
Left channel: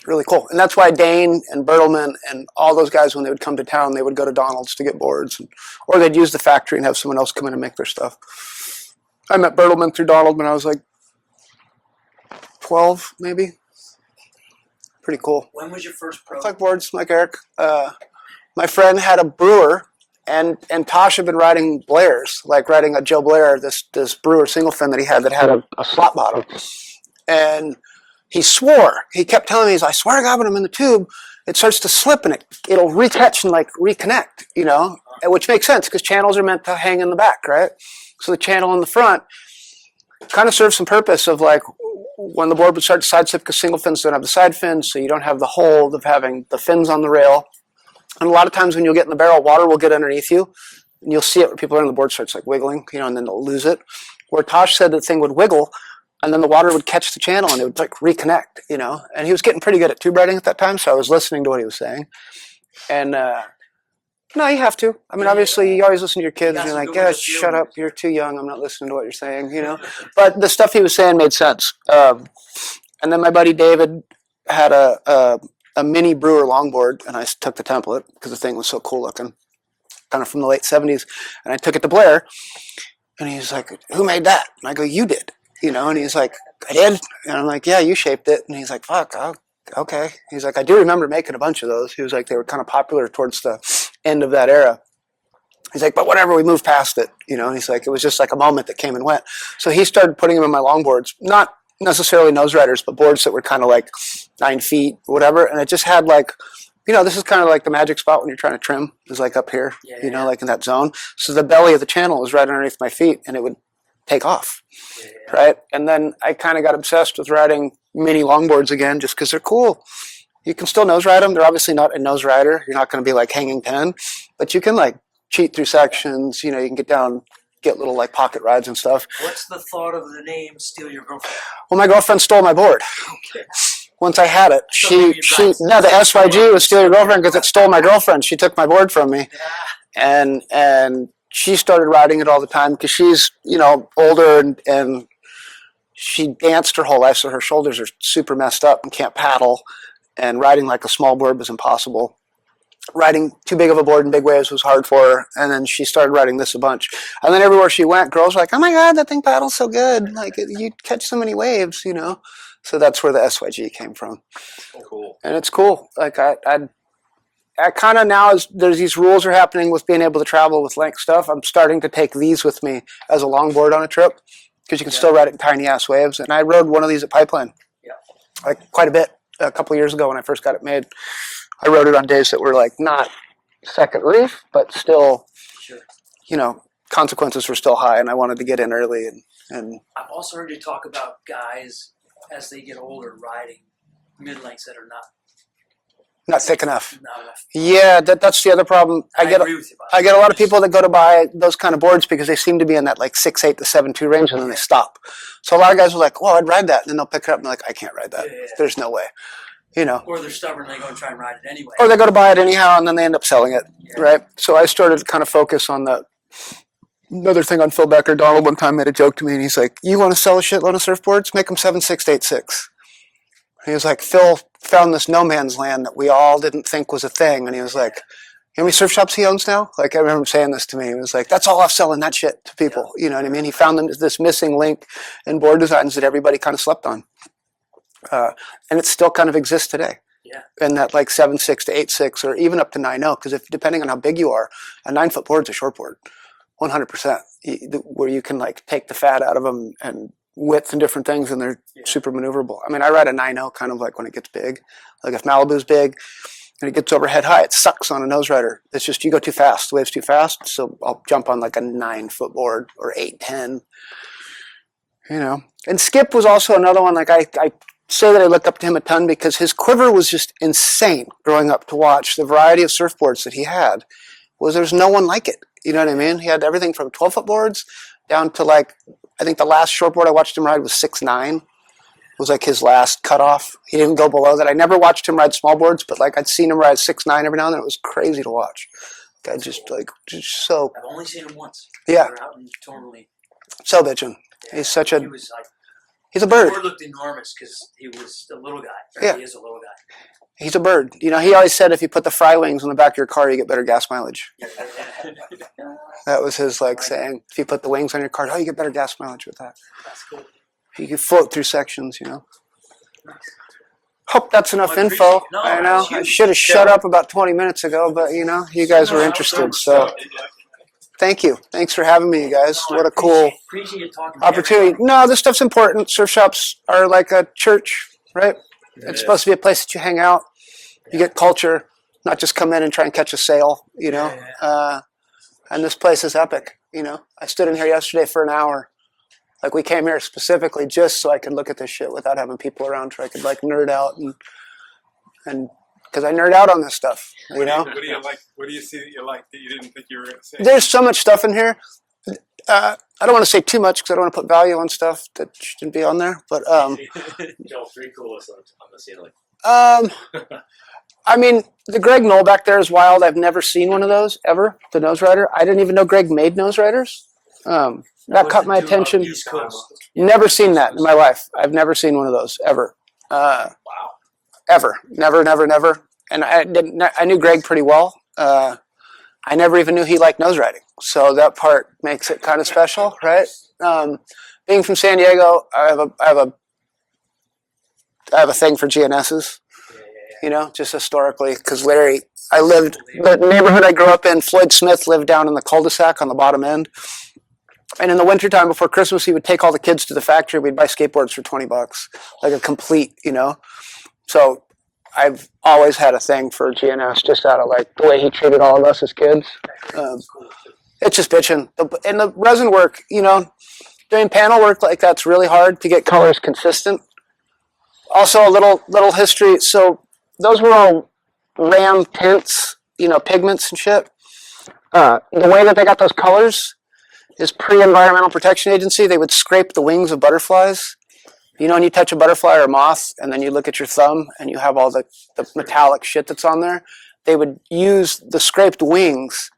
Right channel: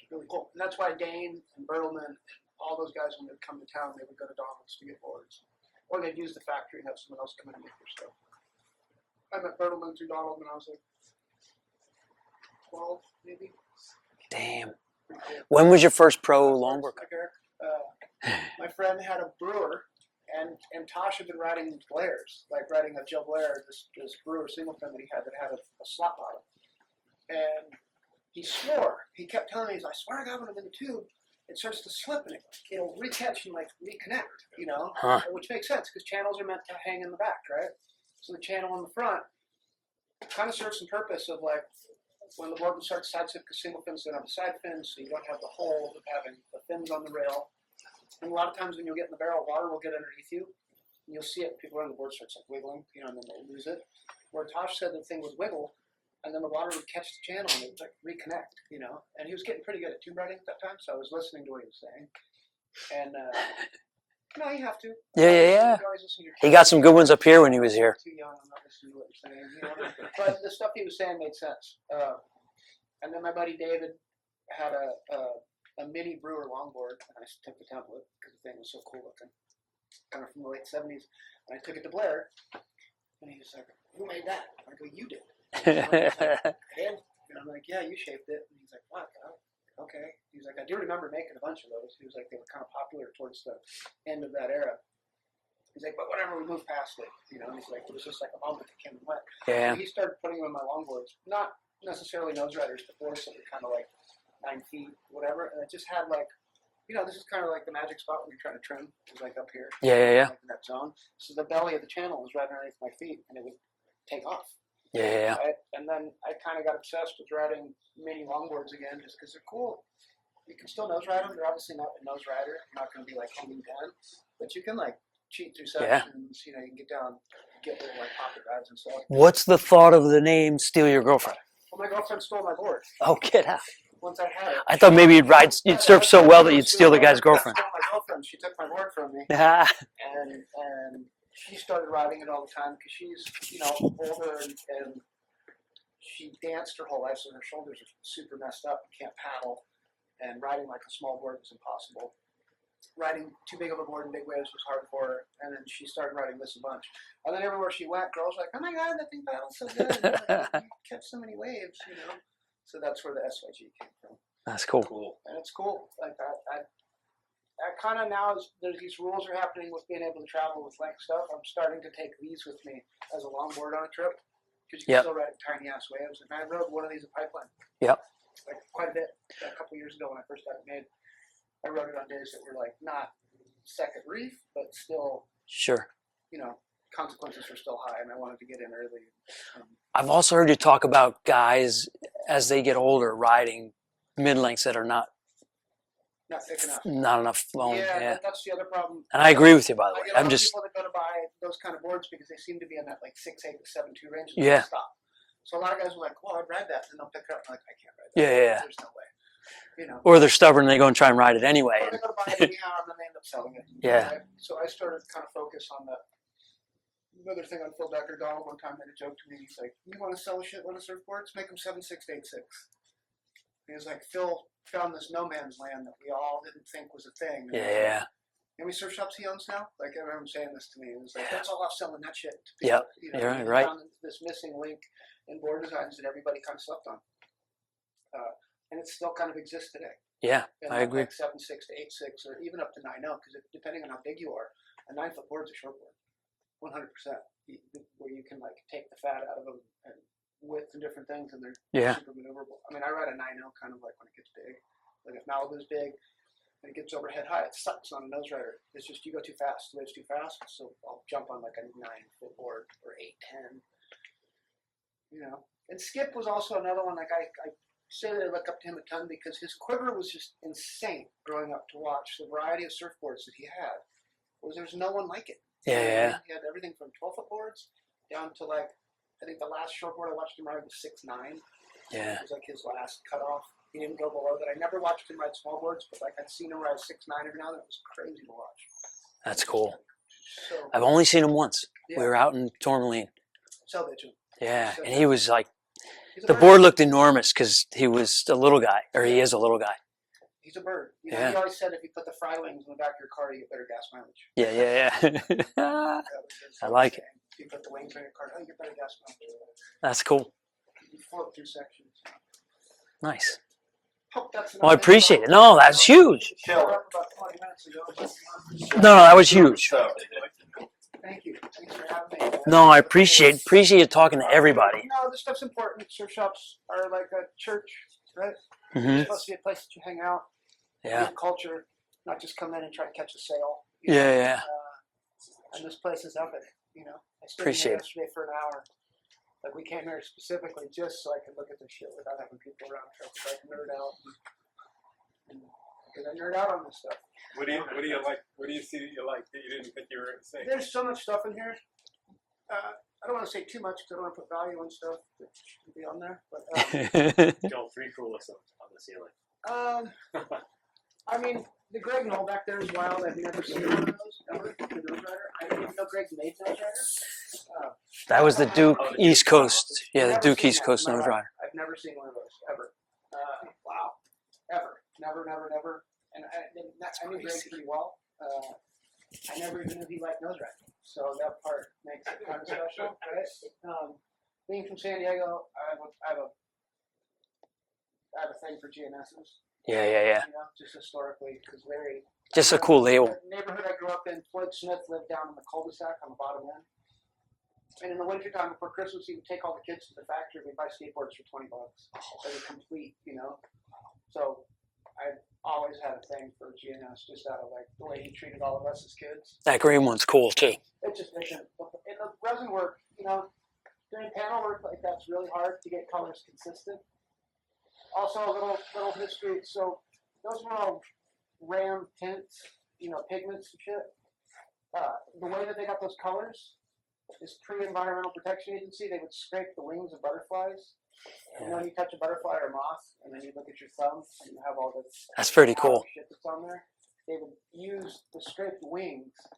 Really cool. And that's why Dane and Bertelman and all those guys, when they would come to town, they would go to Donald's to get boards. Or they'd use the factory and have someone else come in and make their stuff. I met Bertelman through Donald when I was like 12, maybe. Damn. Pretty cool. When was your first pro? Like boards, like Eric. My friend had a brewer, and Tosh had been riding Blair's, like riding a Joe Blair, this brewer single fin that he had a slot bottom. And he swore. He kept telling me, I swear to God, when I'm in the tube, it starts to slip and it'll recatch and like reconnect, you know, which makes sense because channels are meant to hang in the back, right? So the channel in the front kind of serves some purpose of like when the board would start to side slip because single fins don't have the side fins, so you don't have the hold of having the fins on the rail. And a lot of times when you'll get in the barrel, water will get underneath you, and you'll see it when people are on the board starts like wiggling, you know, and then they'll lose it. Where Tosh said the thing would wiggle, and then the water would catch the channel and it would like reconnect, you know. And he was getting pretty good at tube riding at that time, so I was listening to what he was saying. And No, you have to. I mean, Yeah, obviously, yeah. you always listen to your kids. got and some you're good ones "Yeah, up here when shut he up, was You're here." too young. I'm not listening to what you're saying, you know. But the stuff he was saying made sense. And then my buddy David had a mini Brewer longboard, and I took the template because the thing was so cool looking, kind of from the late 70s. And I took it to Blair, and he's like, "Who made that?" And I go, "You did." You know, and he's like, "I did?" And I'm like, "Yeah, you shaped it." And he's like, "Fuck, okay." He's like, "I do remember making a bunch of those." He was like, "They were kind of popular towards the end of that era." He's like, "But whatever, we moved past it." You know, he's like, "It was just like a moment that came and went." Yeah. So he started putting them in my longboards, not necessarily nose riders, but boards that were kind of like 9 feet, whatever. And it just had like, you know, this is kind of like the magic spot when you're trying to trim, is like up here, Yeah, you know, yeah. like in that zone. So the belly of the channel was right underneath my feet, and it would take off. Yeah. Right. And then I kind of got obsessed with riding mini longboards again just because they're cool. You can still nose ride them. They're obviously not a nose rider. You're not going to be like hanging 10, but you can like cheat through sections. You know, you can get down, get little like pocket rides and stuff. What's the thought of the name Steal Your Girlfriend? Well, my girlfriend stole my board. Oh, get out. Once I had it. I thought maybe you'd ride- No, you'd the surf so SYG well that was you'd Steal steal Your the guy's Girlfriend because it girlfriend. stole my girlfriend. She took my board from me. And she started riding it all the time because she's, you know, older and she danced her whole life, so her shoulders are super messed up and can't paddle. And riding like a small board was impossible. Riding too big of a board in big waves was hard for her. And then she started riding this a bunch. And then everywhere she went, girls were like, "Oh my God, that thing paddles so good. Like you catch so many waves, you know." So that's where the SYG came from. That's cool. And it's cool. Like I kind of now, as there's these rules are happening with being able to travel with length stuff, I'm starting to take these with me as a longboard on a trip because you can still ride it in tiny ass waves. And I rode one of these at Pipeline. Yep. Like quite a bit a couple of years ago when I first got it made. I rode it on days that were like not second reef, but still, Sure. you know, consequences were still high, and I wanted to get in early. And I've also heard you talk about guys as they get older riding mid-lengths that are not thick enough. Not enough. Yeah, that's the other problem. And I agree with you about that. I get a I'm lot of just- people that go to buy those kind of boards because they seem to be in that like 6'8" to 7'2" range, and then they stop. So a lot of guys are like, "Well, I'd ride that," and then they'll pick it up and they're like, "I can't ride that. Yeah. There's no way." You know. Or they're stubborn and they go and try and ride it anyway. Or they go to buy it anyhow, and then they end up selling it. Yeah. Right. So I started to kind of focus on the. Another thing on Phil Becker, Donald one time made a joke to me, and he's like, "You want to sell a shitload of surfboards? Make them 7.6 to 8.6." He was like, "Phil found this no man's land that we all didn't think was a thing," and he was like, "You know how many surf shops he owns now?" Like I remember him saying this to me. He was like, "That's all off selling that shit to people." You know what I mean? He found this missing link in board designs that everybody kind of slept on, and it still kind of exists today. Yeah. And that like 7.6 to 8.6 or even up to 9.0, because if depending on how big you are, a 9-foot board's a short board, 100%. Where you can like take the fat out of them and width and different things, and they're super maneuverable. I mean, I ride a 9.0 kind of like when it gets big. Like if Malibu's big and it gets overhead high, it sucks on a nose rider. It's just you go too fast. The wave's too fast, so I'll jump on like a 9-foot board or 8-10. You know, and Skip was also another one. Like I say that I look up to him a ton because his quiver was just insane growing up to watch the variety of surfboards that he had. There's no one like it. You know what I mean? He had everything from 12-foot boards down to like, I think the last shortboard I watched him ride was 6'9". Yeah. Was like his last cutoff. He didn't go below that. I never watched him ride small boards, but like I'd seen him ride 6'9" every now and then. It was crazy to watch. That's just cool. like just so. I've only seen him once. Yeah. We were out in Tourmaline. So bitchin'. Yeah. He's such He was like, he's a the bird. board looked enormous because he was a little guy, or he is a little guy. He's a bird. You know, he always said if you put the fry wings on the back of your car, you get better gas mileage. Yeah. That was his like like saying. If you put the wings on your car, you get better gas mileage with that. That's cool. You can float through sections, you know. Nice. Hope that's enough Well, I info. appreciate it. No, that's huge. I should have shut up about 20 minutes ago, but you know, you guys No, were that was interested, huge. So thank you. Thanks for having me, you guys. No, I What a cool appreciate you talking to opportunity. everybody. No, this stuff's important. Surf shops are like a church, right? Mm-hmm. It's supposed to be a place that you hang out. Yeah. You get culture, not just come in and try and catch a sail, you know. Yeah. And this place is epic, you know. I stood in here yesterday for an hour. Like we came here specifically just so I could look at this shit without having people around, so I could like nerd out and because I nerd out on this stuff, you know. What do you like? What do you see that you like that you didn't think you were going to say? There's so much stuff in here. I don't want to say too much because I don't want to put value on stuff that shouldn't be on there. But Tell 3 coolest on the ceiling. I mean, the Greg Knoll back there is wild. I've never seen one of those ever. The nose rider. I didn't even know Greg made nose riders. That was caught the my Duke attention. East Coast. Yeah, the Never Duke seen East that Coast in my Empire. life. I've never seen one of those ever. Ever. Never. And I knew Greg pretty well. I never even knew he liked nose riding. So that part makes it kind of special, right? Being from San Diego, I have a thing for GNSs. Yeah. You know, just historically, because Larry, Cool the neighborhood I grew up in, Floyd Smith lived down in the cul-de-sac on the bottom end. And in the wintertime before Christmas, he would take all the kids to the factory. We'd buy skateboards for $20, like a complete, you know. So I've always had a thing for GNS, just out of like the way he treated all of us as kids. That green one's cool too. It's just bitching. And the resin work, you know, doing panel work like that's really hard to get colors consistent. Also, a little history. So those were all Ram tints, you know, pigments and shit. The way that they got those colors is pre-Environmental Protection Agency. They would scrape the wings of butterflies. You know, when you touch a butterfly or a moth, and then you look at your thumb, and you have all the metallic shit that's on there. They would use the scraped wings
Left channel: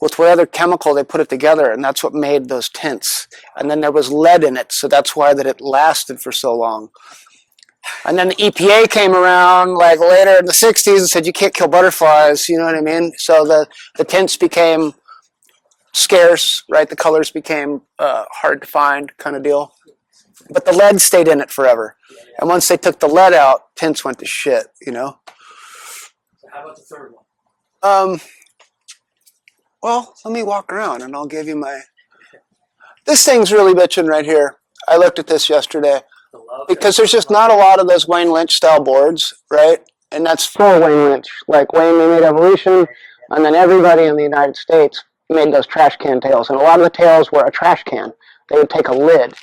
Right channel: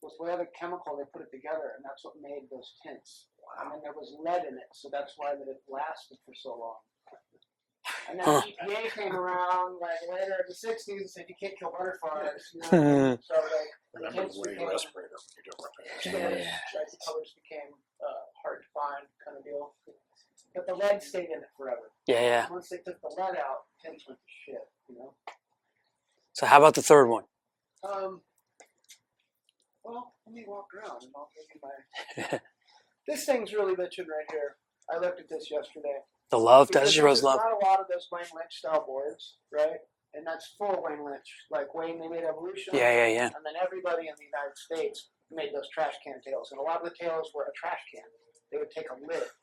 with what other chemical they put it together, and that's what made those tints. And then there was lead in it, so that's why that it lasted for so long. And then the EPA came around like later in the 60s and said, you can't kill butterflies, you know what I mean? So the tints became scarce, right? The colors became hard to find kind of deal. But the lead stayed in it forever. Yeah. And once they took the lead out, tints went to shit, you know? So how about the third one? Well, let me walk around and I'll give you my... This thing's really bitching right here. I looked at this yesterday. The love? Because there's just not a lot of those Wayne Lynch style boards, right? And that's for Wayne Lynch. Like Wayne, they made Evolution. Yeah. And then everybody in the United States made those trash can tails. And a lot of the tails were a trash can. They would take a lid.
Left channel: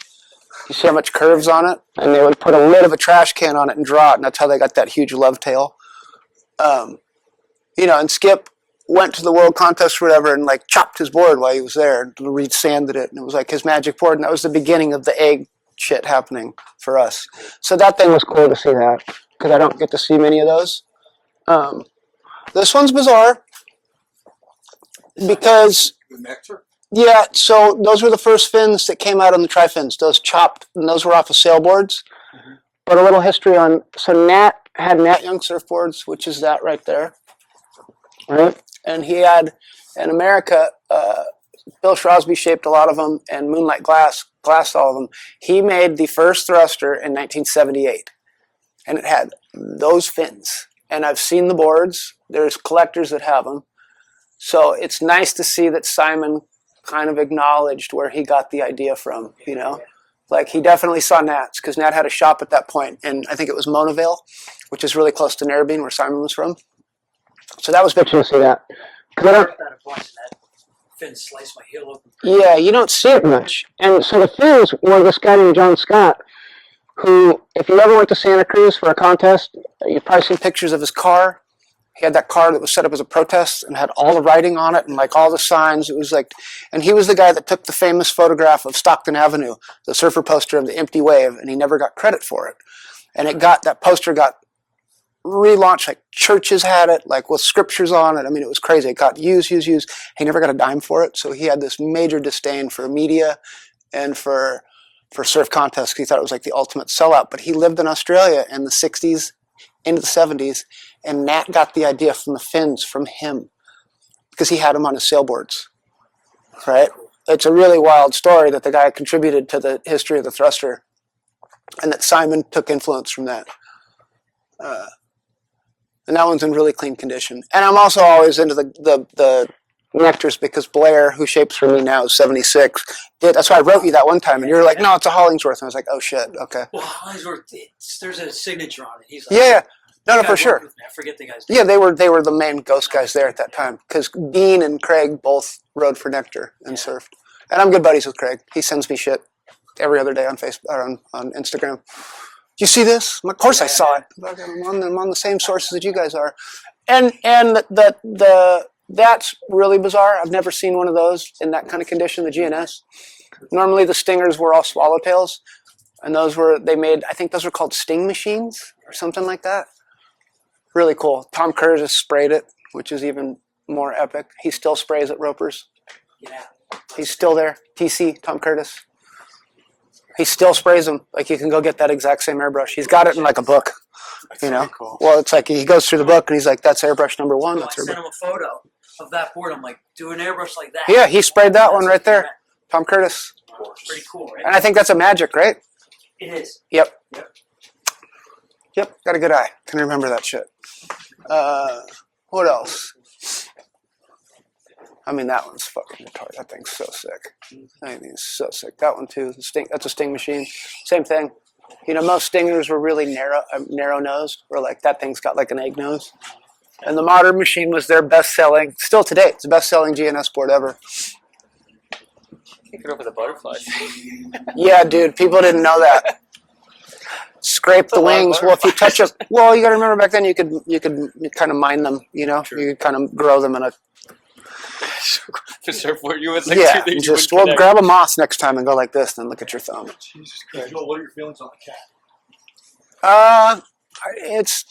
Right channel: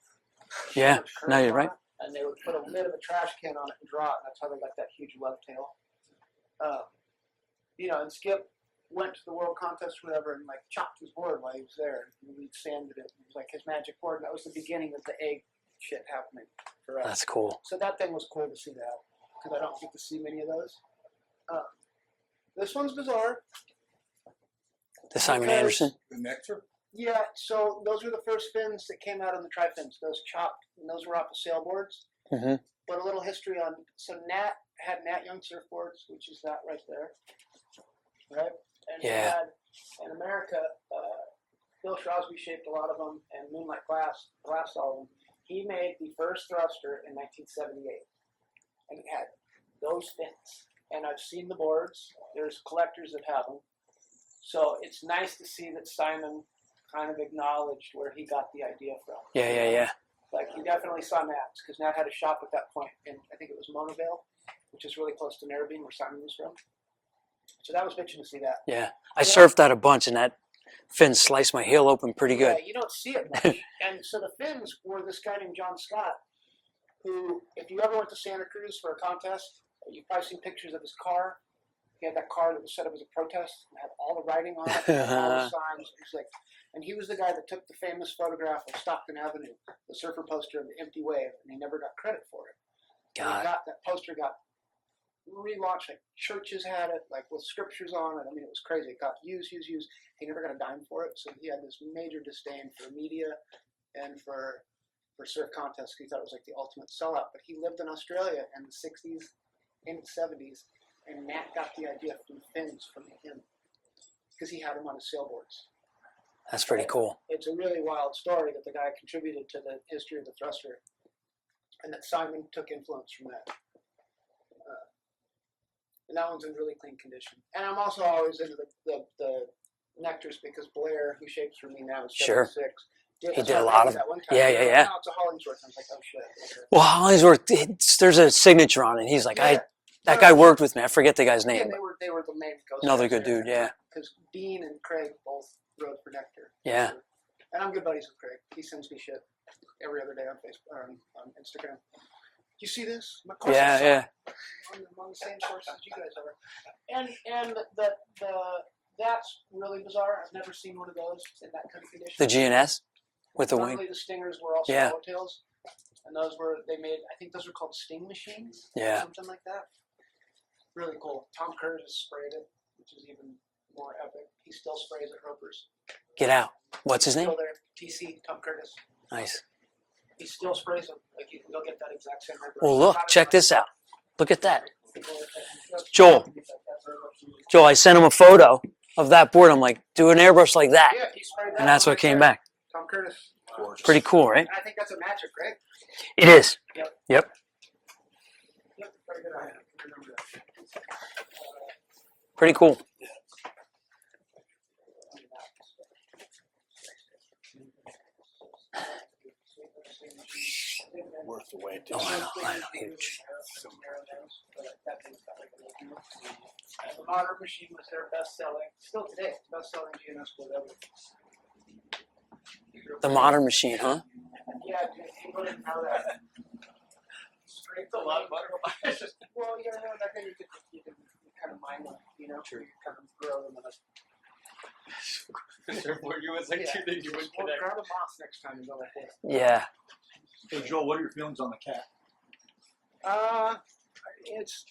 You see how much curves on it? And they would put a lid of a trash can on it and draw it. And that's how they got that huge love tail. You know, and Skip went to the world contest or whatever and like chopped his board while he was there and re-sanded it. And it was like his magic board. And that was the beginning of the egg shit happening for us. Cool. So that thing was cool to see that because I don't get to see many of those. This one's bizarre because yeah, so those were the first fins that came out on the tri-fins. Those chopped, and those were off of sailboards. Mm-hmm. But a little history on, so Nat had Nat Young surfboards, which is that right there, right? And he had, in America, Bill Shrosby shaped a lot of them, and Moonlight glassed all of them. He made the first thruster in 1978, and it had those fins. And I've seen the boards. There's collectors that have them. So it's nice to see that Simon kind of acknowledged where he got the idea from. Yeah. Like he definitely saw Nat's, because Nat had a shop at that point, and I think it was Monavale, which is really close to Narrabeen, where Simon was from. So that was bitching to see that. Yeah. I surfed that a bunch, and that fin sliced my heel open pretty Yeah, good. you don't see it much. And so the fins were this guy named John Scott, who, if you ever went to Santa Cruz for a contest, you've probably seen pictures of his car. He had that car that was set up as a protest and had all the writing on it and like all the signs. It was like, and he was the guy that took the famous photograph of Stockton Avenue, the surfer poster of the empty wave, and he never got credit for it. And that poster got relaunched, like churches had it, like with scriptures on it. I mean, it was crazy. It got used. He never got a dime for it. So he had this major disdain for media and for surf contests. He thought it was like the ultimate sellout. But he lived in Australia in the 60s into the 70s, and Nat got the idea from the fins from him because he had them on his sailboards. That's really cool. It's a really wild story that the guy contributed to the history of the thruster, and that Simon took influence from that. And that one's in really clean condition. And I'm also always into the nectars because Blair, who shapes for me now, is 76. That's why I wrote you that one time. And you were like, no, it's a Hollingsworth. And I was like, oh, shit, okay. Well, Hollingsworth, there's a signature on it. He's like, yeah. That guy worked with me. I forget the guy's name. Yeah, they were the main ghost Another guys there dude, at that time. Because Bean and Craig both rode for Nectar and surfed. And I'm good buddies with Craig. He sends me shit every other day on Facebook or on Instagram. Do you see this? Of course I saw it. I'm on the same sources that you guys are. And that's really bizarre. I've never seen one of those in that kind of condition. The GNS? Normally the stingers were all swallowtails. And those were, they made, I think those were called sting machines. Something like that. Really cool. Tom Curtis sprayed it, which is even more epic. He still sprays at Ropers. Get out. What's He's his still name? there. TC, Tom Curtis. Nice. He still sprays them. Like you can go get that exact same airbrush. Well, He's look, got it in check like a this book. out. Look at You that. know? Well, it's like he goes through Joel. the book and he's like, that's airbrush number 1. Joe, I sent him a photo of that board. I'm like, do an airbrush like that. Yeah, he sprayed that And that's one what right came there. back. Tom Curtis. Pretty cool, right? And I think that's a magic, right? It is. Yep. Yep. Yep. Got a good eye. Can remember that shit. What Pretty else? I mean, that one's fucking retarded. That thing's so sick. I mean, it's so sick. That one too. That's a Sting machine. Same thing. You know, most Stingers were really narrow nosed. Where like that thing's got like an egg nose. And the modern machine was their best selling. Still today, it's the best selling GNS board ever. The modern machine, huh? Yeah, dude. People didn't know that. Scrape the wings. Well, if you touch it, well, you got to remember back then you could kind of mine them. You know, you could kind of grow them in a. The surfboard, you was like Yeah, two that you just would well, connect. grab a moss next time and go like this, then look at Yeah. your thumb. Hey, Joel, what are your feelings on the cat?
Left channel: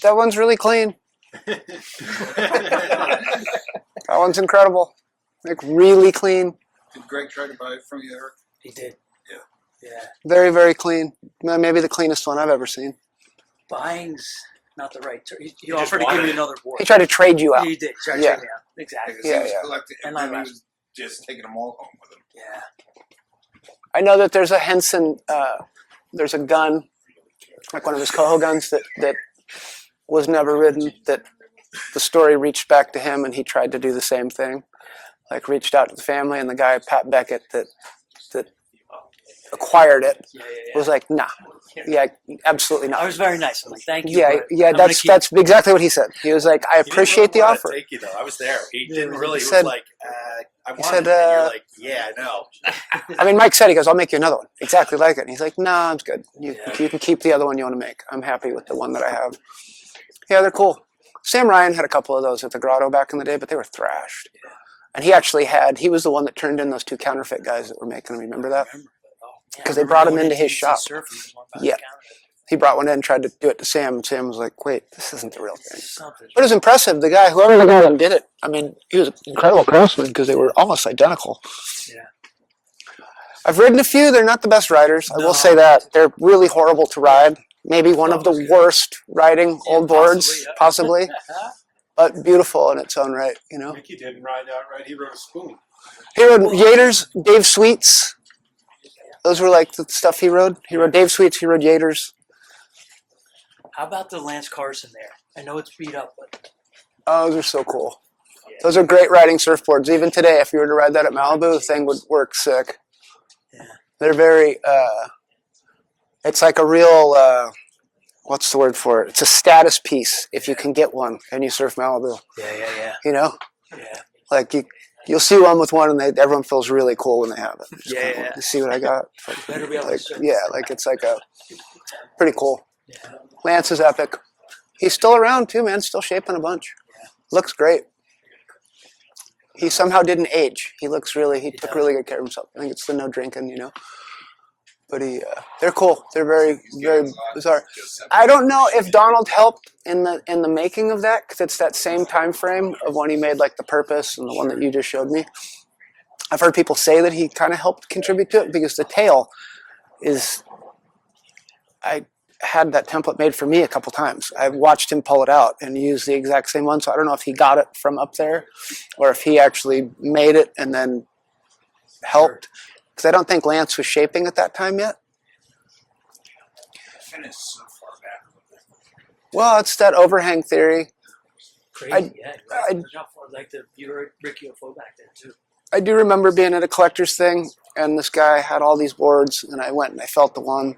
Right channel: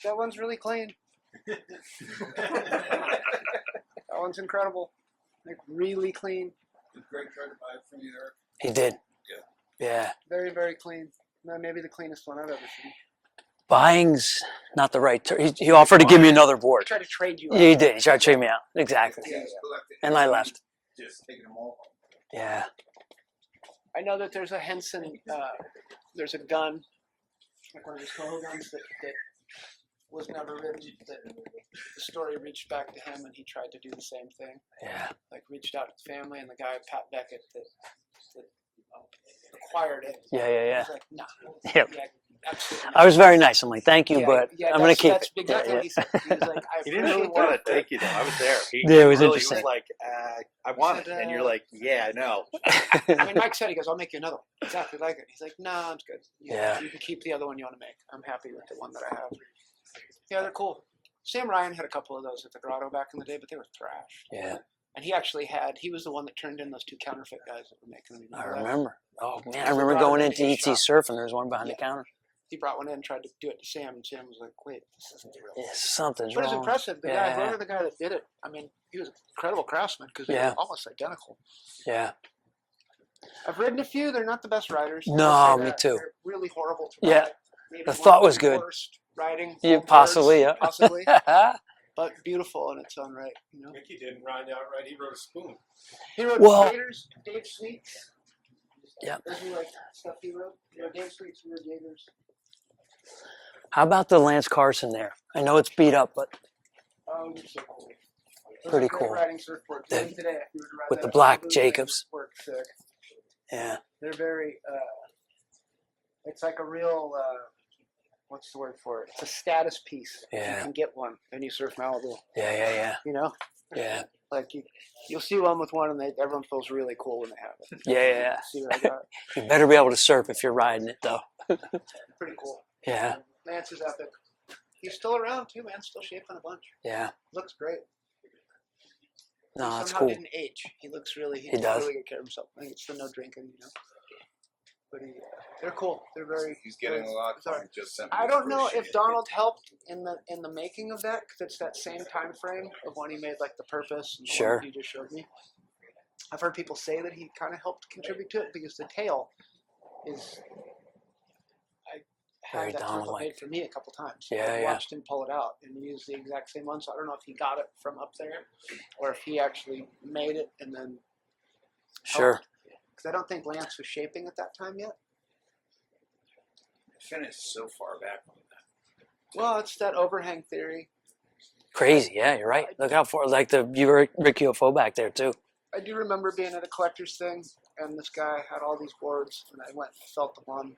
That one's really clean. That one's incredible. Like really clean. Did Greg try to buy it from you, Eric? He did. Yeah. Yeah. Very, very clean. Maybe the cleanest one I've ever seen. Buying's not the right term. He offered to give me another board. He tried to trade you out. Yeah, he did. He tried to Yeah. trade me out. Exactly. Yeah, He was yeah. collecting, And I he left. was just taking them all home with him. Yeah. I know that there's a Henson, there's a gun, like one of his Coho guns that was never ridden, that the story reached back to him and he tried to do the same thing. Yeah. Like reached out to the family and the guy, Pat Beckett, that acquired it Yeah. was like, nah, Yeah. yeah, absolutely not. I was very nice. I'm like, thank you. Yeah, but yeah, I'm gonna that's keep that's exactly what he said. He was like, I appreciate the He didn't offer. wanna take you, though. I was there. He Yeah, it was really interesting. was like, I want said, it. And you're like, yeah, I know. I mean, Mike said, he goes, I'll make you another one exactly like it. And he's like, nah, it's good. You Yeah. can keep the other one you want to make. I'm happy with the one that I have. Yeah, they're cool. Sam Ryan had a couple of those at the Grotto back in the day, but they were thrashed. Yeah. And he was the one that turned in those 2 counterfeit guys that were making them. Remember I that? remember. Oh man. 'Cause I they brought him remember into going his ET shop. Surf and there's one behind Yeah. the counter. He brought one in and tried to do it to Sam, and Sam was like, wait, this isn't the real Yeah, thing. something's But it was wrong. impressive. The guy, whoever the guy that did it, I mean, he was an incredible craftsman because they were almost identical. Yeah. I've ridden a few. They're not the best riders. I will No, say me that. too. They're really horrible to Yeah. ride. Maybe I one thought of it was the good. worst riding Yeah, old boards, possibly, yeah. possibly. But beautiful in its own right, you know. Mickey didn't ride outright. He rode a spoon. He rode Well- Yaters, Dave Sweets. Yeah. Those were like the stuff he rode. He rode Dave Sweets, he rode Yaters. How about the Lance Carson there? I know it's beat up, but Oh, those are so cool. Those are great riding surfboards. Even today, if you were to ride that the at black Malibu, the thing would Jacobs. work sick. yeah. They're very, it's like a real, what's the word for it? It's a status piece if you Yeah. can get one and you surf Malibu, Yeah. you know? Yeah. Like you'll see one with one and everyone feels really cool when they have it. It's Yeah, kind of yeah. like, you see what I got? You better be able to surf Yeah, if you're like riding. it's like a, pretty cool. Yeah. Lance is epic. He's still around too, man. Still shaping a bunch. Yeah. Looks great. No, He it's somehow cool. didn't age. He looks really, he He took does. really good care of himself. I think it's the no drinking, you know. But they're cool. They're very, very bizarre. I don't know if Donald helped in the making of that because it's that same time frame of when he made like the Purpose and the one Sure. that you just showed me. I've heard people say that he kind of helped contribute to it because the tail is. I had that template made for me a couple times. Yeah, I've yeah. watched him pull it out and use the exact same one. So I don't know if he got it from up there, or if he actually made it and then helped. Because I don't think Lance was shaping at that time yet. Finished so far back. Well, it's that overhang theory. Crazy. Yeah, you're right. I- Look how far, like you were Rick UFO back there too. I do remember being at a collector's thing, and this guy had all these boards, and I went and I felt the one.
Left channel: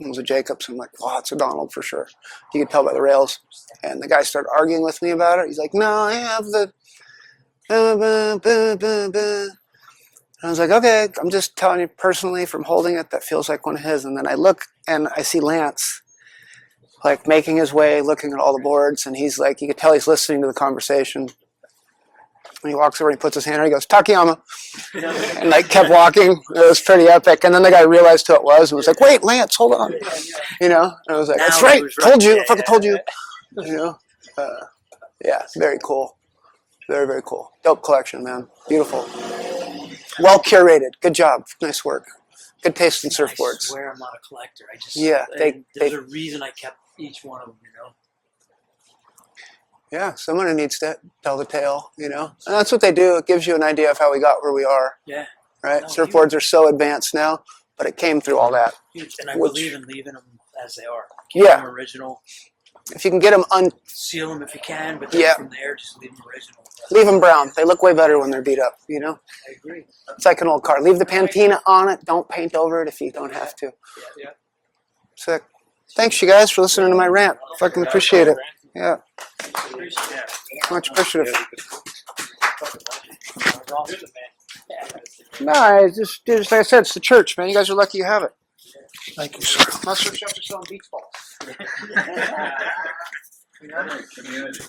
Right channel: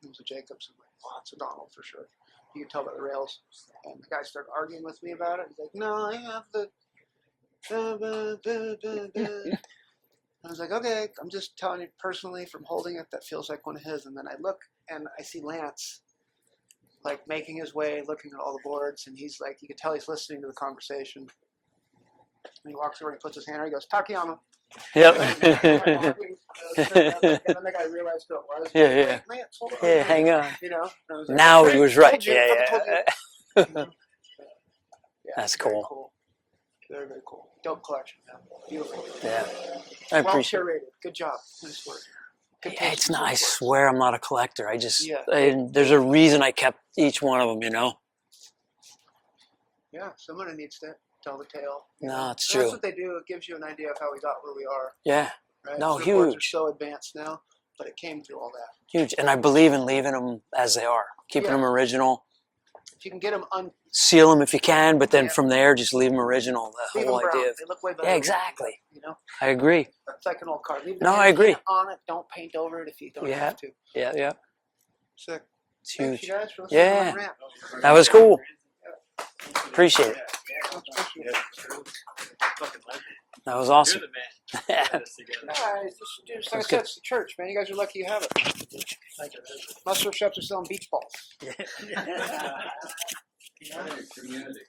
It was a Jacobs. I'm like, wow, it's a Donald for sure. You could tell by the rails. And the guy started arguing with me about it. He's like, no, I have the. And I was like, okay, I'm just telling you personally from holding it, that feels like one of his. And then I look and I see Lance, like making his way, looking at all the boards, and he's like, you could tell he's listening to the conversation. And he walks over and he puts his hand out, he goes, Takayama. Yep. And I kept walking. It was pretty epic. And then the guy realized who it was and was Yeah, like, yeah. wait, Lance, hold on. Yeah, hang on. You know? And I was like, Now that's he right. was right. Told you. Yeah, I fucking told you. You know, yeah, That's very cool. cool. Very, very cool. Dope collection, man. Beautiful. I Well appreciate curated. Good job. Nice work. Good taste in it's not- I surfboards. swear I'm not a collector. I just Yeah, there's a reason I kept each one of them. You know. Yeah, someone needs to tell the tale, you No, know. it's And that's true. what they do. It gives you an idea of how we got where we are, Yeah. right? No, Surfboards huge. are so advanced now, but it came through all that. Huge, and I Which- believe in leaving them as they are. Keep Yeah. them original. If you can get them Seal them if you can, but then Yeah. from there, just leave them original. The leave them whole brown. idea. They look way better Yeah, when they're beat up, you know. I agree. It's like an old car. Leave the No, I agree. patina on it. Don't paint over it if you don't Yeah. have to. Yeah, yeah. Sick. It's Thanks, huge. you guys, for listening to my Yeah. rant. Fucking That was appreciate cool. it. Yeah, Appreciate it. much appreciative. That was awesome. No, it's just like I said, it's the church, man. You guys are lucky you have it. Thank you, sir. Most surf shops are selling beach balls. Community.